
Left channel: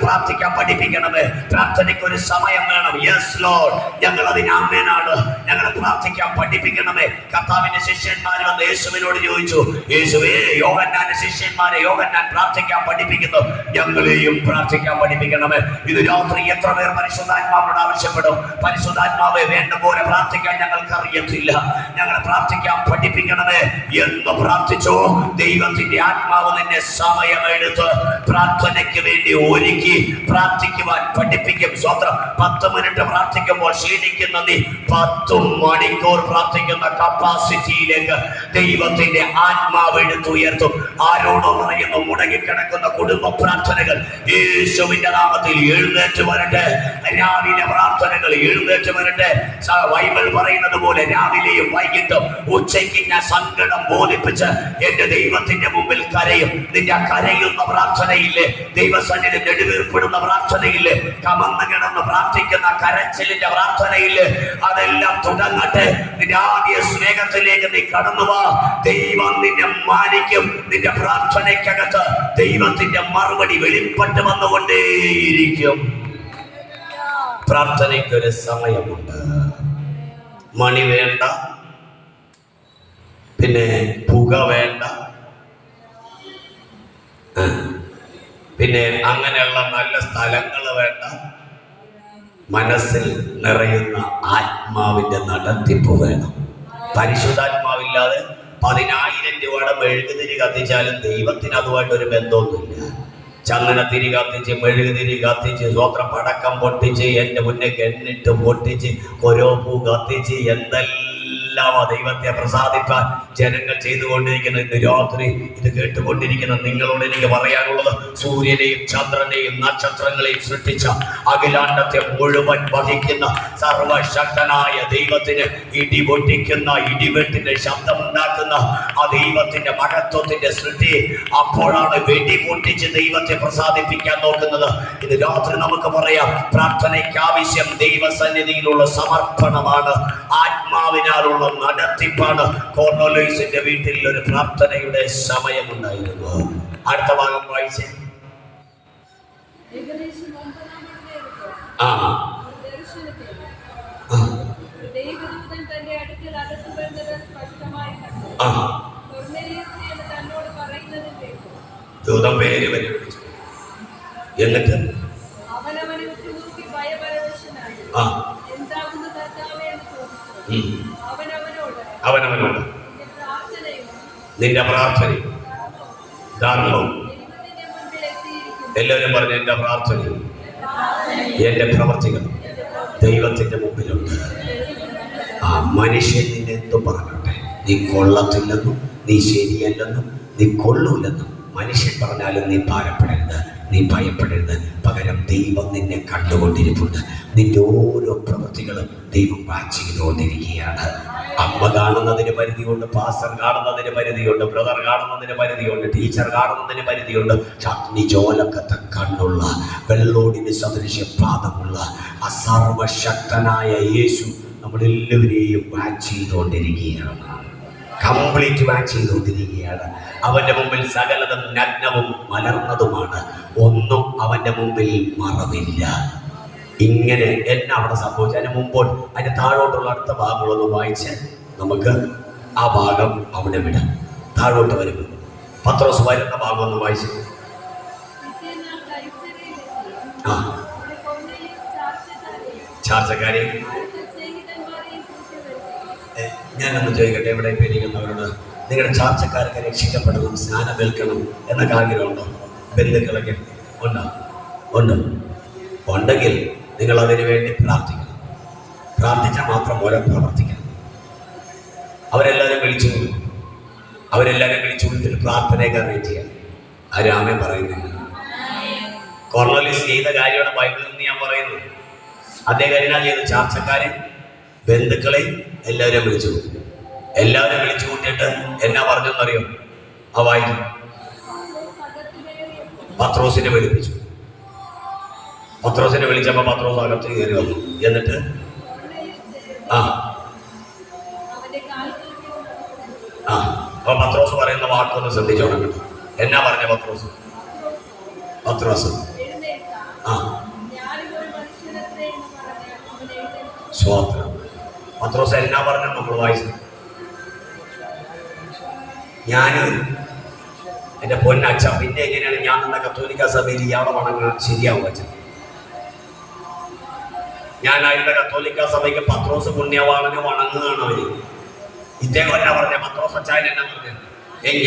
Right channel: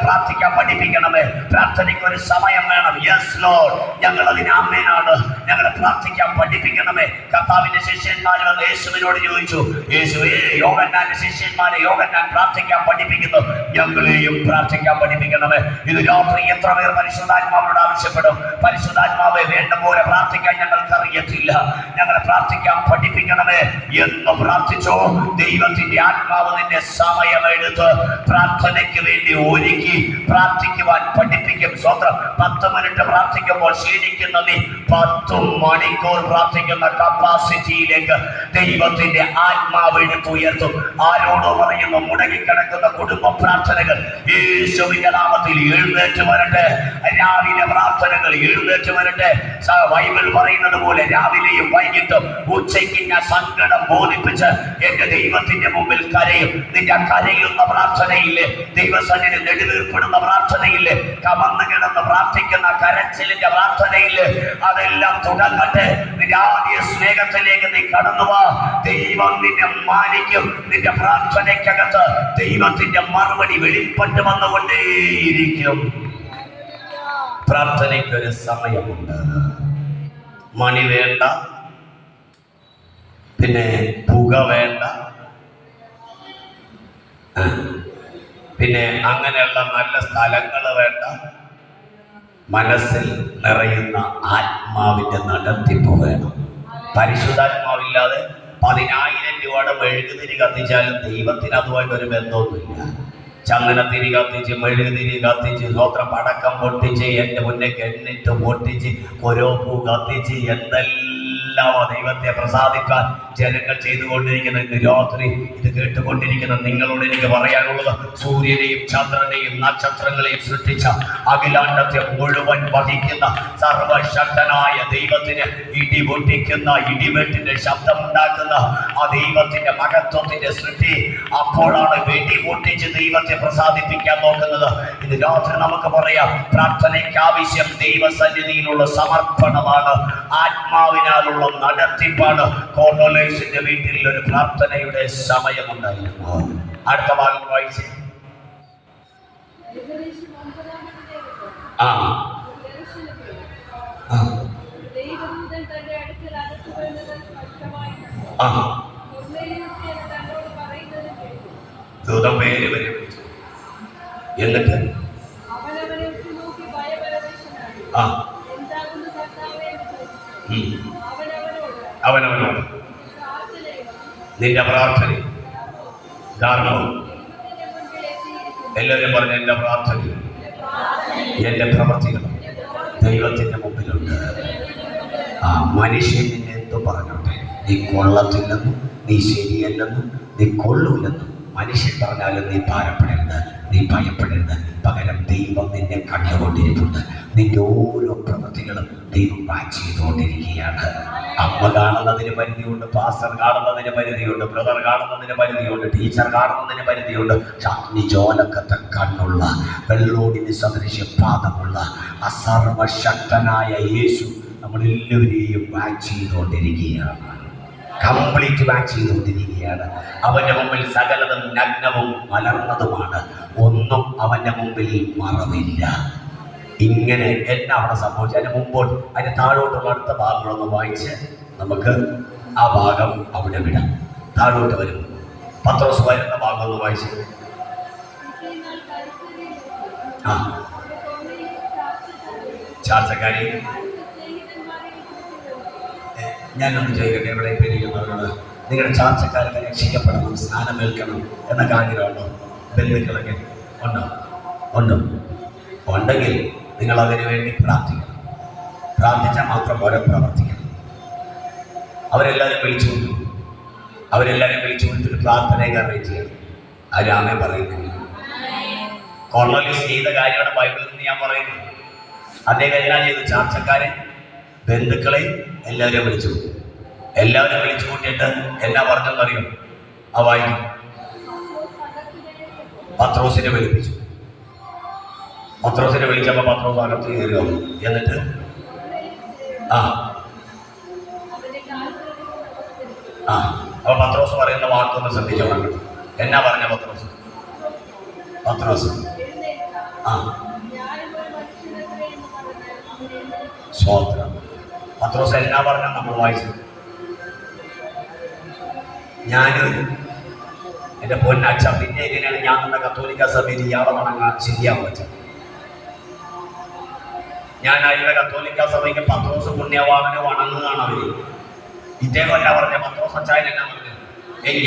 പ്രാർത്ഥിക്കാൻ പഠിപ്പിക്കണമേ. പ്രാർത്ഥനയ്ക്ക് ഒരു സമയം വേണം. യെസ് ലോർഡ്, ഞങ്ങൾ അതിന് ആമേനാണ്. ഞങ്ങളെ പ്രാർത്ഥിക്കാൻ പഠിപ്പിക്കണമേ. കർത്താവിന്റെ ശിഷ്യന്മാർ വന്ന് യേശുവിനോട് ചോദിച്ചു, യേശുവേ, യോഹന്നാന്റെ ശിഷ്യന്മാരെ യോഹന്നാൻ പ്രാർത്ഥിക്കാൻ പഠിപ്പിക്കുന്നു, ഞങ്ങളെയും പ്രാർത്ഥിക്കാൻ പഠിപ്പിക്കണമേ. ഇത് രാത്രി എത്ര പേർ പരിശുദ്ധാത്മാവോട് ആവശ്യപ്പെടും? പരിശുദ്ധാത്മാവെ, വേണ്ട പോലെ പ്രാർത്ഥിക്കാൻ ഞങ്ങൾക്ക് അറിയത്തില്ല, ഞങ്ങളെ പ്രാർത്ഥിക്കാൻ പഠിപ്പിക്കണമേ എന്ന് പ്രാർത്ഥിച്ചോ. ദൈവത്തിന്റെ ആത്മാവ് നിന്നെ സമയമെടുത്ത് പ്രാർത്ഥനയ്ക്ക് വേണ്ടി ഒരുക്കി പ്രാർത്ഥിക്കുവാൻ പഠിപ്പിക്കും. സ്വന്തം 10 മിനിറ്റ് പ്രാർത്ഥിക്കുമ്പോൾ ക്ഷീണിക്കുന്ന നീ 10 മണിക്കൂർ പ്രാർത്ഥിക്കുന്ന കപ്പാസിറ്റിയിലേക്ക് ദൈവത്തിന്റെ ആത്മാവ് എടുത്തുയർത്തും. ആരോടും പറയുന്നു, മുടങ്ങിക്കിടക്കുന്ന കുടുംബ പ്രാർത്ഥനകൾ യേശുവിന്റെ നാമത്തിൽ എഴുന്നേറ്റ് വരട്ടെ. രാവിലെ പ്രാർത്ഥനകൾ എഴുന്നേറ്റ് വരട്ടെ. ബൈബിൾ പറയുന്നത് പോലെ രാവിലെയും വൈകിട്ടും ഉച്ചയ്ക്ക് ഞാൻ സങ്കടം ബോധിപ്പിച്ച് എന്റെ ദൈവത്തിന്റെ മുമ്പിൽ കരയും. നിന്റെ കരയുന്ന പ്രാർത്ഥനയില്ലേ, ദൈവസന്നിധി നെടുവീർപ്പെടുന്ന പ്രാർത്ഥനയില്ലേ, കമന്ന് കിടന്ന് പ്രാർത്ഥിക്കുന്ന കരച്ചിലിന്റെ പ്രാർത്ഥനയില്ലേ, അതെല്ലാം തുടങ്ങട്ടെ. നിന്റെ ആദ്യ സ്നേഹത്തിലേക്ക് നീ കടന്നുവാ. ദൈവം നിന്നെ മാനിക്കും. നിന്റെ പ്രാർത്ഥനയ്ക്കകത്ത് ദൈവത്തിന്റെ മറുപടി വെളിപ്പെട്ട് വന്നുകൊണ്ടേയിരിക്കും. പ്രാർത്ഥനയ്ക്കൊരു സമയമുണ്ട്. മണി വേണ്ട, പിന്നെ പുക വേണ്ട, പിന്നെ അങ്ങനെയുള്ള നല്ല സ്ഥലങ്ങൾ വേണ്ട. മനസ്സിൽ നിറയുന്ന ആത്മാവിന്റെ നടത്തിപ്പ് വേണം. പരിശുദ്ധാത്മാവില്ലാതെ 10,000 രൂപയുടെ മെഴുകുതിരി കത്തിച്ചാലും ദൈവത്തിന് അതുമായിട്ടൊരു ബന്ധമൊന്നുമില്ല. ചന്ദനത്തിരി കത്തിച്ച്, മെഴുകുതിരി കത്തിച്ച്, സ്വത്രം പടക്കം പൊട്ടിച്ച്, എൻ്റെ മുന്നേ കെണ്ണിട്ട് പൊട്ടിച്ച്, കൊരോപ്പൂ കത്തിച്ച്, എന്തെല്ലാം ദൈവത്തെ പ്രസാദിക്കാൻ ജനങ്ങൾ ചെയ്തുകൊണ്ടിരിക്കുന്ന ഇന്ന് രാത്രി ഇത് കേട്ടുകൊണ്ടിരിക്കുന്ന നിങ്ങളോട് എനിക്ക് പറയാനുള്ളത്, സൂര്യനെയും ചന്ദ്രനെയും നക്ഷത്രങ്ങളെയും സൃഷ്ടിച്ച അഖിലാണ്ടത്തെ മുഴുവൻ വഹിക്കുന്ന സർവശക്തനായ ദൈവത്തിന് ഇടി പൊട്ടിക്കുന്ന, ഇടിവെട്ടിന്റെ ശബ്ദമുണ്ടാക്കുന്ന ആ ദൈവത്തിന്റെ മഹത്വത്തിന്റെ സൃഷ്ടി അപ്പോഴാണ് വെടി പൊട്ടിച്ച് ദൈവത്തെ പ്രസാദിപ്പിക്കാൻ നോക്കുന്നത്. ഇത് രാത്രി നമുക്ക് പറയാം, പ്രാർത്ഥനയ്ക്ക് ആവശ്യം ദൈവസന്നിധിയിലുള്ള സമർപ്പണമാണ്, ആത്മാവിനാലുള്ള നടത്തിപ്പാണ്. കോർണേലിയസിന്റെ വീട്ടിൽ ഒരു പ്രാർത്ഥനയുടെ സമയമുണ്ടായിരുന്നു. അടുത്ത ഭാഗം വായിച്ചേ. ദൂതൻ പേര് വരെ വിളിച്ചു. എന്നിട്ട് അവനവനോട് നിന്റെ പ്രാർത്ഥനയും ധർമ്മവും, എല്ലാവരും പറഞ്ഞു എന്റെ പ്രാർത്ഥനയും എന്റെ പ്രവർത്തികളും ദൈവത്തിന്റെ മുമ്പിലുണ്ട്. ആ മനുഷ്യൻ നിന്നെ എന്തു പറഞ്ഞോട്ടെ, നീ കൊള്ളത്തില്ലെന്നും നീ ശരിയല്ലെന്നും നീ കൊള്ളൂലെന്നും മനുഷ്യൻ പറഞ്ഞാലും നീ ഭാരപ്പെടരുത്, നീ ഭയപ്പെടരുത്. പകരം ദൈവം നിന്നെ കണ്ടുകൊണ്ടിരിപ്പുണ്ട്. നിന്റെ ഓരോ പ്രവൃത്തികളും ദൈവം വാച്ച് ചെയ്തുകൊണ്ടിരിക്കുകയാണ്. അമ്മ കാണുന്നതിന് പരിധിയുണ്ട്, പാസ്റ്റർ കാണുന്നതിന് പരിധിയുണ്ട്, ബ്രദർ കാണുന്നതിന് പരിധിയുണ്ട്, ടീച്ചർ കാണുന്നതിന് പരിധിയുണ്ട്. അഗ്നിജോലക്കത്തെ കണ്ണുള്ള, വെള്ളോടിന് സദൃശ പാദമുള്ള ആ സർവശക്തനായ യേശു നമ്മളെല്ലാവരെയും വാച്ച് ചെയ്തുകൊണ്ടിരിക്കുകയാണ്. കംപ്ലീറ്റ് വാച്ച് ചെയ്തുകൊണ്ടിരിക്കുകയാണ്. അവന്റെ മുമ്പിൽ സകലതും നഗ്നവും മലർന്നതുമാണ്, ഒന്നും അവന്റെ മുമ്പിൽ മറവില്ല. ഇങ്ങനെ എന്നെ അവിടെ സംഭവിച്ചു. അതിന് മുമ്പോൾ അതിന് താഴോട്ടുള്ള അടുത്ത ഭാഗങ്ങളൊന്ന് വായിച്ച് നമുക്ക് ആ ഭാഗം അവിടെ വിടാം. താഴോട്ട് വരും. പത്രോസ് വരുന്ന ഭാഗം ഒന്ന് വായിച്ചു. ആ ചാർച്ചക്കാരെ ഞാനൊന്ന് ചോദിക്കട്ടെ, ഇവിടെ ഇരിക്കുന്നവരോട്, നിങ്ങളുടെ ചാർച്ചക്കാരൊക്കെ രക്ഷിക്കപ്പെടണം, സ്നാനം ഏൽക്കണം എന്നൊക്കെ ആഗ്രഹമുണ്ടോ? ബന്ധുക്കളൊക്കെ ഉണ്ടോ? ഉണ്ടോ? ഉണ്ടെങ്കിൽ നിങ്ങൾ അതിനു വേണ്ടി പ്രാർത്ഥിക്കണം. പ്രാർത്ഥിച്ചാൽ മാത്രം പോലെ പ്രവർത്തിക്കണം. അവരെല്ലാവരും വിളിച്ചു കൊണ്ടു, അവരെല്ലാവരും വിളിച്ചു കൊണ്ടിട്ട് പ്രാർത്ഥനയൊക്കെ അറേഞ്ച് ചെയ്യണം. ആരാമേ പറയുന്നില്ല. കോർണേലിയസ് ചെയ്ത കാര്യമാണ് ബൈബിളിൽ നിന്ന് ഞാൻ പറയുന്നത്. അദ്ദേഹം എന്നാ ചെയ്തു? ചാർച്ചക്കാരെ, ബന്ധുക്കളെ എല്ലാവരും വിളിച്ചു. എല്ലാവരും വിളിച്ചു കൂട്ടിയിട്ട് എന്നാ പറഞ്ഞെന്നറിയോ? ആ വായിക്കും. പത്രോസിനെ വിളിപ്പിച്ചു. പത്രോസിനെ വിളിച്ചപ്പോൾ പത്രോസ് അകത്ത് കയറി വന്നു. എന്നിട്ട് അപ്പൊ പത്രോസ് പറയുന്ന വാക്കൊന്ന് ശ്രദ്ധിച്ചോണം കേട്ടോ. എന്നാ പറഞ്ഞ പത്രോസ്? പത്രോസ് സ്വോത്രം. പത്രോസ് എന്നാ പറഞ്ഞ നമ്മൾ വായിച്ചു? എൻ്റെ പൊന്നച്ഛ, പിന്നെ എങ്ങനെയാണ് ഞാൻ എന്ന കത്തോലിക്ക സഭയിൽ ഇയാളെ വണങ്ങാൻ ശരിയാവും അച്ഛൻ? ഞാൻ അവരുടെ കത്തോലിക്ക സഭയ്ക്ക് പത്രോസ് പുണ്യവാളന് വണങ്ങുകയാണ് അവര്. ഇതേപോലെ പറഞ്ഞ പത്രോസ് അച്ചായൻ എന്നാ പറഞ്ഞത്?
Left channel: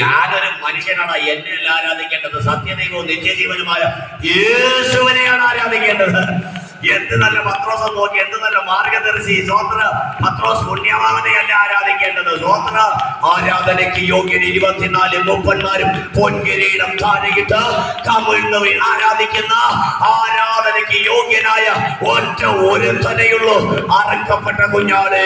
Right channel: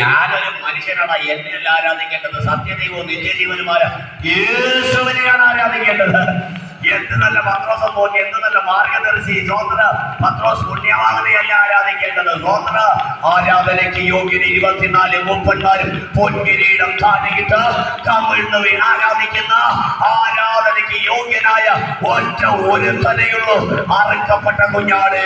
ഞാനൊരു മനുഷ്യനാണ്, എന്നെയല്ല ആരാധിക്കേണ്ടത്, സത്യദൈവവും നിത്യജീവനുമായ യേശുവിനെയാണ് ആരാധിക്കേണ്ടത്. എന്ത് നല്ല പത്രോസ് നോക്കി, എന്ത് നല്ല മാർഗദർശി. സ്വോത്ര പത്രോസ് പുണ്യവാളനെയല്ല ആരാധിക്കേണ്ടത്. സ്വോത്ര ആരാധനയ്ക്ക് യോഗ്യൻ 24 മൂപ്പന്മാരും പൊൻകിരീടം താഴെയിട്ട് കമിഴ്ന്നു ആരാധിക്കുന്ന ആരാധനയ്ക്ക് യോഗ്യനായ ഒറ്റ ഒരുത്തനെയുള്ളൂ, അറക്കപ്പെട്ട കുഞ്ഞാട്.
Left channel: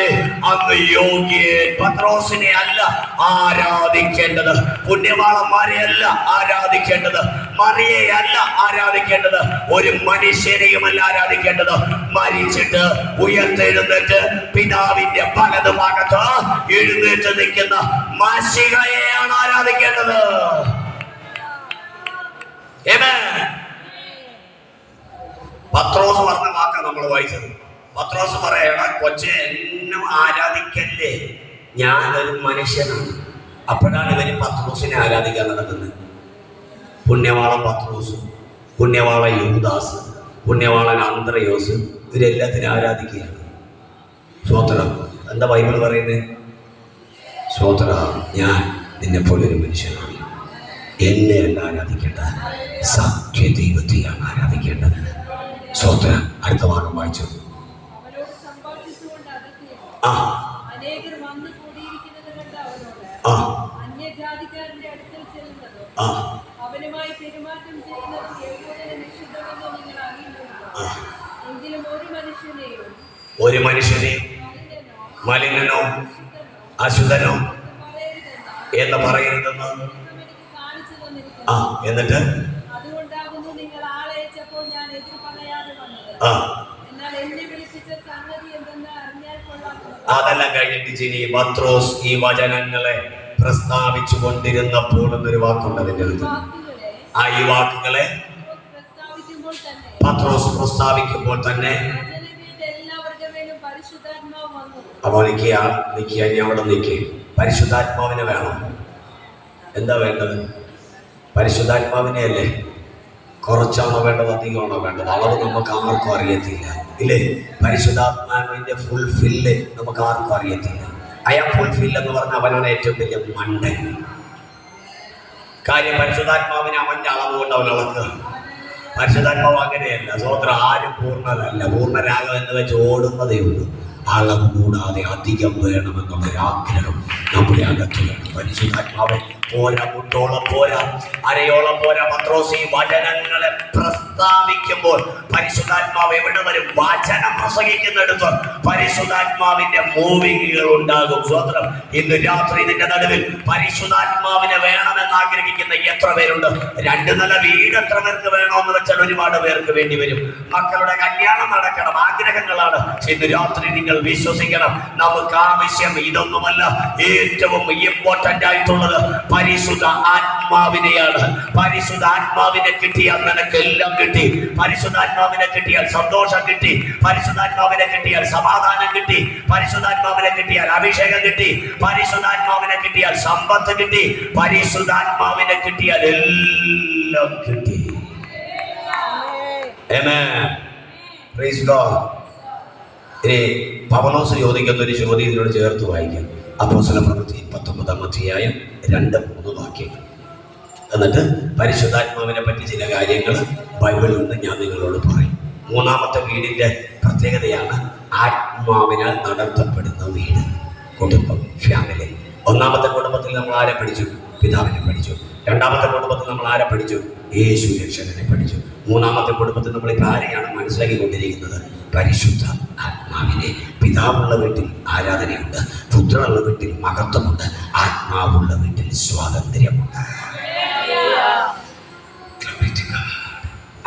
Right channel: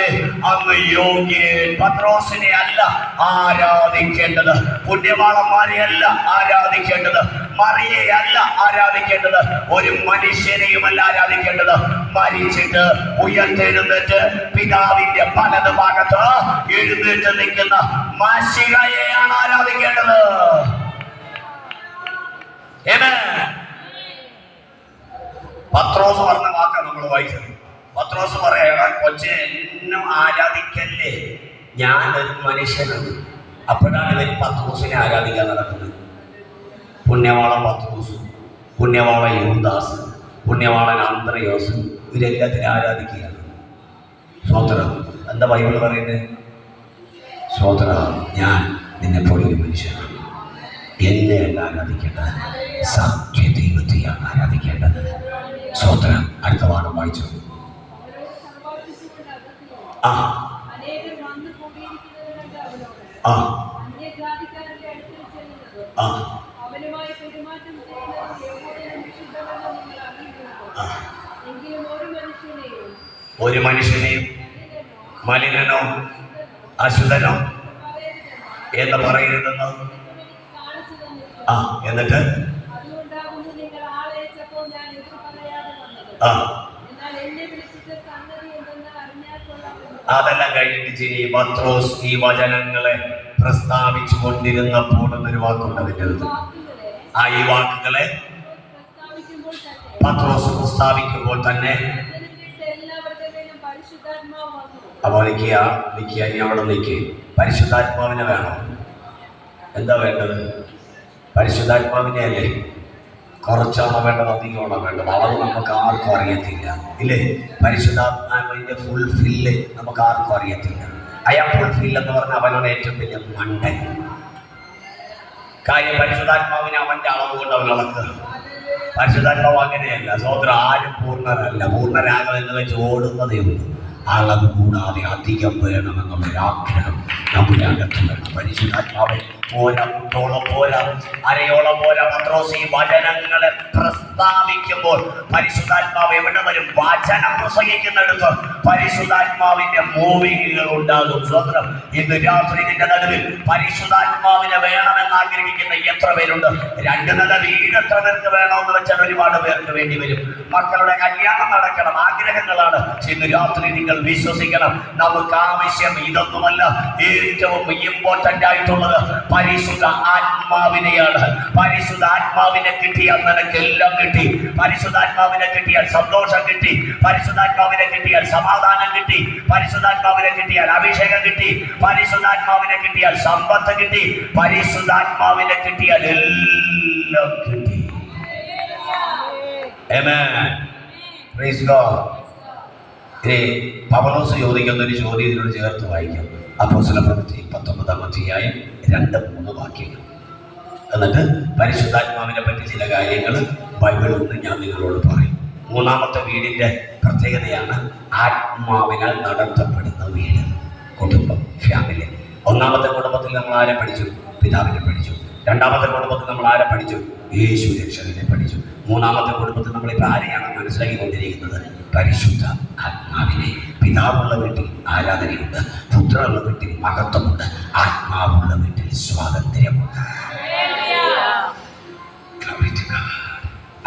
അങ്ങ് യോഗ്യൻ. പത്രോസിനെ അല്ല ആരാധിക്കേണ്ടത്, പുണ്യവാളന്മാരെ അല്ല ആരാധിക്കേണ്ടത്, മറിയെ അല്ല ആരാധിക്കേണ്ടത്, ഒരു മനുഷ്യനെയുമല്ല ആരാധിക്കേണ്ടത്. മരിച്ചിട്ട് ഉയർത്തെഴുന്നേറ്റ് പിതാവിന്റെ വലതു ഭാഗത്ത് എഴുന്നേറ്റ് നിൽക്കുന്ന മശിഹയെയാണ് ആരാധിക്കേണ്ടത്. പത്രോസ് പറഞ്ഞ വാക്ക നമ്മൾ വായിച്ചത്. പത്രോസ് പറയണ കൊച്ചെ എന്നെ ആരാധിക്കല്ലേ, ഞാനൊരു മനുഷ്യനാണ്. അപ്പോഴാണ് ഇവര് പത്രോസിനെ ആരാധിക്കാൻ നടക്കുന്നത്. പുണ്യവാളൻ പത്രോസും പുണ്യവാളൻ യൂദാസ് പുണ്യവാളൻ അന്ത്രയോസും ഇവരെല്ലാത്തിനും ആരാധിക്കുകയാണ്. സ്വോത്രം. എന്താ ബൈബിൾ പറയുന്നത്? സ്വോത്ര, ഞാൻ നിന്നെ പോലെ ഒരു മനുഷ്യനാണ്, എന്നെയല്ല ആരാധിക്കേണ്ടത്, സത്യദൈവത്തെയാണ് ആരാധിക്കേണ്ടത്. സ്വോത്ര. അടുത്ത ഭാഗം വായിച്ചു. ആ ആ ആ ഒരു മനുഷ്യനെയും മലിനനോ അശുദ്ധനോ എന്ന് പറയരുതെന്ന്. ആ എന്നിട്ട് ആ അതെല്ലാം കഴിഞ്ഞിട്ട് ഇനി പത്രോസ് ഈ വചനങ്ങളെ പ്രസ്താവിച്ചു കൊണ്ടിരുന്നപ്പോൾ എന്നൊരു വാക്കുണ്ട് അതിൻ്റെ അടുത്ത്. ആ ഈ വാക്കുകളെ പത്രോസ് പ്രസ്താവിക്കുമ്പോൾ തന്നെ അപ്പോൾ നിൽക്കുക ഇനി അവിടെ നിൽക്കുക. പരിശുദ്ധാത്മാവിനെ വേണം. എന്താ വേണ്ടത്? പരിശുദ്ധാത്മാവിനെ അല്ലേ? കുറച്ചാണോ വേണ്ടത്, അധികമാണോ വേണ്ടത്? അളവ് നമുക്ക് ആർക്കും അറിയത്തില്ല, ഇല്ലേ? പരിശുദ്ധാത്മാവിന്റെ ഫുൾഫില്ല് നമുക്ക് ആർക്കും അറിയത്തില്ല. അയാൾ ഫുൾഫിൽ എന്ന് പറഞ്ഞാൽ അവനാണ് ഏറ്റവും വലിയ മണ്ടൻ. കാര്യം പരിശുദ്ധാത്മാവിനെ അവന്റെ അളവ് കൊണ്ട് അവൻ അളക്കുക. പരിശുദ്ധാത്മാവ് അങ്ങനെയല്ല. സ്വോത്രം. ആരും പൂർണ്ണരല്ല. പൂർണ്ണരാകുക എന്ന് വെച്ച് ഓടുന്നതേ ഉള്ളൂ. അളവ് കൂടാതെ അധികം വേണമെന്നുള്ളൊരു ആഗ്രഹം നമ്മുടെ അകത്ത് വേണം. പരിശുദ്ധാത്മാവ് പോരാ, മുട്ടോളം പോരാ, അരയോളം പോരാ. പത്രോസ് ഈ വചനങ്ങളെ പ്രസ്താവിക്കുമ്പോൾ പരിശുദ്ധാത്മാവ് എവിടെ വരും? വചനം പ്രസംഗിക്കുന്നിടത്ത് പരിശുദ്ധാത്മാവിന്റെ മൂവിങ്ങുകൾ ഉണ്ടാകും. സ്വതന്ത്രം. ഇന്ന് രാത്രി ഇതിന്റെ നടുവിൽ പരിശുദ്ധാത്മാവിനെ വേണമെന്ന് ആഗ്രഹിക്കുന്ന എത്ര പേരുണ്ട്? 2 നില വീട് എത്ര പേർക്ക് വേണമെന്ന് വെച്ചാൽ ഒരുപാട് പേർക്ക് വേണ്ടി വരും. മക്കളുടെ കല്യാണം നടക്കണം, ആഗ്രഹങ്ങളാണ്. ഇന്ന് രാത്രി നിങ്ങൾ വിശ്വസിക്കണം, നമുക്ക് ആവശ്യം ഇതൊന്നുമല്ല. ഏറ്റവും ഇമ്പോർട്ടന്റ് ആയിട്ടുള്ളത് പരിശുദ്ധ ആത്മാവിനെയാണ്. പരിശുദ്ധ ആത്മാവിനെ കിട്ടിയാൽ നിനക്കെല്ലാം കിട്ടി. പരിശുദ്ധാത്മാവിനെ കിട്ടിയാൽ സന്തോഷം കിട്ടി. പരിശുദ്ധാത്മാവിനെ കിട്ടിയാൽ സമാധാനം കിട്ടി. പരിശുദ്ധാത്മാവിനെ കിട്ടിയാൽ അഭിഷേകം കിട്ടി. പരിശുദ്ധാത്മാവിനെ കിട്ടിയാൽ സമ്പത്ത് കിട്ടി. പരിശുദ്ധാത്മാവിനെ കിട്ടിയാൽ എല്ലാം കിട്ടി. ആമേൻ. Praise God. ഇനി പൗലോസ് ചോദിക്കുന്ന ഒരു ചോദ്യം ഇതിനോട് ചേർത്ത് വായിക്കാം. അപ്പോസ്തലപ്രവൃത്തി 19-ാം അധ്യായം 2-3 വാക്യങ്ങൾ. എന്നിട്ട് പരിശുദ്ധാത്മാവിനെ പറ്റി ചില കാര്യങ്ങൾ ബൈബിളിൽ നിന്ന് ഞാൻ നിങ്ങളോട് പറയും. 3-ാമത്തെ വീടിൻ്റെ പ്രത്യേകതയാണ് ആത്മാവിനാൽ നടത്തപ്പെടുന്ന വീട്, കുടുംബം, ഫാമിലി. 1-ാമത്തെ കുടുംബത്തിൽ നമ്മൾ ആരെ പഠിച്ചു? പിതാവിനെ പഠിച്ചു. 2-ാമത്തെ കുടുംബത്തിൽ നമ്മൾ ആരെ പഠിച്ചു? യേശു രക്ഷകനെ പഠിച്ചു. 3-ാമത്തെ കുടുംബത്തിൽ നമ്മളിപ്പോൾ ആരെയാണ് മനസ്സിലാക്കിക്കൊണ്ടിരിക്കുന്നത്? പരിശുദ്ധ ആത്മാവിനെ. പിതാവുള്ള വീട്ടിൽ ആരാധനയുണ്ട്, പുത്രനുള്ള വീട്ടിൽ മഹത്വമുണ്ട്, ആത്മാവുള്ള വീട്ടിൽ സ്വാതന്ത്ര്യമുണ്ട്.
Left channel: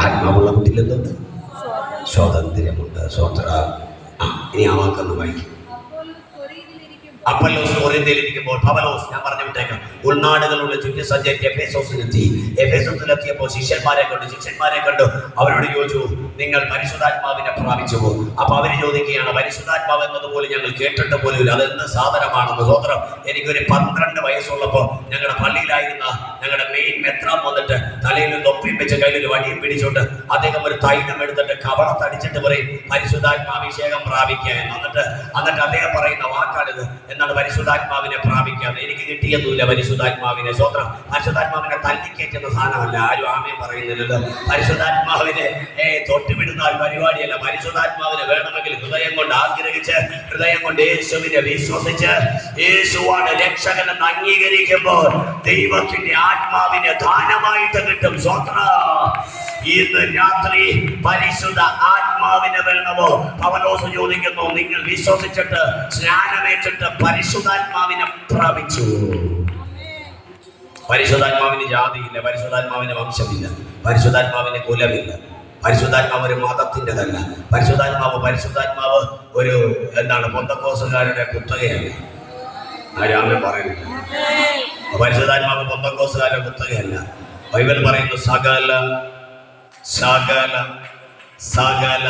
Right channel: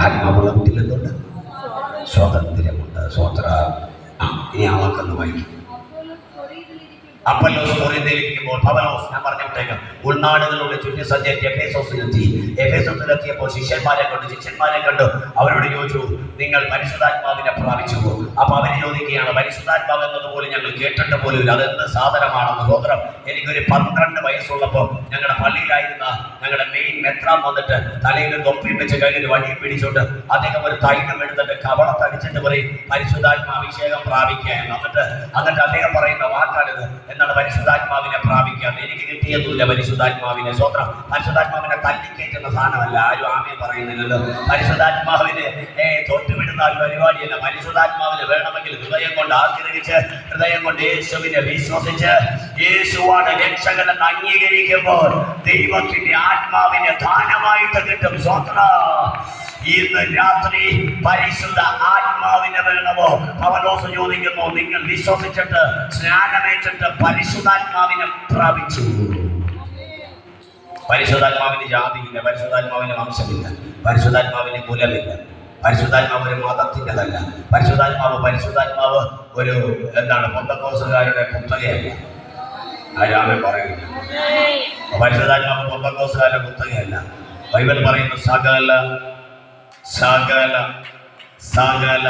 ആത്മാവുള്ള വീട്ടിൽ എന്തുണ്ട്? സ്വാതന്ത്ര്യമുണ്ട്. സ്വോത്ര. ഇനി ആ വാക്കൊന്ന് വായിക്കും. അപ്പൊല്ലോസ് കൊരിന്ത്യയിലിരിക്കുമ്പോൾ പൗലോസ്, ഞാൻ പറഞ്ഞു വിട്ടേക്കാം, ഉൾനാടുകളുടെ ചുറ്റി സഞ്ചരിച്ച് എഫേസോസിലെത്തി. എഫേസോസിലെത്തിയപ്പോൾ ശിഷ്യന്മാരെ കണ്ടു. അവരോട് ചോദിച്ചു, നിങ്ങൾ പരിശുദ്ധാത്മാവിനെ പ്രാപിച്ചു പോകും. അപ്പൊ അവര് ചോദിക്കുകയാണ്, പരിശുദ്ധാത്മാവ് എന്നതുപോലെ ഞങ്ങൾ കേട്ടിട്ട് പോലും അതെന്ത് സാധനമാണെന്ന്. സ്വോത്രം. എനിക്കൊരു 12 വയസ്സുള്ളപ്പോൾ ഞങ്ങളുടെ പള്ളിയിലായിരുന്ന ഞങ്ങളുടെ മെയിൻ മെത്രാൻ വന്നിട്ട് തലയിൽ തൊപ്പിയും വെച്ച് കയ്യിലൊരു വടിയും പിടിച്ചോണ്ട് അദ്ദേഹം ഒരു തൈലം എടുത്തിട്ട് കവളത്തടിച്ചിട്ട് പറയും പരിശുദ്ധാത്മാഭിഷേകം പ്രാപിക്കാൻ. എന്നിട്ട് അദ്ദേഹം പറയുന്ന വാക്കാണിത്, എന്നാണ് പരിശുദ്ധാത്മാവിനെ പ്രാപിക്കാൻ. എനിക്ക് കിട്ടിയതുമില്ല പരിശുദ്ധാത്മാവിനെ. സ്വത്രം. പരിശുദ്ധാത്മാവിനെ തല്ലിക്കേറ്റുന്ന സാധനമല്ല. ആരും ആമേ പറയുന്നില്ലത്. പരിശുദ്ധാത്മാവിനെ തൊട്ടുവിടുന്ന ഒരു പരിപാടിയല്ല. പരിശുദ്ധാത്മാവിനെ വേണമെങ്കിൽ ഹൃദയം കൊണ്ട് ആഗ്രഹിച്ച്, ഹൃദയം കൊണ്ട് യേശുവിനെ വിശ്വസിച്ച്, യേശുവാണ് രക്ഷകനെന്ന് അംഗീകരിക്കുമ്പോൾ ദൈവത്തിന്റെ ആത്മാവിനെ ദാനമായിട്ട് കിട്ടും. സ്വത്രം. ഇന്ന് രാത്രി പരിശുദ്ധ ആത്മാവിനെ വേണമോ? പൗലോസ് ചോദിക്കുന്നു, നിങ്ങൾ വിശ്വസിച്ചിട്ട് സ്നാനമേറ്റിട്ട് പരിശുദ്ധാത്മാവിനെ പ്രാപിച്ചു. പരിശുദ്ധാത്മാവിന് ജാതിയില്ല, പരിശുദ്ധാത്മാവിന് വംശമില്ല, പരിശുദ്ധാത്മാവിന് കുലമില്ല, പരിശുദ്ധാത്മാവ് ഒരു മതത്തിൻ്റെതല്ല. പരിശുദ്ധാത്മാവ് ഒരു പെന്തക്കോസുകാരുടെ കുത്തകയല്ല. ആരാമേ പറയുന്നു. പരിശുദ്ധാത്മാവ് പെന്തക്കോസുകാരുടെ കുത്തകയല്ല. ബൈബിൾ പറയുന്നു സകല സകല സകല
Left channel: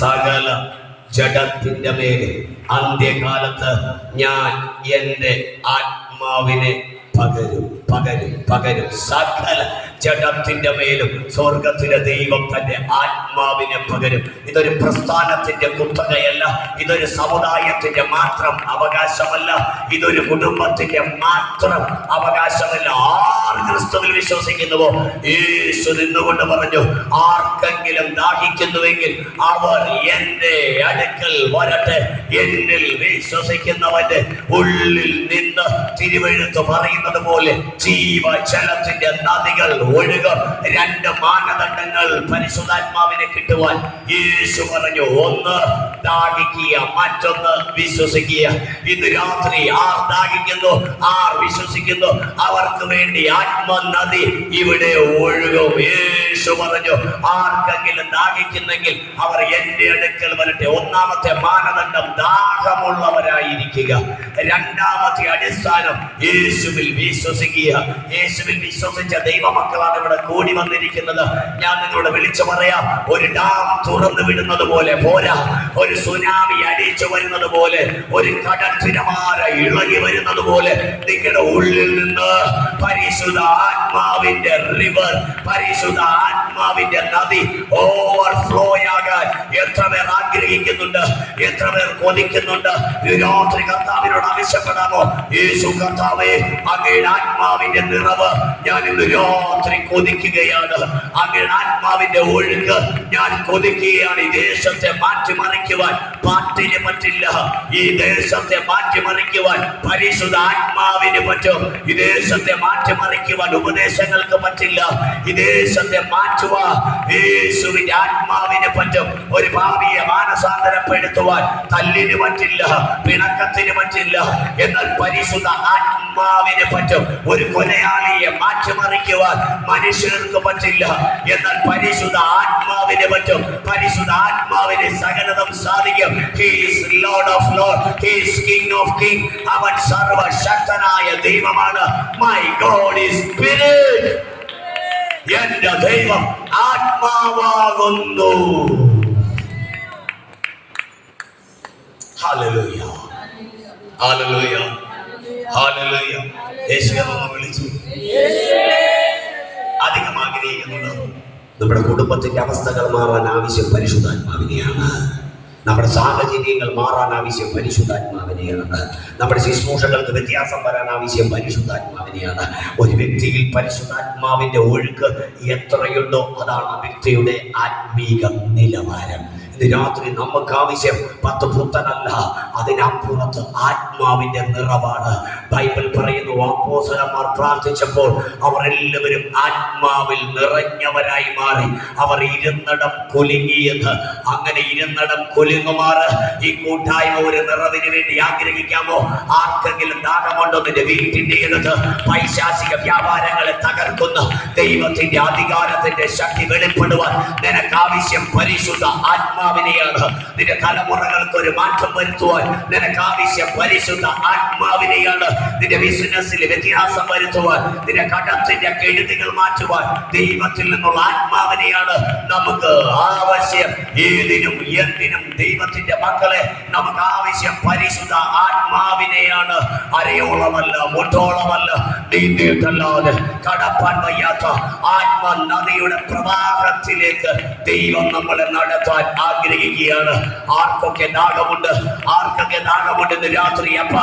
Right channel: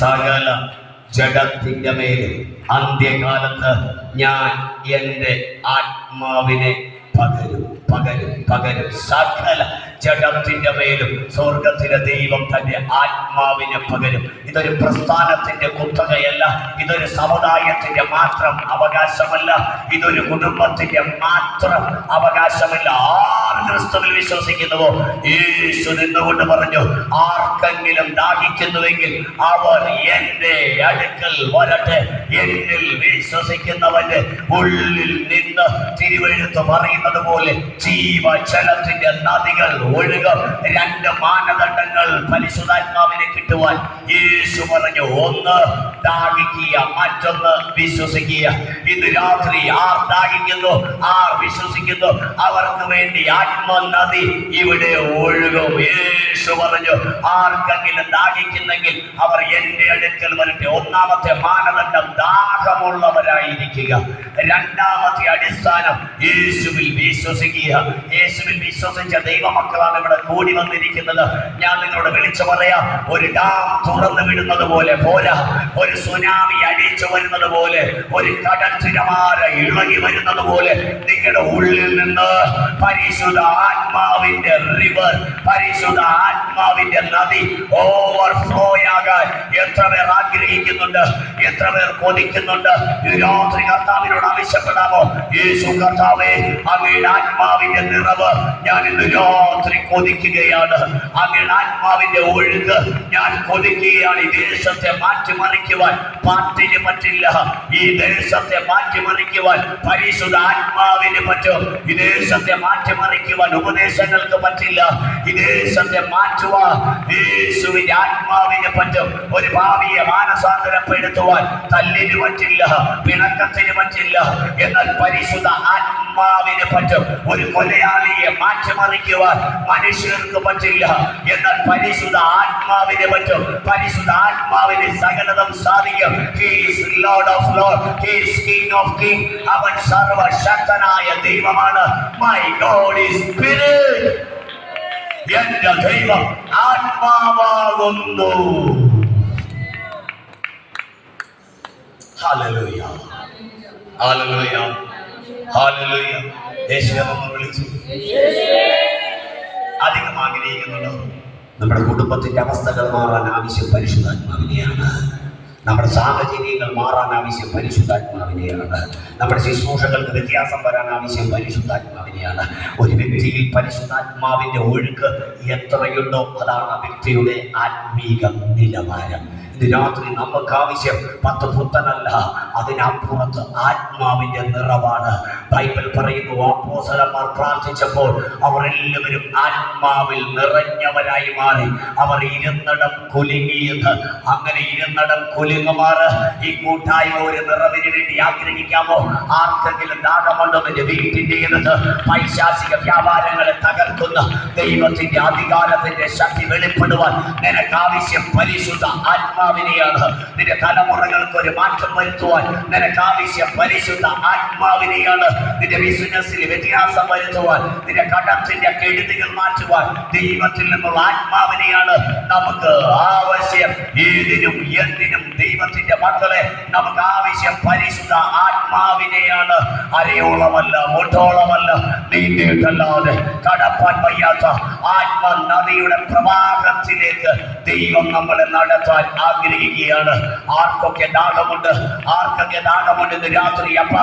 സകല ജഡത്തിന്റെ മേലും അന്ത്യകാലത്ത് ഞാൻ എൻ്റെ ആത്മാവിനെ പകരും. സകല ജഡത്തിന്റെ മേലും സ്വർഗത്തിലെ ദൈവം തന്റെ ആത്മാവിനെ പകരും. ഇതൊരു പ്രസ്ഥാനത്തിന്റെ കുത്തകയല്ല, ഇതൊരു സമുദായത്തിന്റെ മാത്രം അവകാശമല്ല, ഇതൊരു കുടുംബത്തിന്റെ മാത്രം അവകാശമല്ല. ആർ ക്രിസ്തുവിൽ വിശ്വസിക്കുന്നുവോ യേശു നിന്നുകൊണ്ട് പറഞ്ഞു, ആർക്കെങ്കിലും ദാഹിക്കുന്നുവെങ്കിൽ അവർ എൻ്റെ അടുക്കൽ വരട്ടെ. എന്നിൽ വിശ്വസിക്കുന്നവന്റെ ഉള്ളിൽ നിന്ന് തിരുവെഴുത്ത് പറയുന്നത് പോലെ ജീവജലത്തിന്റെ നദികൾ ഒഴുകും. രണ്ട് മാനദണ്ഡങ്ങൾ പരിശുദ്ധാത്മാവിനെ കിട്ടുവാൻ യേശു പറഞ്ഞു. ഒന്ന് ദാഹിക്കുക, മറ്റൊന്ന് വിശ്വസിക്കുക. ഇന്ന് രാത്രി ആർ ദാഹിക്കുന്നു, ആർ വിശ്വസിക്കുന്നു, അവർക്ക് വേണ്ടി ആത്മനദി ഇവിടെ ഒഴുകും. യേശു പറഞ്ഞു, ആർക്കെങ്കിലും ദാഹിക്കുന്നെങ്കിൽ അവർ എൻ്റെ അടുക്കൽ വരട്ടെ. ഒന്നാമത്തെ മാനദണ്ഡം ദാഹമുള്ളവരായിരിക്കുക. രണ്ടാമത്തെ അടിസ്ഥാനം യേശുവിൽ വിശ്വസിക്കുക. യേശുവിൽ വിശ്വസിച്ച ദൈവമക്കളാണ് ഇവിടെ കൂടി വന്നിരിക്കുന്നത്. ഞാൻ നിങ്ങളോട് വിളിച്ചു പറയാം, ഒരു ഡാം തുറന്നു വിടുന്നത് പോലെ പോരാ, ഒരു സുനാമി അടിച്ചു വരുന്നത് പോലെ, ഒരു കടൽ തിരമാല ഇളകി വരുന്നത് പോലെ നിങ്ങളുടെ ഉള്ളിൽ നിന്ന് പരിശുദ്ധ ആത്മാവിന്റെ റിവർ, പരിശുദ്ധ ആത്മാവിന്റെ നദി ഓവർഫ്ലോ ആകാൻ എത്ര പേർ ആഗ്രഹിക്കുന്നുണ്ട്, എത്ര പേർ കൊതിക്കുന്നുണ്ട്? രാത്രി കർത്താവിനോട് ആവശ്യപ്പെടാമോ? യേശു കർത്താവേ, അങ്ങയുടെ ആത്മാവിന്റെ നിറവ് ഞാൻ ഇന്ന് രാത്രി കൊതിക്കുകയാണ്. അങ്ങയുടെ ആത്മാവിന്റെ ഒഴുക്ക് ഞാൻ കൊതിക്കുകയാണ്. ഈ ദേശത്തെ മാറ്റിമറിക്കുവാൻ പാട്ടിന് പറ്റില്ല, ഈ ദേശത്തെ മാറ്റിമറിക്കുവാൻ പരിശുദ്ധ ആത്മാവിന് പറ്റും. ഈ ദേശത്തെ മാറ്റിമറിക്കുവാൻ ഉപദേശങ്ങൾക്ക് പറ്റില്ല, ഈ ദേശത്തെ മാറ്റുവാൻ യേശുവിന്റെ ആത്മാവിന് പറ്റും. ഒരു ഭാവിയെ മാനസാന്തരപ്പെടുത്തുവാൻ തല്ലിന് പറ്റില്ല, പിണക്കത്തിന് പറ്റില്ല, എന്നാൽ പരിശുദ്ധ ആത്മാവിന് പറ്റും. ഒരു കൊലയാളിയെ മാറ്റിമറിക്കുവാൻ മനുഷ്യർക്ക് പറ്റില്ല, എന്നാൽ പരിശുദ്ധ ആത്മാവിന് പറ്റും. പരിശുദ്ധ ആത്മാവിന് സകലതും സാധിക്കും. He is Lord of Lords, He is King of Kings. അവൻ സർവശക്തനായ ദൈവമാണ്. My God is Spirit. എന്റെ ദൈവം ആത്മാവാകുന്നു. Hallelujah, hallelujah, hallelujah. യേശുവേ നമ്മൾ വിളിച്ചു. അധികം ആഗ്രഹിക്കുന്നുണ്ടോ? നമ്മുടെ കുടുംബത്തിന്റെ അവസ്ഥകൾ മാറാൻ ആവശ്യം പരിശുദ്ധാത്മാവിനെയാണ്. നമ്മുടെ സാഹചര്യങ്ങൾ മാറാൻ ആവശ്യം പരിശുദ്ധാത്മാവിനെയാണ്. നമ്മുടെ ശുശ്രൂഷകൾക്ക് വ്യത്യാസം വരാൻ ആവശ്യം പരിശുദ്ധാത്മാവിനെയാണ്. ഒരു വ്യക്തിയിൽ പരിശുദ്ധാത്മാവിന്റെ ഒഴുക്ക് എത്രയുണ്ടോ അതാണ് ആ വ്യക്തിയുടെ ആത്മീക നിലവാരം. ഇന്ന് രാത്രി നമുക്ക് ആവശ്യം 10 പുത്തനല്ല, അതിനപ്പുറത്ത് ആത്മാവിന്റെ നിറവാണ്. ബൈബിൾ പറയുന്നു, അപ്പോസ്തലന്മാർ പ്രാർത്ഥിച്ചപ്പോൾ അവർ എല്ലാവരും ആത്മാവിൽ നിറഞ്ഞവരായി മാറി. അവർ ഇരുന്നിടം കുലുങ്ങിയത്. അങ്ങനെ ഇരുന്നിടം കുലുങ്ങുമാറ് ഈ കൂട്ടായ്മ ഒരു നിറവിന് വേണ്ടി ആഗ്രഹിക്കാമോ? ആർക്കെങ്കിലും ദാഹമുണ്ടോ? നിന്റെ വീട്ടിന്റെ ഇടത്ത് പൈശാചിക വ്യാപാരങ്ങളെ തകർക്കുന്ന ദൈവത്തിന്റെ അധികാരത്തിന്റെ ശക്തി വെളിപ്പെടുവാൻ നിനക്ക് ആവശ്യം പരിശുദ്ധ ആത്മാ ആത്മാവിനെയാണ്. നിന്റെ തലമുറകൾക്ക് ഒരു മാറ്റം വരുത്തുവാൻ നിനക്ക് ആവശ്യം പരിശുദ്ധ ആത്മാവിനെയാണ്. നിന്റെ ബിസിനസ്സിൽ വ്യത്യാസം വരുത്തുവാൻ, നിന്റെ കടത്തിന്റെ കെടുതികൾ മാറ്റുവാൻ ദൈവത്തിൽ നിന്നുള്ള ആത്മാവിനെയാണ് നമുക്ക് ആവശ്യം. ഏതിനും എന്തിനും ദൈവത്തിന്റെ മക്കളെ നമുക്ക് ആവശ്യം പരിശുദ്ധ ആത്മാവിനെയാണ്. അരയോളമല്ല, മുട്ടോളമല്ല, നീന്തിയിട്ടല്ലാതെ കടപ്പാൻ വയ്യാത്ത ആത്മനദിയുടെ പ്രവാഹത്തിലേക്ക് ദൈവം നമ്മളെ നടത്താൻ ആഗ്രഹിക്കുകയാണ്. ആർക്കൊക്കെ ദാഹമുണ്ട്, ആർക്കൊക്കെ ദാഹമുണ്ട് ഇന്ന് രാത്രി? അപ്പ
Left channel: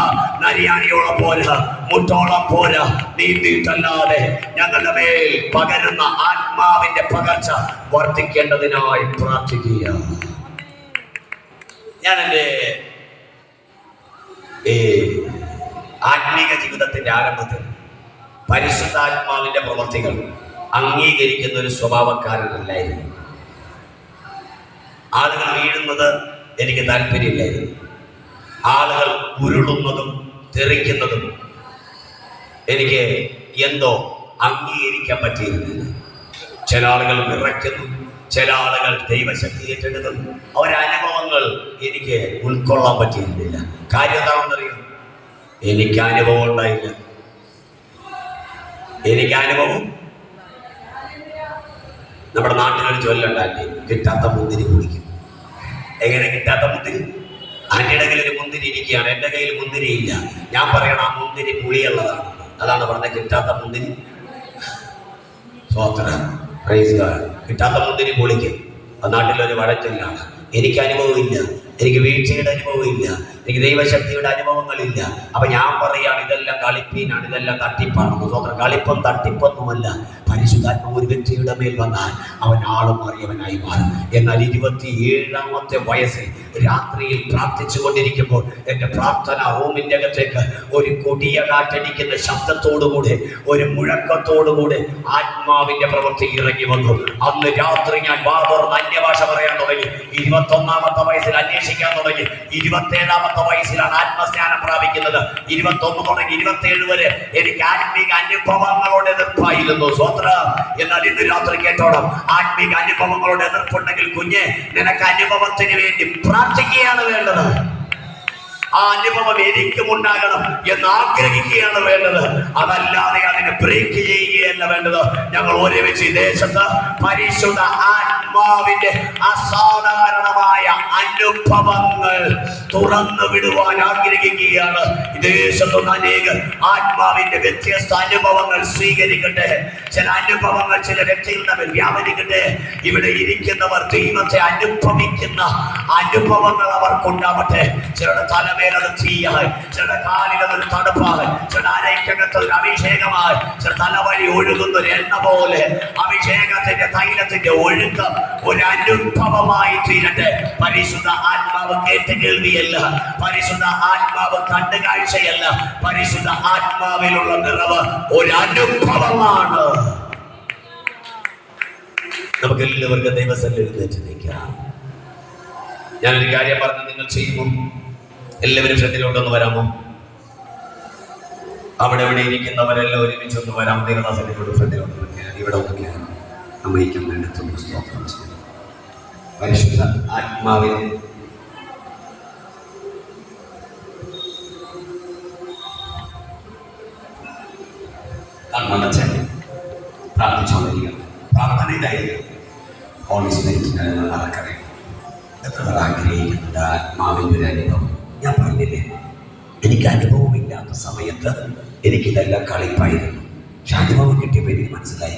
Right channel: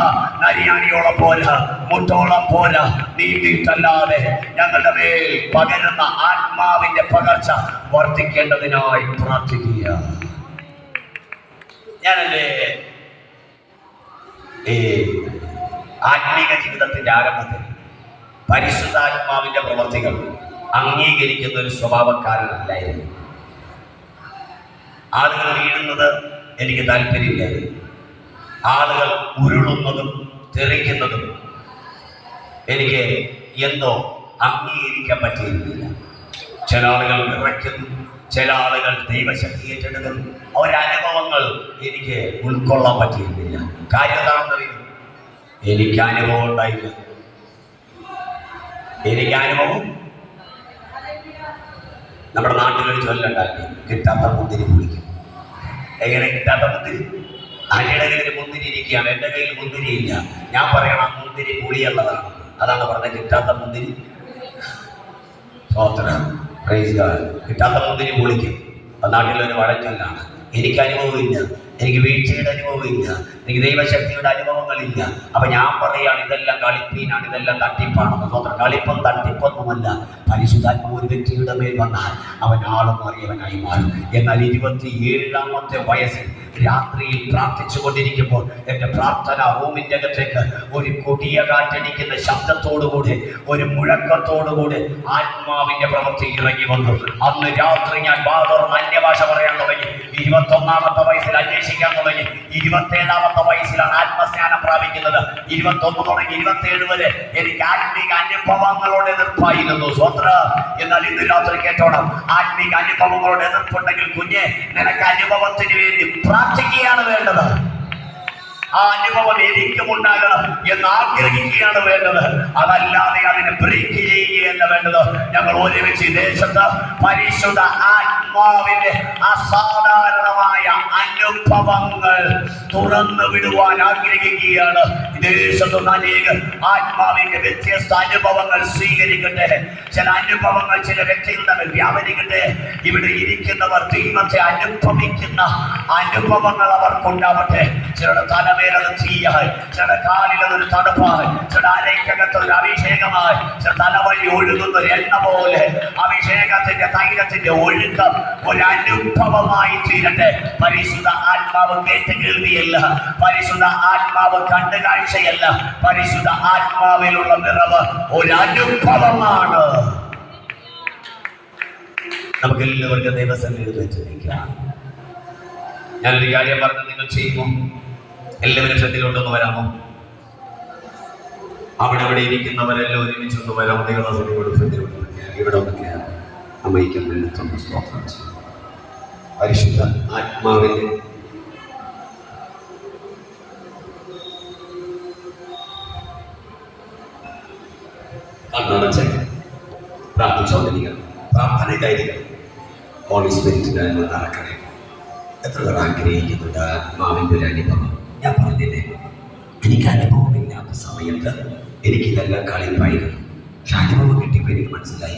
നരിയാണിയോളം പോരാ, മുട്ടോളം പോരാ, നീന്തിയിട്ടല്ലാതെ ഞങ്ങളുടെ മേൽ പകരുന്ന ആത്മാവിന്റെ പകർച്ച വർദ്ധിക്കേണ്ടതിനായി പ്രാർത്ഥിക്കുക. ഞാൻ എൻ്റെ ആത്മീക ജീവിതത്തിന്റെ ആരംഭത്തിൽ പരിശുദ്ധാത്മാവിന്റെ പ്രവർത്തികൾ അംഗീകരിക്കുന്ന ഒരു സ്വഭാവക്കാരനല്ലായിരുന്നു. ആളുകൾ വീഴുന്നത് എനിക്ക് താല്പര്യമില്ലായിരുന്നു. ആളുകൾ ഉരുളുന്നതും തെറിക്കുന്നതും എനിക്ക് എന്തോ അംഗീകരിക്കാൻ പറ്റിയിരുന്നില്ല. ചില ആളുകൾ വിറയ്ക്കുന്നു, ചില ആളുകൾ ദൈവശക്തി ഏറ്റെടുക്കുന്നു. അവരനുഭവങ്ങൾ എനിക്ക് ഉൾക്കൊള്ളാൻ പറ്റിയിരുന്നില്ല. കാര്യം എന്താണെന്നറിയും, എനിക്ക് അനുഭവം ഉണ്ടായില്ല. എനിക്ക് അനുഭവം, നമ്മുടെ നാട്ടിലൊരു ചൊല്ലുണ്ടാക്കി, കിട്ടാത്ത മുന്തിരി കുടിക്കും. എങ്ങനെ കിട്ടാത്ത മുന്തിരി? ആന്റിയുടെ കയ്യിൽ ഒരു മുന്തിരി ഇരിക്കുകയാണ്, എൻ്റെ കയ്യിൽ മുന്തിരി ഇല്ല. ഞാൻ പറയണം ആ മുന്തിരി പുളിയുള്ളതാണ്. അതാണ് പറഞ്ഞത്, കിട്ടാത്ത മുന്തിരി. കിട്ടാത്ത മുന്തിരി പൊളിക്കും. നാട്ടിലൊരു വഴച്ചൊല്ലാണ്. എനിക്ക് അനുഭവമില്ല, എനിക്ക് വീഴ്ചയുടെ അനുഭവമില്ല, എനിക്ക് ദൈവശക്തിയുടെ അനുഭവങ്ങളില്ല. അപ്പൊ ഞാൻ പറയാണ് ഇതെല്ലാം കളിപ്പീനാണ്, ഇതെല്ലാം തട്ടിപ്പാണെന്ന്. സ്വന്തം കളിപ്പം തട്ടിപ്പൊന്നുമല്ല. പരിശുദ്ധാത്മാവ് ഒരു വ്യക്തിയുടെ മേൽ വന്നാൽ അവൻ ആളും മാറിയവനായി മാറും. എന്നാൽ 27-ാമത്തെ വയസ്സിൽ രാത്രിയിൽ പ്രാർത്ഥിച്ചു കൊണ്ടിരിക്കുമ്പോൾ എൻ്റെ പ്രാർത്ഥന റൂമിൻ്റെ അകത്തേക്ക് ഒരു കൊടിയ കാറ്റടിക്കുന്ന ശബ്ദത്തോടുകൂടെ, ഒരു മുഴക്കത്തോടുകൂടെ ആത്മാവിന്റെ പ്രവൃത്തി ഇറങ്ങി വന്നു. അന്ന് രാത്രി ഞാൻ വാതുറന്ന് അന്യഭാഷ പറയാൻ തുടങ്ങി. 21-ാമത്തെ വയസ്സിൽ അന്വേഷിക്കാൻ തുടങ്ങി. 27-ാമത്തെ വയസ്സിലാണ് ആത്മസ്നാനം പ്രാപിക്കുന്നത്. 21 തുടങ്ങി 27 വരെ എനിക്ക് ആത്മീക അനുഭവങ്ങളോട് എതിർപ്പായിരുന്നു. സ്വന്തം. എന്നാൽ ഇന്ന് രാത്രി കേട്ടോണം, ആത്മീക അനുഭവങ്ങളോട് എതിർപ്പുണ്ടെങ്കിൽ കുഞ്ഞെ, നിനക്ക് അനുഭവത്തിന് വേണ്ടി പ്രാർത്ഥിക്കുകയാണ് വേണ്ടത്. ആ അനുഭവം എനിക്കും ഉണ്ടാകണം എന്ന് ആഗ്രഹിക്കുകയാണ് വേണ്ടത്. അതല്ലാതെ അതിനെ ബ്രേക്ക് ചെയ്യുകയല്ല വേണ്ടത്. ഞങ്ങൾ ഒരുമിച്ച് ഈ ദേശത്ത് പരിശുദ്ധ ആത്മാവിന്റെ അസാധാരണമായ അനുഭവങ്ങൾ തുറന്നു വിടുവാൻ ആഗ്രഹിക്കുകയാണ്. ഈ ദേശത്തുള്ള അനേകർ ആത്മാവിന്റെ വ്യത്യസ്ത അനുഭവങ്ങൾ സ്വീകരിക്കട്ടെ. ചില അനുഭവങ്ങൾ ചില വ്യക്തികൾ തമ്മിൽ വ്യാപരിക്കട്ടെ. ഇവിടെ ഇരിക്കുന്നവർ ദൈവത്തെ അനുഭവിക്കുന്ന അനുഭവങ്ങൾ അവർക്കുണ്ടാവട്ടെ. ചിലരുടെ തലമേലത് തീയാൽ, ചിലരുടെ കാലിലതൊരു തണുപ്പാൽ, ചിലരുടെ അരയ്ക്കകത്തൊരു അഭിഷേകമായി, ചില തലവഴി ഒഴുകുന്ന ഒരു എണ്ണ പോലെ അഭിഷേകത്തിന്റെ തൈലത്തിന്റെ ഒഴുക്കം ഒരു അനുഭവമായി തീരട്ടെ. പരിശുദ്ധ ആത്മാവ് കേട്ട് കേൾവിയല്ല, പരിശുദ്ധ ആത്മാവ് കണ്ടു കാഴ്ചയല്ല, പരിശുദ്ധ ആത്മാവിലുള്ള നിറവ് ഒരു അനുഭവമാണ്. നമുക്ക് എല്ലാവർക്കും ദൈവസന്നിധിയിൽ നിൽക്കാം. ഞാനൊരു കാര്യം പറഞ്ഞ് നിങ്ങൾ ചെയ്യുമോ? എല്ലാവരും ശ്രദ്ധയിലോട്ടൊന്ന് വരാമോ? അവിടെ ഇവിടെ ഇരിക്കുന്നവരെല്ലാം ഒരുമിച്ച് ഒന്ന് വരാം. ദൈവദാസനോട് ശ്രദ്ധയിലോട്ട് ഇവിടെ ഒന്ന് കയറാം. അമ്മയ്ക്കും വേണ്ടത്തൊന്ന് സ്തോത്രം ചെയ്യും. പരിശുദ്ധ ആത്മാവിനെ കണ്ണടച്ച് പ്രാർത്ഥിച്ചുകൊണ്ടിരിക്കണം. പ്രാർത്ഥനയിലായിരിക്കണം. ഹോളി സ്പിരിറ്റിനെ നടക്കണേ. എത്ര ആഗ്രഹിക്കുന്നുണ്ട് ആത്മാവിൻ്റെ ഒരു അനുഭവം. ഞാൻ പറഞ്ഞില്ലേ, എനിക്ക് അനുഭവമില്ലാത്ത സമയത്ത് എനിക്കിതെല്ലാം കളിപ്പായിരുന്നു. പക്ഷെ അനുഭവം കിട്ടിയപ്പോൾ എനിക്ക് മനസ്സിലായി,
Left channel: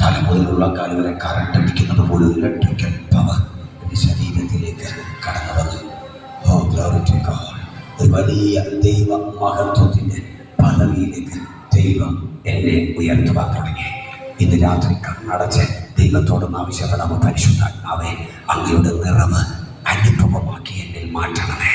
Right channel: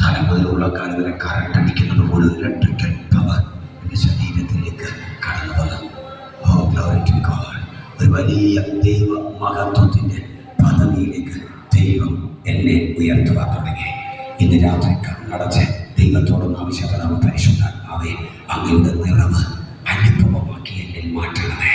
തല മുതലുള്ള കാലം വരെ കറണ്ട് അടിക്കുന്നത് പോലെ ഇലക്ട്രിക്കൽ പവർ എൻ്റെ ശരീരത്തിലേക്ക് കടന്നു വന്നു. Oh glory to God. ഒരു വലിയ ദൈവ മഹത്വത്തിൻ്റെ പദവിയിലേക്ക് ദൈവം എന്നെ ഉയർത്തുവാൻ തുടങ്ങി. ഇന്ന് രാത്രി കണ്ണടച്ച് ദൈവത്തോടൊന്ന് ആവശ്യപ്പെടാമോ? പരിശുദ്ധാത്മാവേ, അങ്ങയുടെ നിറവ് അനുഭവമാക്കി എന്നിൽ മാറ്റണമേ.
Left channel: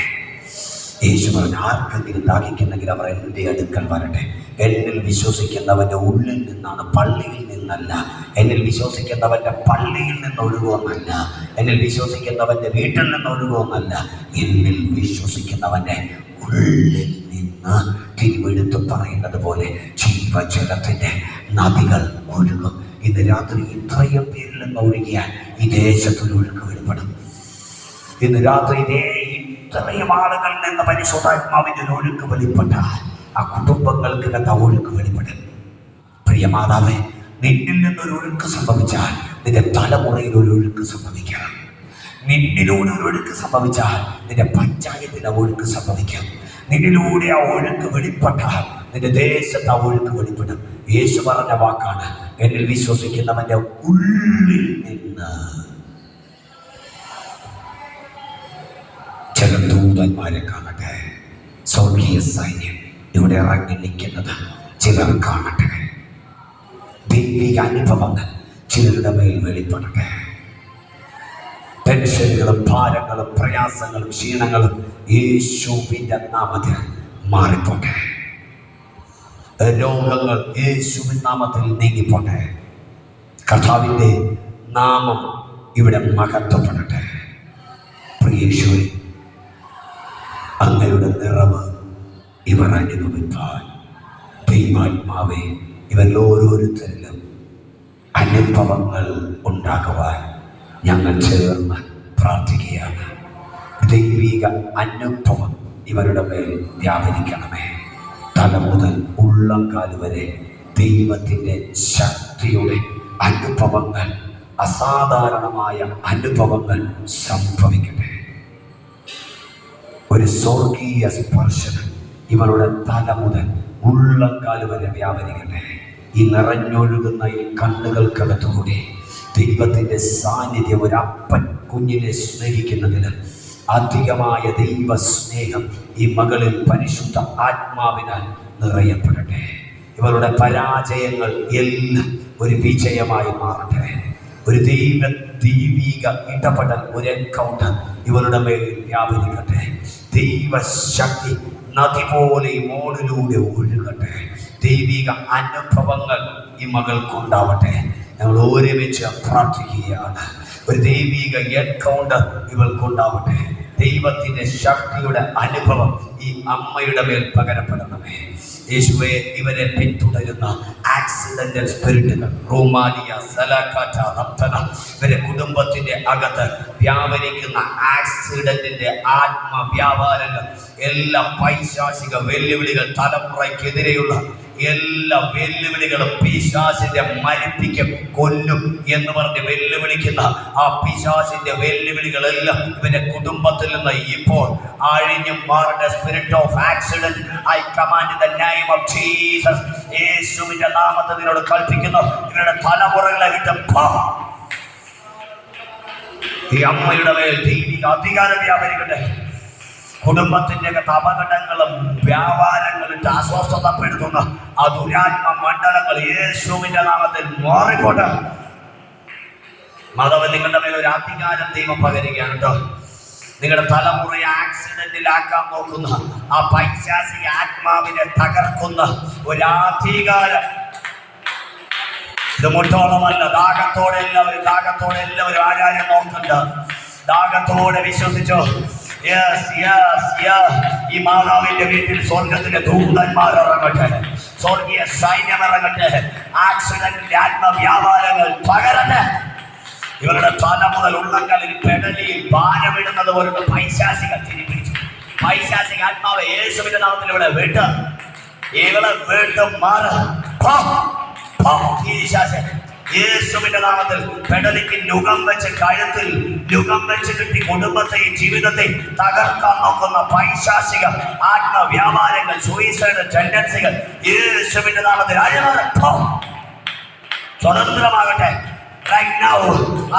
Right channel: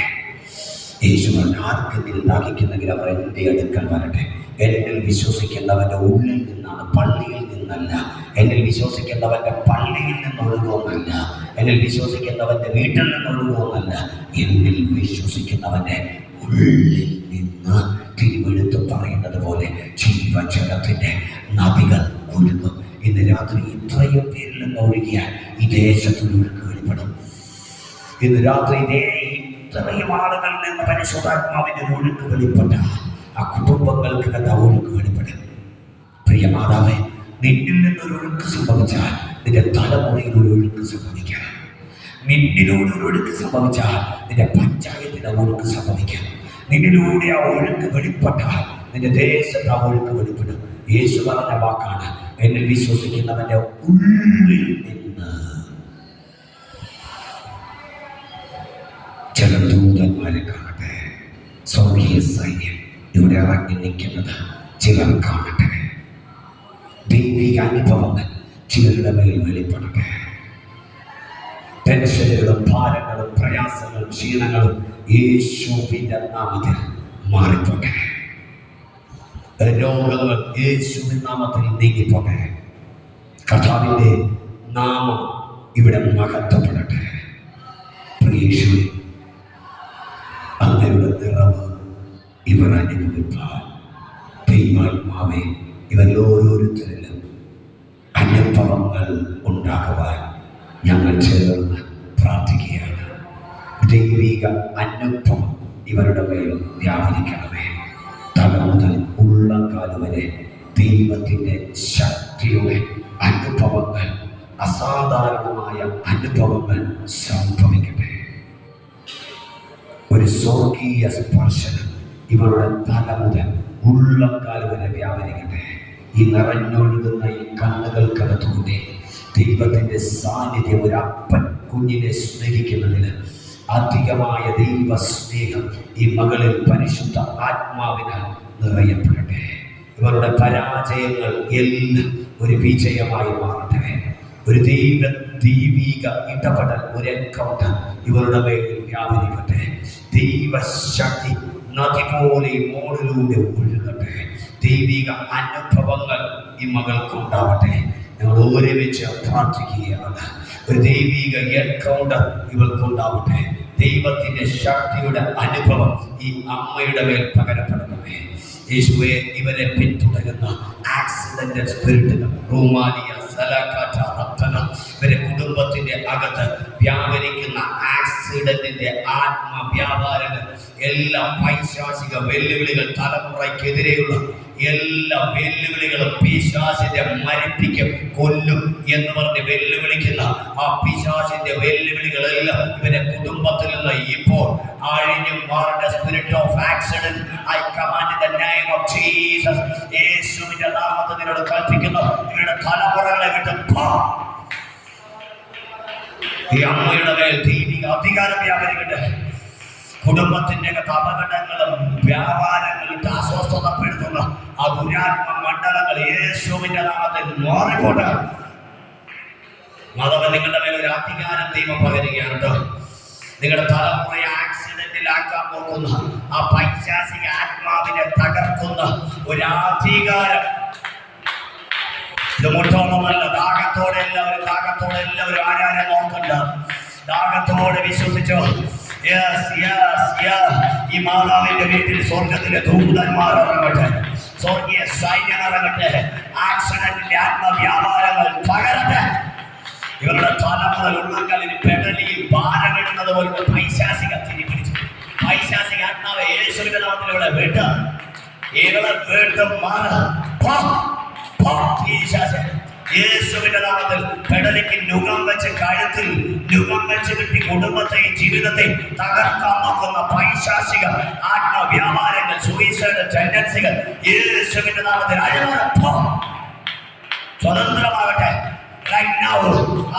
യേശുവിന് ആർക്കെങ്കിലും ദാഹിക്കുന്നെങ്കിൽ അവർ എൻ്റെ അടുക്കൽ വരട്ടെ. എന്നിൽ വിശ്വസിക്കുന്നവൻ്റെ ഉള്ളിൽ നിന്നാണ്, പള്ളിയിൽ നിന്നല്ല. എന്നിൽ വിശ്വസിക്കുന്നവൻ്റെ പള്ളിയിൽ നിന്ന് ഒഴുകുമെന്നല്ല, എന്നിൽ വിശ്വസിക്കുന്നവൻ്റെ വീട്ടിൽ നിന്ന് ഒഴുകുമെന്നല്ല, എന്നിൽ വിശ്വസിക്കുന്നവൻ്റെ ഉള്ളിൽ നിന്ന് തിരുവെടുത്ത് പറയുന്നത് പോലെ ജീവജലത്തിൻ്റെ നദികൾ ഒഴുകും. ഇന്ന് രാത്രി ഇത്രയും പേരിൽ നിന്ന് ഒഴുകിയാൽ ഈ ദേശത്തൊരു ഒഴുക്ക് വെളിപ്പെടും. ഇന്ന് രാത്രി ഇത്രയും ആളുകളിൽ നിന്ന് പരിശുദ്ധാത്മാവിന്റെ ഒരു ഒഴുക്ക് വെളിപ്പെട്ടാൽ ആ കുടുംബങ്ങൾക്ക് കണ്ട ഒഴുക്ക് വെളിപ്പെടും. പ്രിയ മാതാവേ, നിന്നിൽ നിന്നൊരു ഒഴുക്ക് സംഭവിച്ചാൽ നിന്റെ തലമുറയിൽ ഒരു ഒഴുക്ക് സംഭവിക്കാം. നിന്നിലൂടെ ഒരു ഒഴുക്ക് സംഭവിച്ചാൽ നിന്റെ പഞ്ചായത്തിന്റെ ഒഴുക്ക് സംഭവിക്കാം. നിന്നിലൂടെ ആ ഒഴുക്ക് വെളിപ്പെട്ടാൽ നിന്റെ ദേശത്ത് ആ ഒഴുക്ക് വെളിപ്പെടും. യേശു പറഞ്ഞ വാക്കാണ്, എന്നിൽ വിശ്വസിക്കുന്നവന്റെ ഉള്ളിൽ നിന്ന് ചില ദൂതന്മാരെ കാണട്ടെ. സ്വർഗീയ സൈന്യം ഇവിടെ ഇറങ്ങി നിൽക്കുന്നത് ചിലർ കാണട്ടെ. ദൈവിക അനുഭവങ്ങൾ ചിലരുടെ മേൽ വെളിപ്പെടട്ടെ. ടെൻഷനുകളും ഭാരങ്ങളും പ്രയാസങ്ങളും ക്ഷീണങ്ങളും യേശുവിന്റെ നാമത്തിൽ മാറിപ്പോട്ടെ. രോഗങ്ങൾ യേശുവിൻ നാമത്തിൽ നീങ്ങിപ്പോട്ടെ. കർത്താവിന്റെ നാമം ഇവിടെ മഹത്വപ്പെടട്ടെ. പ്രിയേശു, അങ്ങയുടെ നിറവ് ഇവർ അനുഭവിപ്പാൻ ദൈവാത്മാവേ ഇവർ ഓരോരുത്തരിലും അനുഭവങ്ങൾ ഉണ്ടാക്കുവാൻ ഞങ്ങൾ ചേർന്ന് പ്രാർത്ഥിക്കുകയാണ്. ദൈവിക അനുഭവം ഇവരുടെ മേൽ വ്യാപരിക്കണമേ. തല മുതൽ ഉള്ളംകാൽ വരെ ദൈവത്തിൻ്റെ ശക്തിയുടെ അനുഭവങ്ങൾ, അസാധാരണമായ അനുഭവങ്ങൾ സംഭവിക്കട്ടെ. ഒരു സ്വർഗീയ സ്പർശനം ഇവരുടെ തല മുതൽ ഉള്ളംകാൽ വരെ വ്യാപരിക്കട്ടെ. ഈ നിറഞ്ഞൊഴുകുന്ന ഈ കണ്ണുകൾക്കകത്തുകൂടി ദൈവത്തിൻ്റെ സാന്നിധ്യം, ഒരു അപ്പൻ കുഞ്ഞിനെ സ്നേഹിക്കുന്നതിന് അധികമായ ദൈവ സ്നേഹം ഈ മകളിൽ പരിശുദ്ധ ആത്മാവിനാൽ നിറയപ്പെടട്ടെ. ഇവരുടെ പരാജയങ്ങൾ എല്ലാം ഒരു വിജയമായി മാറട്ടെ. ഒരു ദൈവിക ഇടപെടൽ, ഒരു എൻകൗണ്ടർ ഇവരുടെ മേൽ വ്യാപരിക്കട്ടെ. ദൈവശക്തി നദി പോലെ മോളിലൂടെ ഒഴുകട്ടെ. ദൈവിക അനുഭവങ്ങൾ ഈ മകൾക്കുണ്ടാവട്ടെ. ഞങ്ങൾ ഒരുമിച്ച് പ്രാർത്ഥിക്കുകയാണ്. ഒരു ദൈവിക എൻകൗണ്ടർ ഇവൾക്കുണ്ടാവട്ടെ. ദൈവത്തിൻ്റെ ശക്തിയുടെ അനുഭവം ഈ അമ്മയുടെ മേൽ പകരപ്പെടണമേ. യേശുവേ, ഇവരെ പിന്തുടരുന്ന ആക്സിഡന്റൽ സ്പിരിറ്റുകൾ, റോമാനിയ സലാക്കാറ്റ റത്തന, ഇവരെ കുടുംബത്തിന്റെ അകത്ത് വ്യാപരിക്കുന്ന ആക്സിഡന്റിന്റെ ആത്മവ്യാപാരങ്ങൾ, എല്ലാ പൈശാചിക വെല്ലുവിളികൾ, തലമുറയ്ക്കെതിരെയുള്ള എല്ലാ വെല്ലുവിളികളും പിശാചിന്റെ മരിപ്പിക്കും, കൊല്ലും എന്ന് പറഞ്ഞ് വെല്ലുവിളിക്കുന്ന ആ പിശാചിന്റെ വെല്ലുവിളികളെല്ലാം ഇവരുടെ കുടുംബത്തിൽ നിന്ന് ഇപ്പോൾ അഴിഞ്ഞു മാറുന്ന spirit of accident I command in the name of Jesus. യേശുവിന്റെ നാമത്തിൽ നിന്നോട് കൽപ്പിക്കുന്നു, ഇവരുടെ തലമുറകളെ വിട്ട് ഈ അമ്മയുടെ മേൽ ദൈവിക അധികാരം വ്യാപരിക്കട്ടെ. കുടുംബത്തിന്റെ അപകടങ്ങളും വ്യാപാരങ്ങളിട്ട് അസ്വസ്ഥതപ്പെടുത്തുന്ന ആ ദുരാത്മ മണ്ഡലങ്ങൾ യേശുവിന്റെ നാമത്തിൽ മാറിക്കോട്ടെ. മാധവൻ, നിങ്ങളുടെ മേൽ ഒരു അധികാരം ദൈവം പകരുകയാണ് കേട്ടോ. നിങ്ങളുടെ തലമുറയെ ആക്സിഡന്റിലാക്കാൻ നോക്കുന്ന ആ പൈശാചിക ആത്മാവിനെ തകർക്കുന്ന ഒരു അധികാരം ഇത് മുട്ടോളമല്ല. ദാഹത്തോടെ എല്ലാവരും ആരാധന നോക്കണ്ട. ദാഹത്തോടെ വിശ്വസിച്ചോ. ഈ മാതാവിന്റെ വീട്ടിൽ സ്വർഗത്തിന്റെ ദൂതന്മാർ ഇറങ്ങട്ടെ, സ്വർഗീയ സൈന്യം ഇറങ്ങട്ടെ. ആക്സിഡന്റിന്റെ ആത്മവ്യാപാരങ്ങൾ പകരട്ടെ. ഇവരുടെ തല മുതൽ ഉള്ളങ്ങളിൽ പെടലി ഭാരമിടുന്നത് പോലുള്ള പൈശാചിക തിരിപ്പിച്ചു. പൈശാചിക ആത്മാവ് യേശുവിന്റെ നാമത്തിൽ ഇവിടെ വിട്ട് ഇവളെ വീട്ട് മാറ. യേശുവിന്റെ നാമത്തിൽ പെടലിക്ക് നുകം വെച്ച് കഴുത്തിൽ നുകം വെച്ച് കിട്ടി കുടുംബത്തെയും ജീവിതത്തെയും തകർക്കാൻ നോക്കുന്ന പൈശാചിക ആത്മവ്യാപാരങ്ങൾ, സൂയിസൈഡ് ടെൻഡൻസികൾ യേശുവിന്റെ നാമത്തിൽ സ്വതന്ത്രമാകട്ടെ.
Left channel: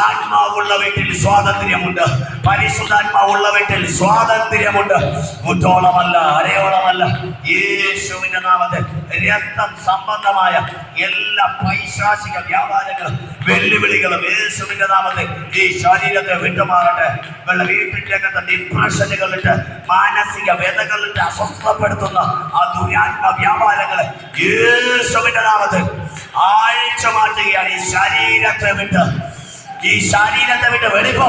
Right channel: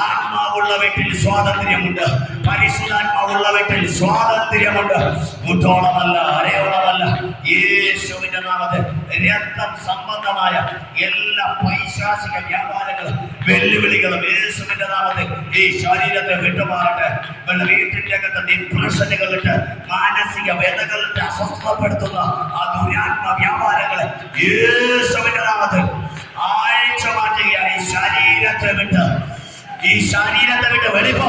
ആത്മാവുള്ള വീട്ടിൽ സ്വാതന്ത്ര്യമുണ്ട്. പരിശുദ്ധാത്മാവുള്ള വീട്ടിൽ സ്വാതന്ത്ര്യമുണ്ട്. മുട്ടോളമല്ല, അരയോളമല്ല. യേശുവിന്റെ നാമത്തിൽ രക്തം സംബന്ധമായ എല്ലാ പൈശാചിക വ്യാപാരങ്ങളും വെല്ലുവിളികളും യേശുവിന്റെ നാമത്തിൽ ഈ ശരീരത്തെ വിട്ടുമാറട്ടെ. വീട്ടിന്റെ അകത്ത് ഡിപ്രഷനുകളിട്ട്, മാനസിക വേദനകളിട്ട് അസ്വസ്ഥപ്പെടുത്തുന്ന ആ ദുരാത്മ വ്യാപാരങ്ങളെ യേശുവിന്റെ നാമത്തിൽ ആഴ്ച മാറ്റുകയാണ്. ഈ ശരീരത്തെ വിട്ട് വെളിപ്പോ.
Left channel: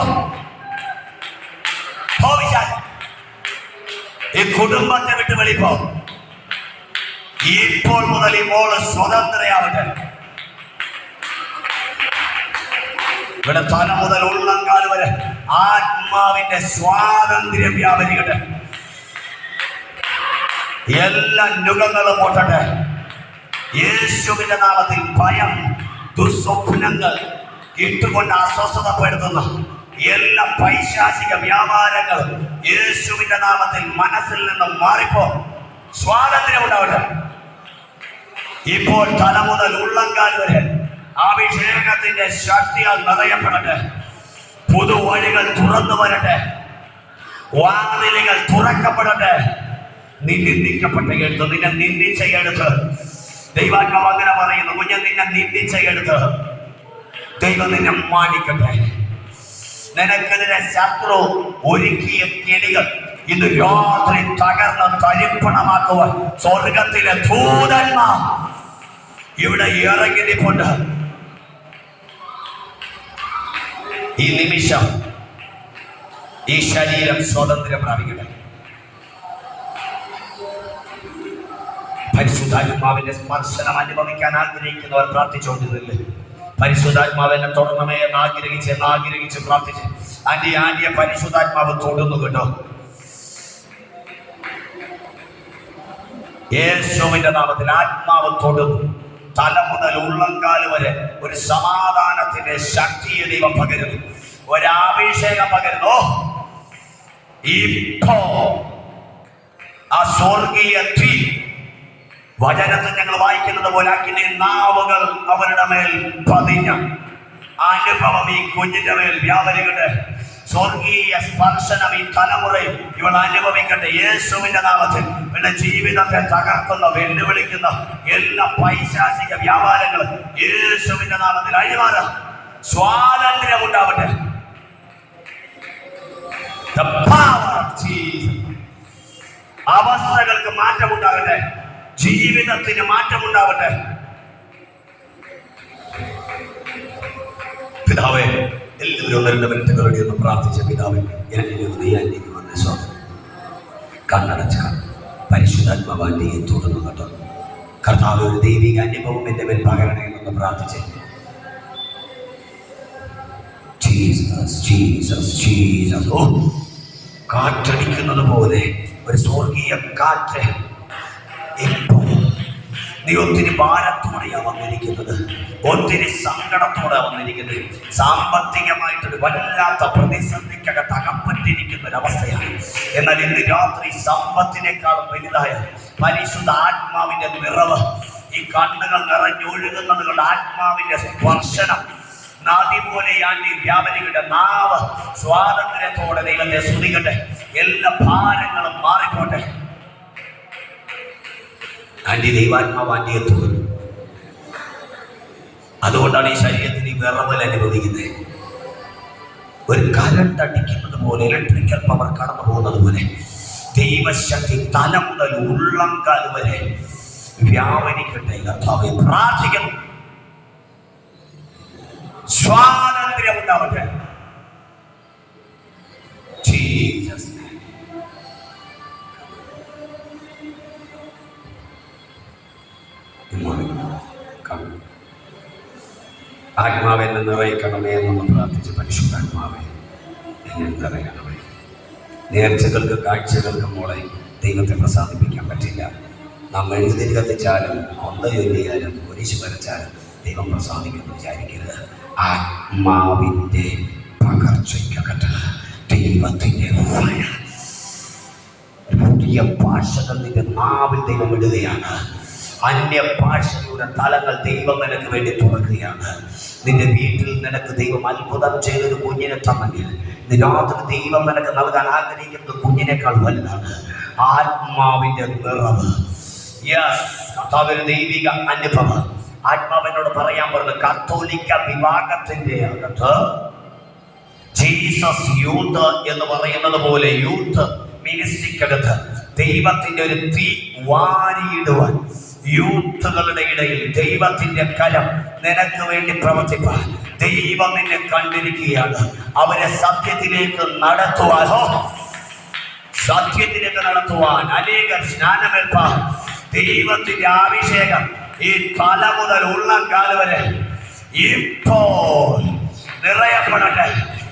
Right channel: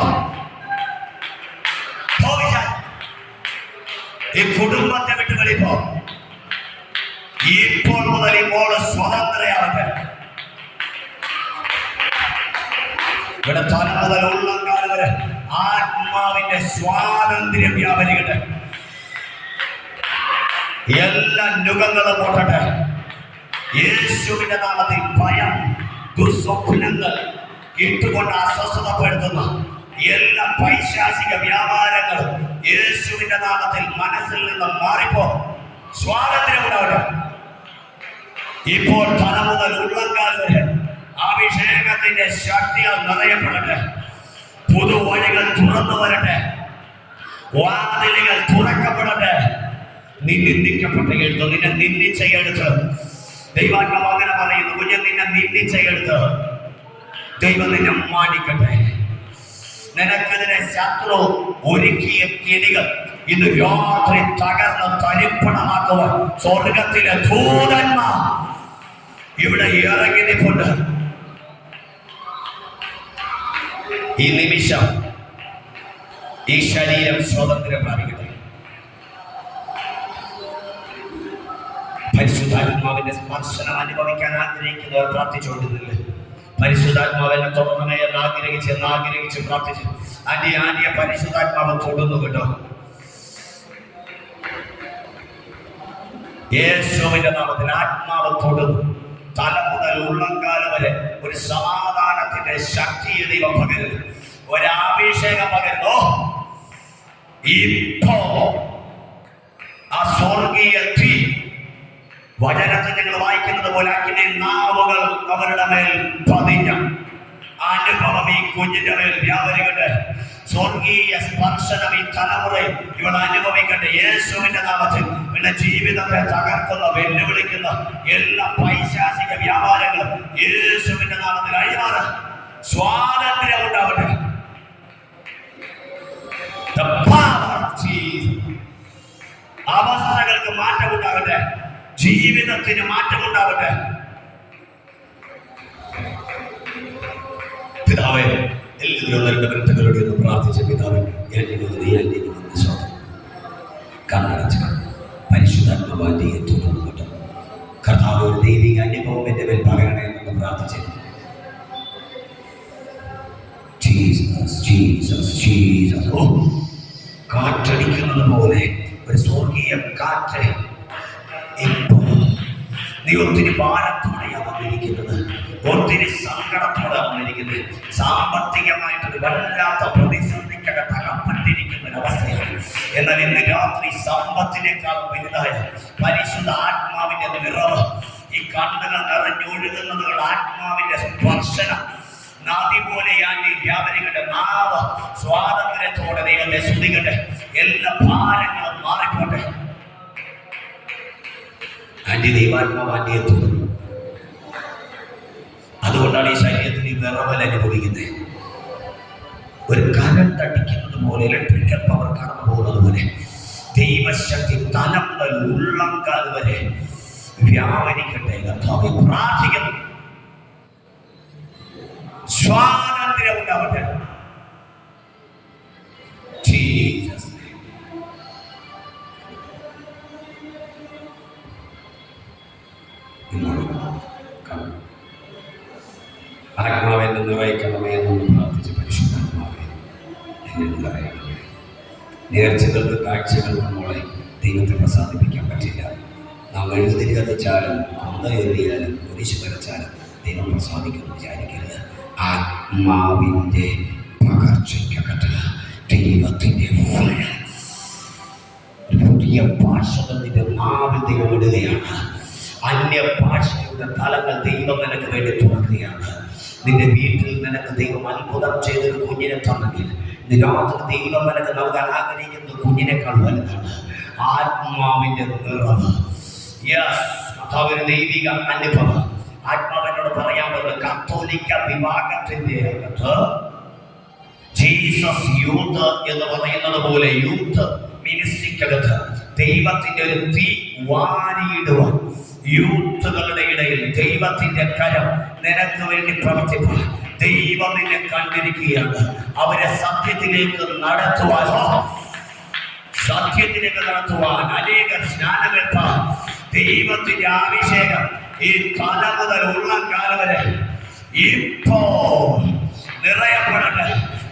ഈ കുടുംബത്തെ വിട്ട് വെളിപ്പോ. ഇപ്പോൾ മുതൽ ഈ മോള് സ്വതന്ത്രയാവട്ടെ. ഇവിടെ തല മുതൽ ഉള്ളങ്കാൽ വരെ ആത്മാവിന്റെ സ്വാതന്ത്ര്യം വ്യാപരിക്കട്ടെ. എല്ലാ നുഖങ്ങളും പൊട്ടട്ടെ യേശുവിന്റെ നാമത്തിൽ. ഭയം, ദുസ്വപ്നങ്ങൾ ഇട്ടുകൊണ്ട് അസ്വസ്ഥതപ്പെടുത്തുന്ന എല്ലാ പൈശാചിക വ്യാപാരങ്ങളും യേശുവിന്റെ നാമത്തിൽ മനസ്സിൽ നിന്ന് മാറിപ്പോ സ്വാതന്ത്ര്യം ഉണ്ടാവട്ടെ. ഇപ്പോൾ തല മുതൽ ഉള്ളങ്കാൽ വരെ അഭിഷേകത്തിന്റെ ശക്തിയാൽ നിറയപ്പെടട്ടെ. പുതുവഴികൾ തുറന്നു വരട്ടെ. വാതിലുകൾ തുറക്കപ്പെടട്ടെ. നീ നിന്ദിക്കപ്പെട്ട എടുത്ത്, നിന്നെ നിന്ദിച്ച എടുത്ത്. ദൈവാത്മാവ് അങ്ങനെ പറയുന്നു, കുഞ്ഞെ നിന്നെ നിന്ദിച്ച എടുത്ത് ദൈവം നിന്നെ മാനിക്കട്ടെ. നിനക്കെതിരെ ശത്രു ഒരുക്കിയ കെണികൾ ഇന്ന് രാത്രി തകർന്ന് തരിപ്പണമാക്കുവാൻ സ്വർഗത്തിലെ ദൂതന്മാർ ഇവിടെ ഇറങ്ങിയിട്ടുണ്ട്. ഈ നിമിഷം ഈ ശരീരം സ്വാതന്ത്ര്യം പ്രാപിക്കട്ടെ. പരിശുദ്ധാത്മാവിന്റെ സ്പർശനം അനുഭവിക്കാൻ ആഗ്രഹിക്കുന്നവർ പ്രാർത്ഥിച്ചുകൊണ്ടിരുന്നില്ലേ? പരിശുദ്ധാത്മാവിനെ തുടരണമേ എന്ന് ആഗ്രഹിച്ച് പ്രാർത്ഥിച്ച് ആന്റിയെ പരിശുദ്ധാത്മാവ് തൊടുന്നു കേട്ടോ. യേശുവിന്റെ നാമത്തിൽ ആത്മാവ് തൊടുന്നു. തല മുതൽ ഉള്ളങ്കാല് വരെ ഒരു സമാധാനത്തിന്റെ ശക്തിയെ ദൈവം പകരുന്നു, ഒരഭിഷേകം പകരുന്നു. ഇപ്പോ ആ സ്വർഗീയ തീ വചനത്തിൽ ഞങ്ങൾ വായിക്കുന്നത് പോലെ അഗ്നി നാവുകൾ അവരുടെ മേൽ പതിഞ്ഞ അനുഭവം ഈ കുഞ്ഞിന്റെ മേൽ വ്യാപരിക്കട്ടെ. സ്വർഗീയ സ്പർശനം ഈ തലമുറയിൽ ഇവൾ അനുഭവിക്കട്ടെ യേശുവിന്റെ നാമത്തിൽ. പിന്നെ ജീവിതത്തെ തകർക്കുന്ന വെല്ലുവിളിക്കുന്ന എല്ലാ പൈശാചിക വ്യാപാരങ്ങളും യേശുവിന്റെ നാമത്തിൽ അഴിമാറാൻ സ്വാതന്ത്ര്യം ഉണ്ടാവട്ടെ. അവസ്ഥകൾക്ക് മാറ്റമുണ്ടാകട്ടെ, ജീവിതത്തിന് മാറ്റമുണ്ടാവട്ടെ. പിതാവേ, എല്ലാവരും 1-2 മിനിറ്റുകളുടെ ഒന്ന് പ്രാർത്ഥിച്ച പിതാവേ, കണ്ണടച്ച പരിശുദ്ധാത്മാവാന്റെ തുടർന്നു കേട്ടോ. കർത്താവ് ഒരു ദൈവിക അനുഭവം എന്റെ മേൽ പകരണമെന്ന് പ്രാർത്ഥിച്ചു. Jesus Jesus Jesus. ഓ, കാറ്റടിക്കുന്നത് പോലെ ഒരു സ്വർഗീയ കാറ്റ്. നീ ഒത്തിരി ഭാരത്തോടെയാ വന്നിരിക്കുന്നത്, ഒത്തിരി സങ്കടത്തോടെ വന്നിരിക്കുന്നത്. സാമ്പത്തികമായിട്ടൊരു വല്ലാത്ത പ്രതിസന്ധിക്കകത്ത് അകപ്പെട്ടിരിക്കുന്ന ഒരവസ്ഥയാണ്. എന്നാൽ ഇന്ന് രാത്രി സമ്പത്തിനേക്കാളും വലുതായ പരിശുദ്ധ ആത്മാവിന്റെ നിറവ്, ഈ കണ്ണുകൾ നിറഞ്ഞൊഴുകുന്നത് കൊണ്ട് ആത്മാവിന്റെ സ്പർശനം നദി പോലെയാണ് ഈ വ്യാപരികളുടെ നാവ് സ്വാതന്ത്ര്യത്തോടെ ദൈവത്തെ സ്തുതിക്കട്ടെ. എല്ലാ ഭാരങ്ങളും മാറിപ്പോട്ടെ. ആന്റി ദൈവാത്മാവ് ആന്റിയെ തുടങ്ങും. അതുകൊണ്ടാണ് ഈ ശരീരത്തിന് ഈ വിറവൽ അനുഭവിക്കുന്നത്. ഒരു കരണ്ട് അടിക്കുന്നത് പോലെ, ഇലക്ട്രിക്കൽ പവർ കടന്നു പോകുന്നത് പോലെ ദൈവശക്തി തല മുതൽ ഉള്ളങ്കാൽ വരെ വ്യാപരിക്കട്ടെ. കർത്താവേ, പ്രാർത്ഥിക്കുന്നു, സ്വാതന്ത്ര്യം ഉണ്ടാവട്ടെ. ജീസസ് ആത്മാവെ എന്നെ നിറയിക്കണമേ എന്നൊന്ന് പ്രാർത്ഥിച്ച് പരിശുദ്ധാത്മാവെ എന്നെ നിറയണമേ. നേർച്ചകൾക്ക് കാഴ്ചകൾക്ക് മോളെ ദൈവത്തെ പ്രസാദിപ്പിക്കാൻ പറ്റില്ല. നാം എഴുതി കത്തിച്ചാലും കൊന്ത എഴുതിയാലും കുരിശ് വരച്ചാലും ദൈവം പ്രസാദിക്കുന്നു വിചാരിക്കരുത്. ആത്മാവിൻ്റെ പകർച്ചയ്ക്കകത്ത് ദൈവത്തിൻ്റെ പുതിയ ഭാഷകൾ നിന്റെ നാവിൽ ദൈവം ഇടുകയാണ്. അന്യഭാഷയുടെ തലങ്ങൾ ദൈവം നിനക്ക് വേണ്ടി തുറക്കുകയാണ്. നിന്റെ വീട്ടിൽ നിനക്ക് ദൈവം അത്ഭുതം ചെയ്തൊരു കുഞ്ഞിനെ തന്നെങ്കിൽ രാത്രി ദൈവം നിനക്ക് നൽകാൻ ആഗ്രഹിക്കുന്നത് കുഞ്ഞിനേക്കാൾ വലുതാണ്. ആത്മാവിന്റെ നിറവ്. യെസ്, കർത്താവിന്റെ ദൈവിക അനുഭവം. ആത്മാവിനോട് പറയാൻ പറഞ്ഞത് കത്തോലിക്ക വിഭാഗത്തിന്റെ അകത്ത് ജീസസ് യൂത്ത് എന്ന് പറയുന്നത് പോലെ യൂത്ത് മിനിസ്ട്രിക്കകത്ത് ദൈവത്തിന്റെ ഒരു തീ വാരിയിടുവാൻ യൂത്തുകളുടെ ഇടയിൽ ദൈവത്തിന്റെ കരം നിനക്ക് വേണ്ടി പ്രവർത്തിപ്പാൻ ദൈവം നിന്നെ കണ്ടിരിക്കുകയാണ്. അവരെ സത്യത്തിലേക്ക് നടത്തുവാൻ അനേകം സ്നാനമേൽപ്പാൻ ദൈവത്തിന്റെ അഭിഷേകം ഈ തല മുതൽ ഉള്ളങ്കാൽ വരെ ഇപ്പോൾ നിറയപ്പെടട്ടെ.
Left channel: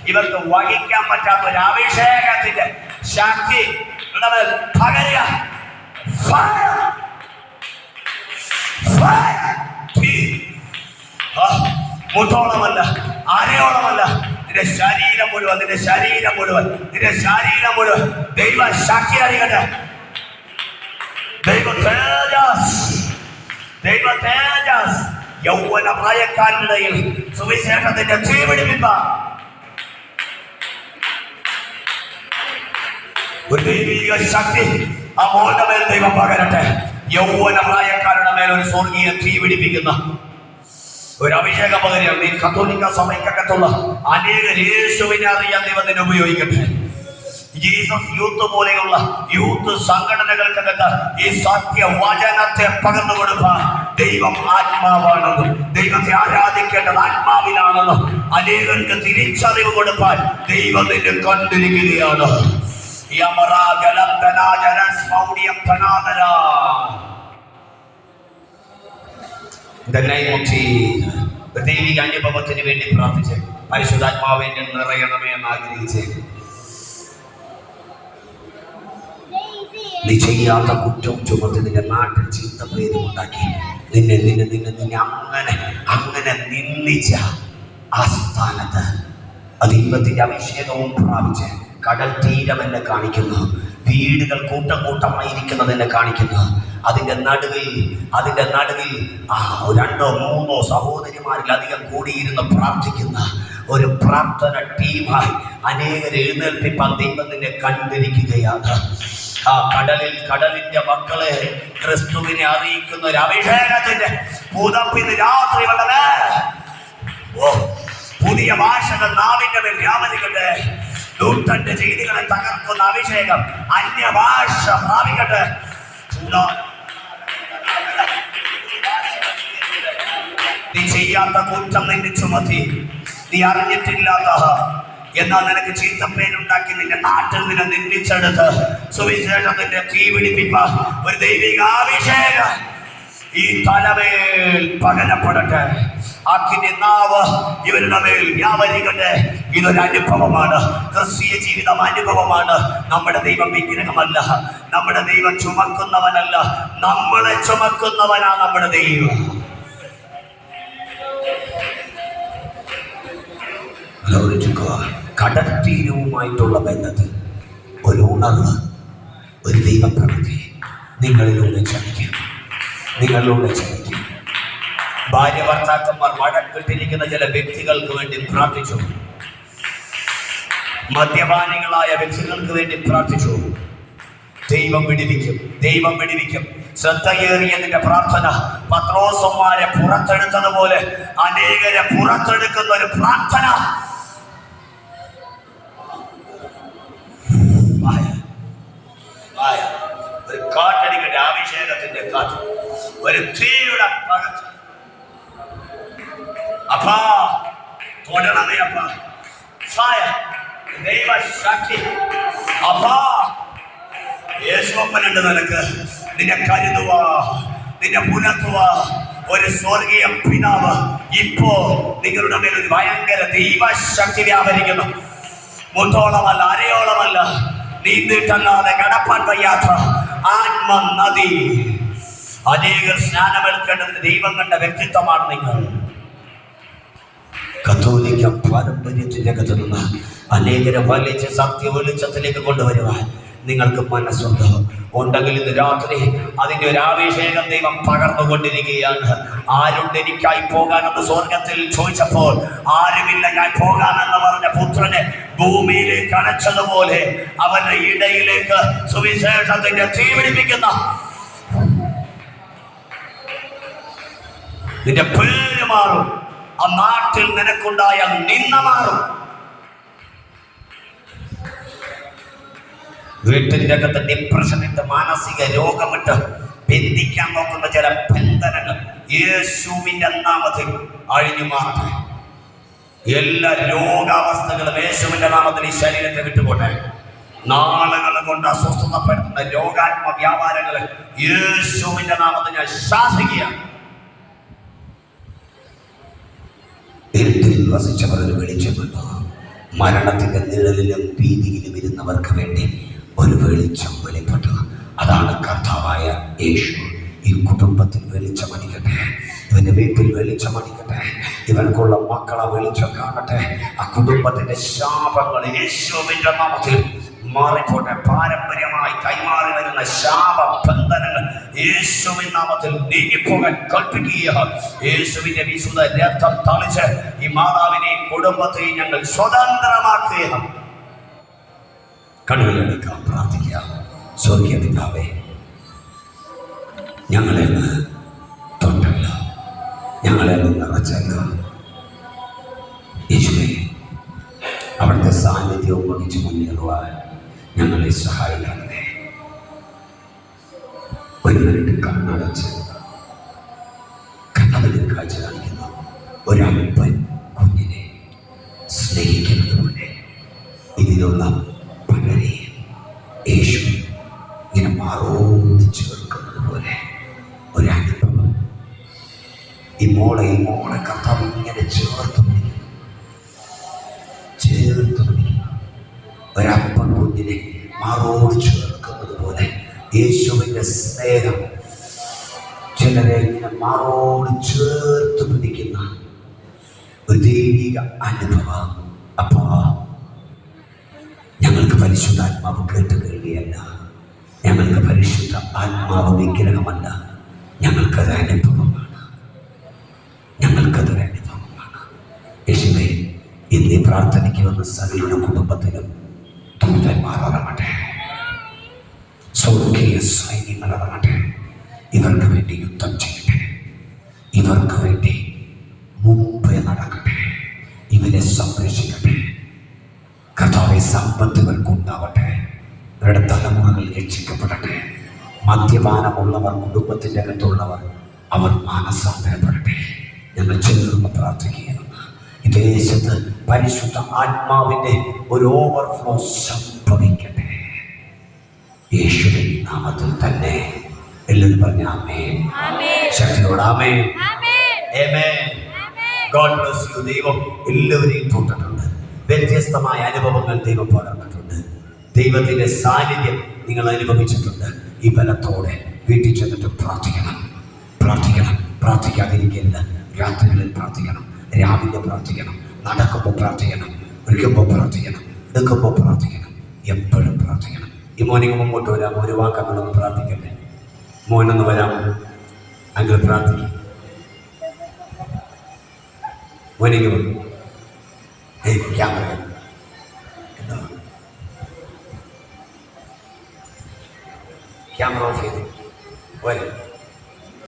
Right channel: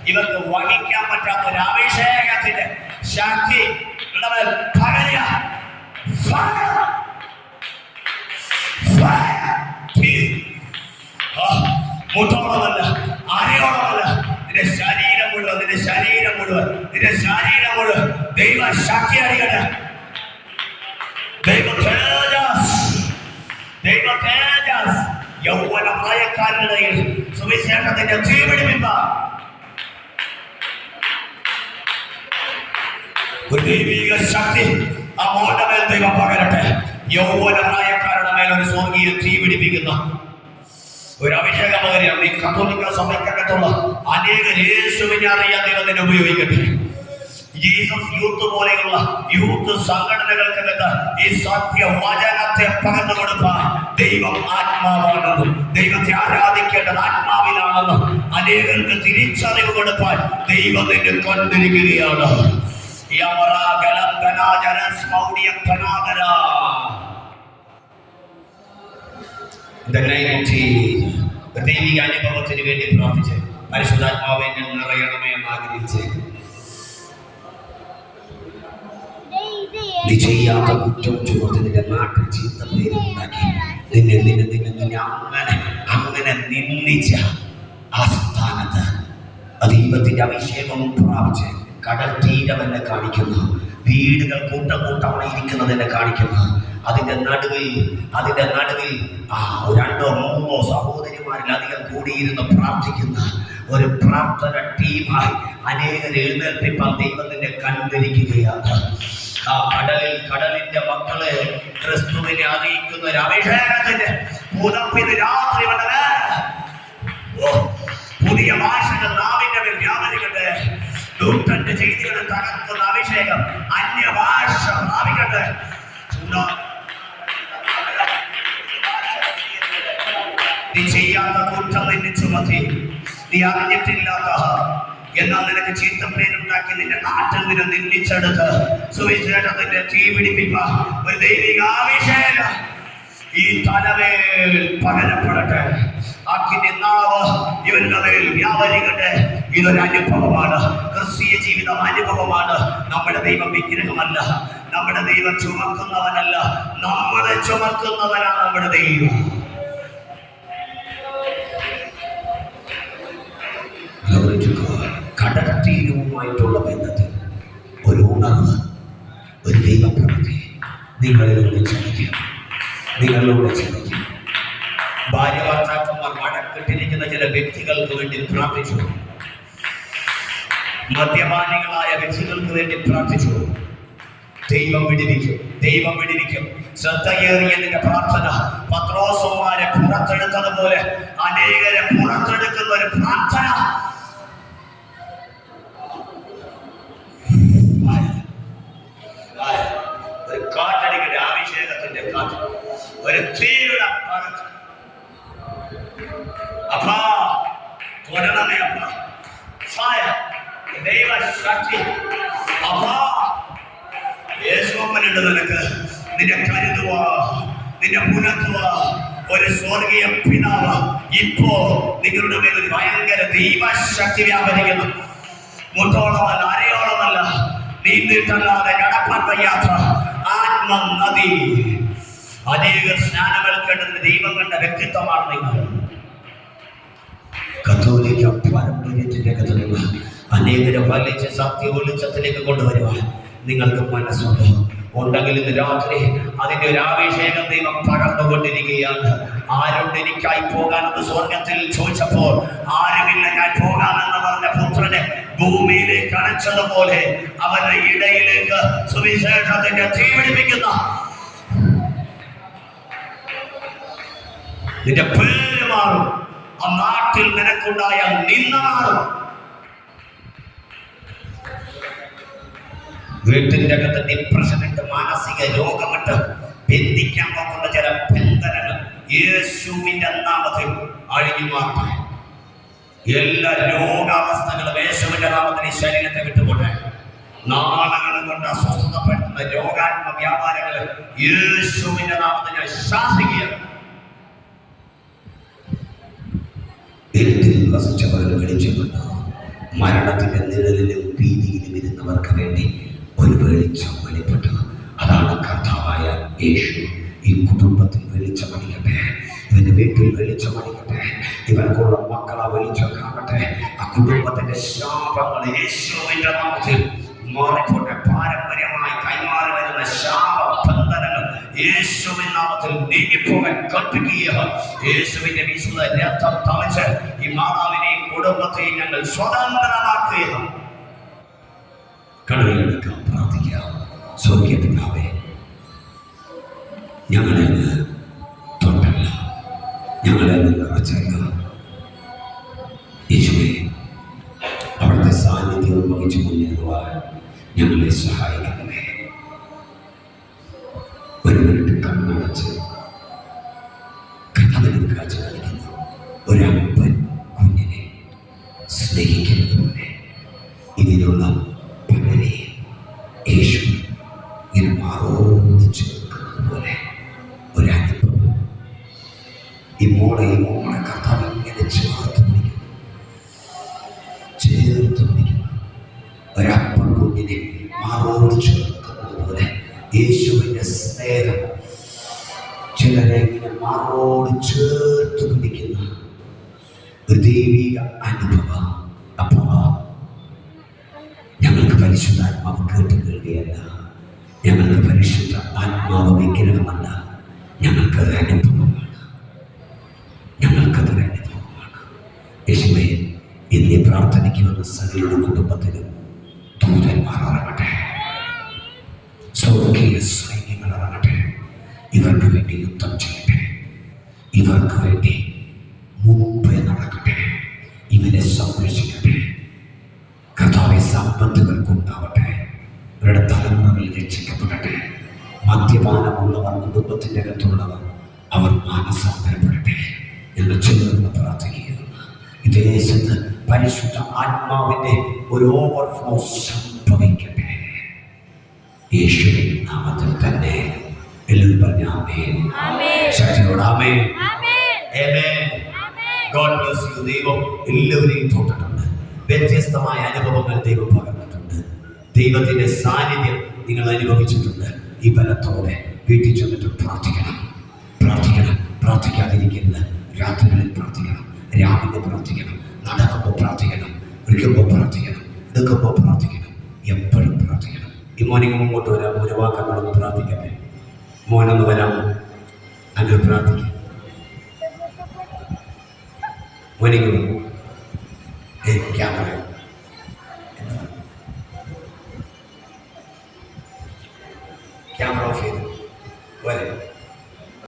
ഇവർക്ക് വഹിക്കാൻ പറ്റാത്ത ഒരു അഭിഷേകത്തിന്റെ ശക്തി പകരുക. മുട്ടോളമല്ല, അരയോളമല്ല, നിന്റെ ശരീരം മുഴുവൻ, നിന്റെ ശരീരം മുഴുവൻ, നിന്റെ ശരീരം മുഴുവൻ ദൈവ ശക്തി അറിയട്ടെ. ദൈവ തേജസ്, ദൈവ തേജസ് യൗവന പ്രായക്കാരുടെ സുവിശേഷത്തിന്റെ തീപിടിപ്പിപ്പ. ഒരു ദൈവിക ശക്തി ആ മോളുടെ മേൽ ദൈവം പകരട്ടെ. യൗവന പ്രായക്കാരുടെ മേൽ ഒരു സ്വർഗീയ തീ പിടിപ്പിക്കുന്ന ഒരു അഭിഷേക പകരം ഈ കത്തോലിക്ക സഭയ്ക്കകത്തുള്ള അനേക യേശുവിനെ അറിയാൻ ദൈവത്തിനെ ഉപയോഗിക്കട്ടെ. ജീസസ് യൂത്ത് പോലെയുള്ള യൂത്ത് സംഘടനകൾക്കകത്ത് ഈ സത്യ വചനത്തെ പകർന്നു കൊടുക്കാൻ ദൈവം ആത്മാവാണെന്നും ദൈവത്തെ ആരാധിക്കേണ്ടത് ആത്മാവിലാണെന്നും അനേകർക്ക് തിരിച്ചറിവ് കൊടുക്കാൻ ദൈവം നിന്നെ കണ്ടിരിക്കുകയാണ്. ദൈവിക അനുഭവത്തിന് വേണ്ടി പ്രാർത്ഥിച്ച് പരിശുദ്ധാത്മാവെ നിറയണമേ എന്ന് ആഗ്രഹിച്ച് നീ ചെയ്യാത്ത കുറ്റം ചുമത്തി നിന്റെ നാട്ടിൽ ചീത്ത പേരും ഉണ്ടാക്കി നിന്നെ നിന്നെ നിന്നെ നിന്നെ അങ്ങനെ അങ്ങനെ നിന്ദിച്ച ആ സ്ഥാനത്ത് ദൈവത്തിന്റെ അഭിഷേകവും പ്രാപിച്ച് കടൽ തീരം എന്നെ കാണിക്കുന്നു, വീടുകൾ കൂട്ടം കൂട്ടമായിരിക്കുന്നത് എന്നെ കാണിക്കുന്നു. അതിൻ്റെ നടുവിൽ രണ്ടോ മൂന്നോ സഹോദരിമാരിലധികം കൂടിയിരുന്ന് പ്രാർത്ഥിക്കുന്ന ഒരു പ്രാർത്ഥന ടീമായി അനേകരെ എഴുന്നേൽപ്പിപ്പാൻ ദൈവം നിന്നെ കണ്ടിരിക്കുകയാണ്. ആ കടലിന്റെ മക്കളെ ക്രിസ്തുവിനെ അറിയിക്കുന്ന ഒരു അഭിഷേകത്തിന്റെ പുതപ്പിന് രാത്രി വളരെ പുതിയ ഭാഷകൾ നാവിന്റെ മേൽ വ്യാപരിക്കട്ടെ. ദൂതന്റെ ചെയ്തികളെ തകർക്കുന്ന അഭിഷേകം അന്യഭാഷ പ്രാപിക്കട്ടെ. നീ ചെയ്യാത്ത കുറ്റം നിന്നെ ചുമത്തി, നീ അറിഞ്ഞിട്ടില്ലാത്ത എന്നാൽ നിനക്ക് ചീത്തപ്പേരുണ്ടാക്കി നിന്റെ നാട്ടിൽ നിന്നെ നിന്ദിച്ചെടുത്ത് സുവിശേഷത്തിന്റെ തീ പിടിപ്പിപ്പ ഒരു ദൈവികാഭിഷേകം ഈ തലമേൽ പകരപ്പെടട്ടെ. അക്കിന്റെ നാവ് ഇവരുടെ മേൽ വ്യാപരിക്കട്ടെ. ഇതൊരു അനുഭവമാണ്, ക്രിസ്തീയ ജീവിതം അനുഭവമാണ്. നമ്മുടെ ദൈവം വിഗ്രഹമല്ല, നമ്മുടെ ദൈവം ചുമക്കുന്നവനല്ല, നമ്മളെ ചുമക്കുന്നവനാണ് നമ്മുടെ ദൈവം. കടൽത്തീരവുമായിട്ടുള്ള ബന്ധത്തിൽ ഒരു ഉണർവ്, ഒരു ദൈവപ്രവൃത്തി നിങ്ങളിലൂടെ ചലിക്കും. ഭാര്യ ഭർത്താക്കന്മാർ വഴക്കിട്ടിരിക്കുന്ന ചില വ്യക്തികൾക്ക് വേണ്ടി പ്രാർത്ഥിച്ചു, മദ്യപാനികളായ വ്യക്തികൾക്ക് വേണ്ടി പ്രാർത്ഥിച്ചു. ദൈവം വിടിവിക്കും. ശ്രദ്ധയേറിയതിന്റെ പ്രാർത്ഥന പത്രോസന്മാരെ പുറത്തെടുത്തതുപോലെ അനേകരെ പുറത്തെടുക്കുന്ന ഒരു പ്രാർത്ഥന. ഒരു കാറ്റടിക്കട്ടെ, അഭിഷേകത്തിന്റെ കാറ്റ്, ഒരു തീയുടെ പകർച്ച. അപ്പാ തൊടണമേ അപ്പാ, ദൈവശക്തി അപ്പാ. യേശുവപ്പനുണ്ട് നിനക്ക്, നിന്നെ കരുതുവാ, നിന്നെ പുലർത്തുവാ ഒരു സ്വർഗീയ പിതാവ് ഇപ്പോ നിങ്ങളുടെ മേൽ ഒരു ഭയങ്കര ദൈവശക്തി വ്യാപരിക്കുന്നു. മുട്ടോളമല്ല, അരയോളമല്ല, നീന്തിട്ടല്ലാതെ കടപ്പാൻ വയ്യാത്ത ആത്മനദി. അനേകർ സ്നാനമേൽക്കേണ്ടതിന് ദൈവം കണ്ട വ്യക്തിത്വമാണ് നിങ്ങൾ. കത്തോലിക്ക പാരമ്പര്യത്തിന്റെ അകത്ത് നിന്ന് അനേകരെ വലിച്ച് സത്യ വെളിച്ചത്തിലേക്ക് കൊണ്ടുവരുവാൻ നിങ്ങൾക്ക് മനസ്സുണ്ടോ? ഉണ്ടെങ്കിൽ ഇന്ന് രാത്രി അതിന്റെ ഒരു അഭിഷേകം ദൈവം പകർന്നുകൊണ്ടിരിക്കുകയാണ്. ആരുണ്ട് എനിക്കായി പോകാനെന്ന് സ്വർഗത്തിൽ ചോദിച്ചപ്പോൾ ആരുമില്ല, ഞാൻ പോകാമെന്ന് പറഞ്ഞ പുത്രനെ ഭൂമിയിലേക്ക് അണച്ചതുപോലെ അവന്റെ ഇടയിലേക്ക് സുവിശേഷത്തിന്റെ തീ പിടിപ്പിക്കുന്ന നിന്റെ പേര് മാറും. ആ നാട്ടിൽ നിനക്കുണ്ടായ നിന്ന മാറും. വീട്ടിന്റെ അകത്ത് ഡിപ്രഷനിട്ട്, മാനസിക രോഗമിട്ട് ബന്ധിക്കാൻ നോക്കുന്ന ചില ബന്ധനങ്ങൾ യേശുവിന്റെ നാമത്തിൽ അഴിഞ്ഞു മാറട്ടെ. എല്ലാ രോഗാവസ്ഥകളും യേശുവിന്റെ നാമത്തിൽ ഈ ശരീരത്തെ വിട്ടുപോട്ടെ. നാളുകൾ കൊണ്ട് അസ്വസ്ഥതപ്പെടുത്തുന്ന രോഗാത്മ വ്യാപാരങ്ങളെ യേശുവിന്റെ നാമത്തിൽ ഞാൻ ശാസിക്കുകയാണ്. ഇരുട്ടിൽ വസിച്ചവരൊരു വെളിച്ചമുണ്ട്. മരണത്തിൻ്റെ നിഴലിലും ഭീതിയിലും ഇരുന്നവർക്ക് വേണ്ടി ഒരു വെളിച്ചം വെളിപ്പെട്ടു. അതാണ് കർത്താവായ യേശു. ഈ കുടുംബത്തിൽ വെളിച്ചമടിക്കട്ടെ, ഇവന്റെ വീട്ടിൽ വെളിച്ചമടിക്കട്ടെ, ഇവനക്കുള്ള മക്കളെ വെളിച്ചം കാണട്ടെ. ആ കുടുംബത്തിന്റെ ശാപങ്ങൾ യേശുവിന്റെ നാമത്തിൽ മാറിപ്പോട്ടെ. പാരമ്പര്യമായി കൈമാറി വരുന്ന ശാപബന്ധനങ്ങൾ യേശുവിൻ നാമത്തിൽ നീങ്ങിപ്പോകാൻ കൽപ്പിക്കുക. യേശുവിന്റെ വിശുദ്ധ രക്തം തളിച്ച് ഈ മാതാവിനെയും കുടുംബത്തെയും ഞങ്ങൾ സ്വതന്ത്രമാക്കുക. കണ്ണുകളെടുക്കാം, പ്രാർത്ഥിക്കാം. സ്വർഗീയ പിതാവേ, ഞങ്ങളെ തൊട്ടല്ല, ഞങ്ങളെ നിറച്ചല്ല. ഈശോയെ, അവിടുത്തെ സാന്നിധ്യവും വഹിച്ച് മുന്നേറുവാൻ ഞങ്ങളെ സഹായിക്കണമേ. ഒരു മിനിറ്റ് കണ്ണടച്ച് കണ്ണതിൽ കാഴ്ച കാണിക്കുന്ന ഒരപ്പൻ കുഞ്ഞിനെ സ്നേഹിക്കുന്നത് പോലെ ഇതിലുള്ള പലരെയും യേശു ഇങ്ങനെ മാറോട് ചേർക്കുന്നത് പോലെ ഒരനുഭവം ഈ മോളെ കർത്താവ് ഇങ്ങനെ ചേർത്ത് പിടിക്കുന്നു. ഒരപ്പൻ കുഞ്ഞിനെ മാറോട് ചേർക്കുന്നത് പോലെ യേശുവിൻ്റെ സ്നേഹം ചിലരെ ഇങ്ങനെ മാറോട് ചേർത്ത് പിടിക്കുന്ന ഒരു ദൈവിക അനുഭവം. അപ്പാ, ഞങ്ങൾക്ക് പരിശുദ്ധാത്മാവ് കേട്ട് കേൾവിയല്ല, ഞങ്ങൾക്ക് പരിശുദ്ധ ആത്മാവ് വിഗ്രഹമല്ല, ഞങ്ങൾക്കത് അനുഭവമാണ്, ഞങ്ങൾക്കതൊരു അനുഭവമാണ്. യേശുവേ, ഇന്ന് ഈ പ്രാർത്ഥനയ്ക്ക് വന്ന സകലരുടെ കുടുംബത്തിലും ദൂതന്മാർ ഇറങ്ങട്ടെ, സ്വർഗീയ സൈന്യങ്ങൾ ഇറങ്ങട്ടെ. ഇവർക്ക് വേണ്ടി യുദ്ധം ചെയ്യട്ടെ, ഇവർക്ക് വേണ്ടി മുമ്പേ നടക്കട്ടെ, ഇവരെ സംരക്ഷിക്കട്ടെ. കർത്താവെ, സമ്പത്തുകൾക്കുണ്ടാവട്ടെ, ഇവരുടെ തലമുറകൾ രക്ഷിക്കപ്പെടട്ടെ. മദ്യപാനമുള്ളവർ, കുടുംബത്തിൻ്റെ അകത്തുള്ളവർ, അവർ മാനസാന്തരപ്പെടട്ടെ. ഞങ്ങൾ ചേർന്ന് പ്രാർത്ഥിക്കുകയാണ്. ഈ ദേശത്ത് പരിശുദ്ധ ആത്മാവിൻ്റെ ഒരു ഓവർഫ്ലോ സംഭവിക്കട്ടെ, യേശുവിൻ നാമത്തിൽ തന്നെ. എല്ലാവരും പറഞ്ഞ ആമേൻ. ശക്തിയോട് ആമേൻ. God bless you. ദൈവം എല്ലാവരെയും തൊട്ടിട്ടുണ്ട്. വ്യത്യസ്തമായ അനുഭവങ്ങൾ ദൈവം പകർന്നിട്ടുണ്ട്. ദൈവത്തിൻ്റെ സാന്നിധ്യം നിങ്ങൾ അനുഭവിച്ചിട്ടുണ്ട്. ഈ ബലത്തോടെ വീട്ടിൽ ചെന്നിട്ട് പ്രാർത്ഥിക്കണം, പ്രാർത്ഥിക്കണം, പ്രാർത്ഥിക്കാതിരിക്കരുത്. രാത്രികളിൽ പ്രാർത്ഥിക്കണം, രാവിലെ പ്രാർത്ഥിക്കണം, നടക്കുമ്പോൾ പ്രാർത്ഥിക്കണം, ഒരിക്കുമ്പോൾ പ്രാർത്ഥിക്കണം, എടുക്കുമ്പോൾ പ്രാർത്ഥിക്കണം, എപ്പോഴും പ്രാർത്ഥിക്കണം. ഈ മോർണിംഗ് മുമ്പോട്ട് വരാം. ഒരു വാക്കങ്ങളൊന്ന് പ്രാർത്ഥിക്കട്ടെ. മോനൊന്ന് വരാമോ? അങ്ങനെ പ്രാർത്ഥിക്കാം. മോർണിംഗ്